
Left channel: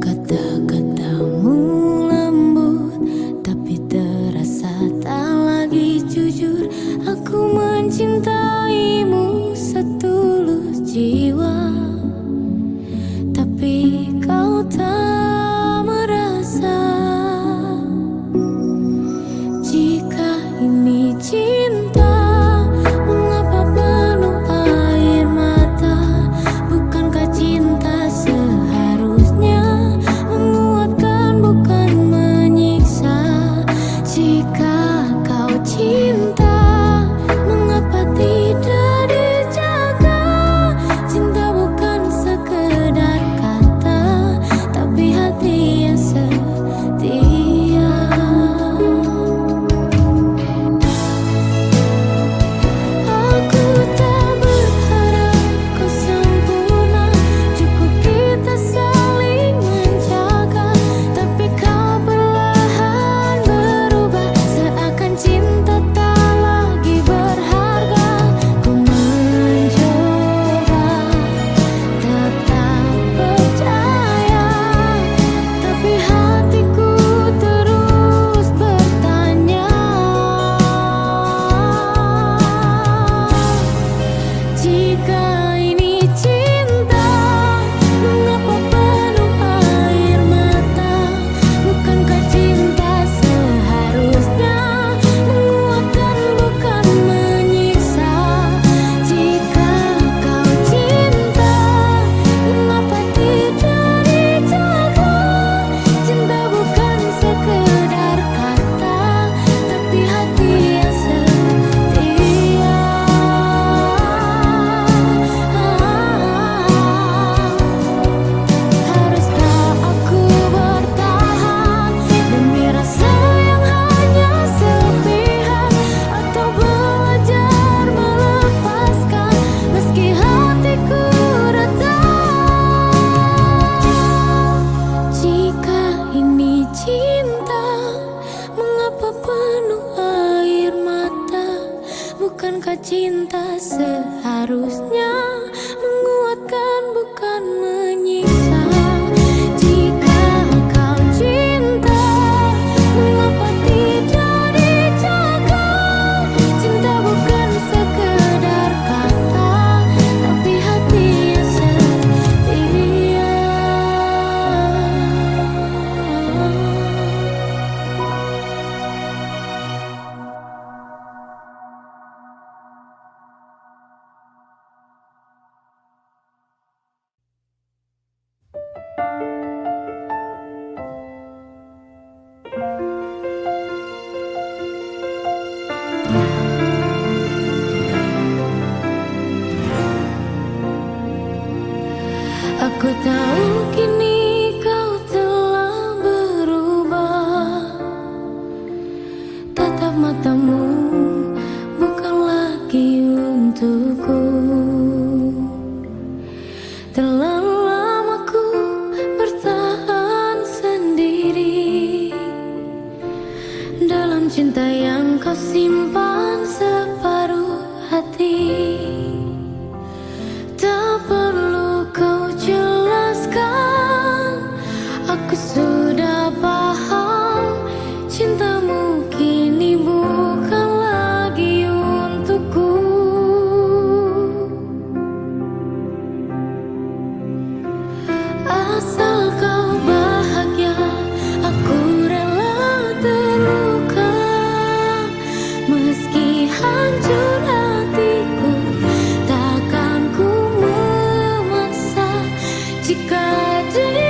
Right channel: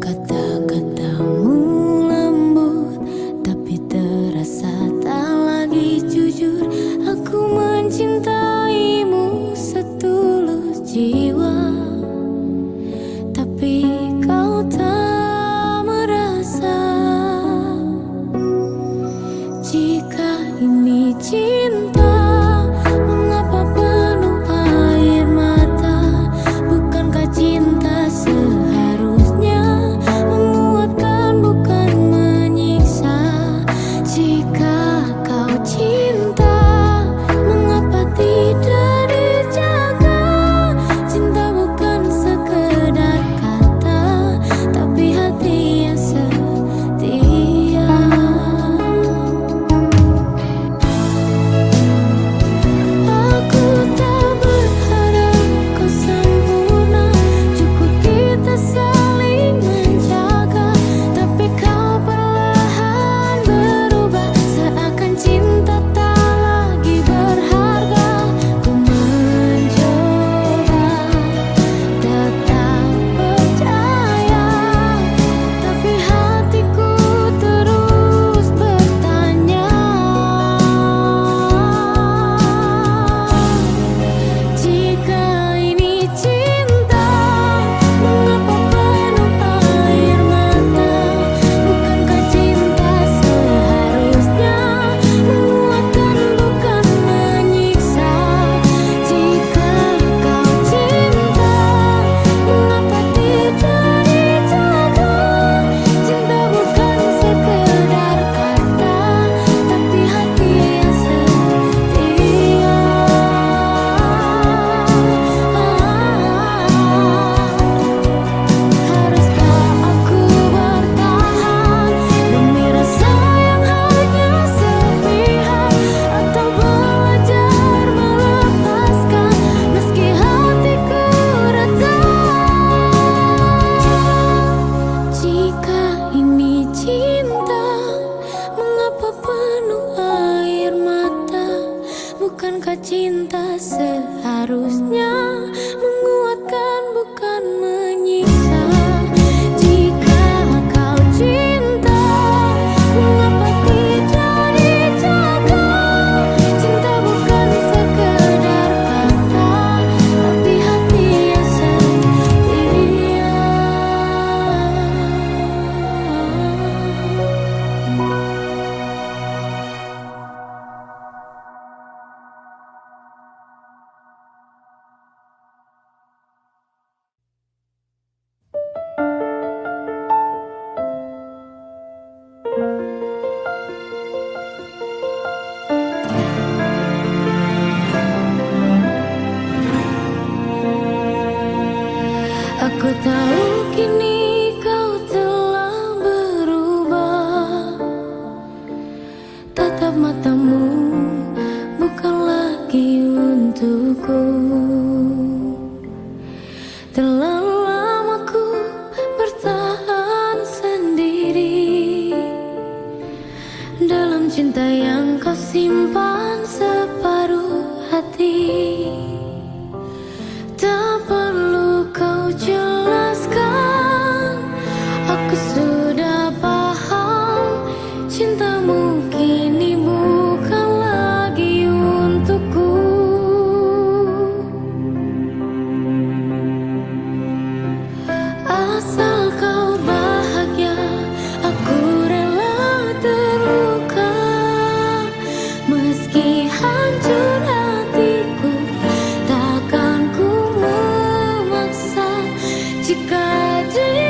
Kata-katamu lembut tapi terasa tak lagi jujur. Aku mencintaimu setulus jiwa, tapi kau tak merasa. Jika ini cinta, mengapa penuh air mata? Bukankah cinta seharusnya menguatkan bukan menyiksa? Jika kau cinta, mengapa tidak dijaga? Cinta bukan sekedar kata, tapi hati yang setia. Aku tak berharap kau sempurna, cukup kita saling menjaga. Tapi kau perlahan berubah, seakan cinta tak lagi berharga. Ku mencoba tetap percaya, tapi hatiku terus bertanya. Jika ini cinta, mengapa penuh air mata? Bukankah cinta seharusnya menguatkan bukan menyiksa? Jika kau cinta, mengapa tidak dijaga? Cinta bukan sekedar kata, tapi hati yang setia. Haruskah aku bertahan demi rasa yang hanya sepihak, atau belajar melepaskan meski hatiku retak? Jika ini cinta, mengapa penuh air mata? Bukankah cinta seharusnya menguatkan bukan menyiksa? Jika kau cinta, mengapa tidak dijaga? Cinta bukan sekedar kata, tapi hati yang setia. Aku tahu kini kau telah berubah. Tatap matamu bukan lagi untukku. Terlalu lama ku bertahan sendiri dalam cinta yang kau simpan separuh hati. Tak perlu kau jelaskan, aku sudah paham. Cintamu kini bukan lagi untukku. Asal kau bahagia, aku rela terluka. Meski hancur hatiku, takkan ku memaksa. Jika dia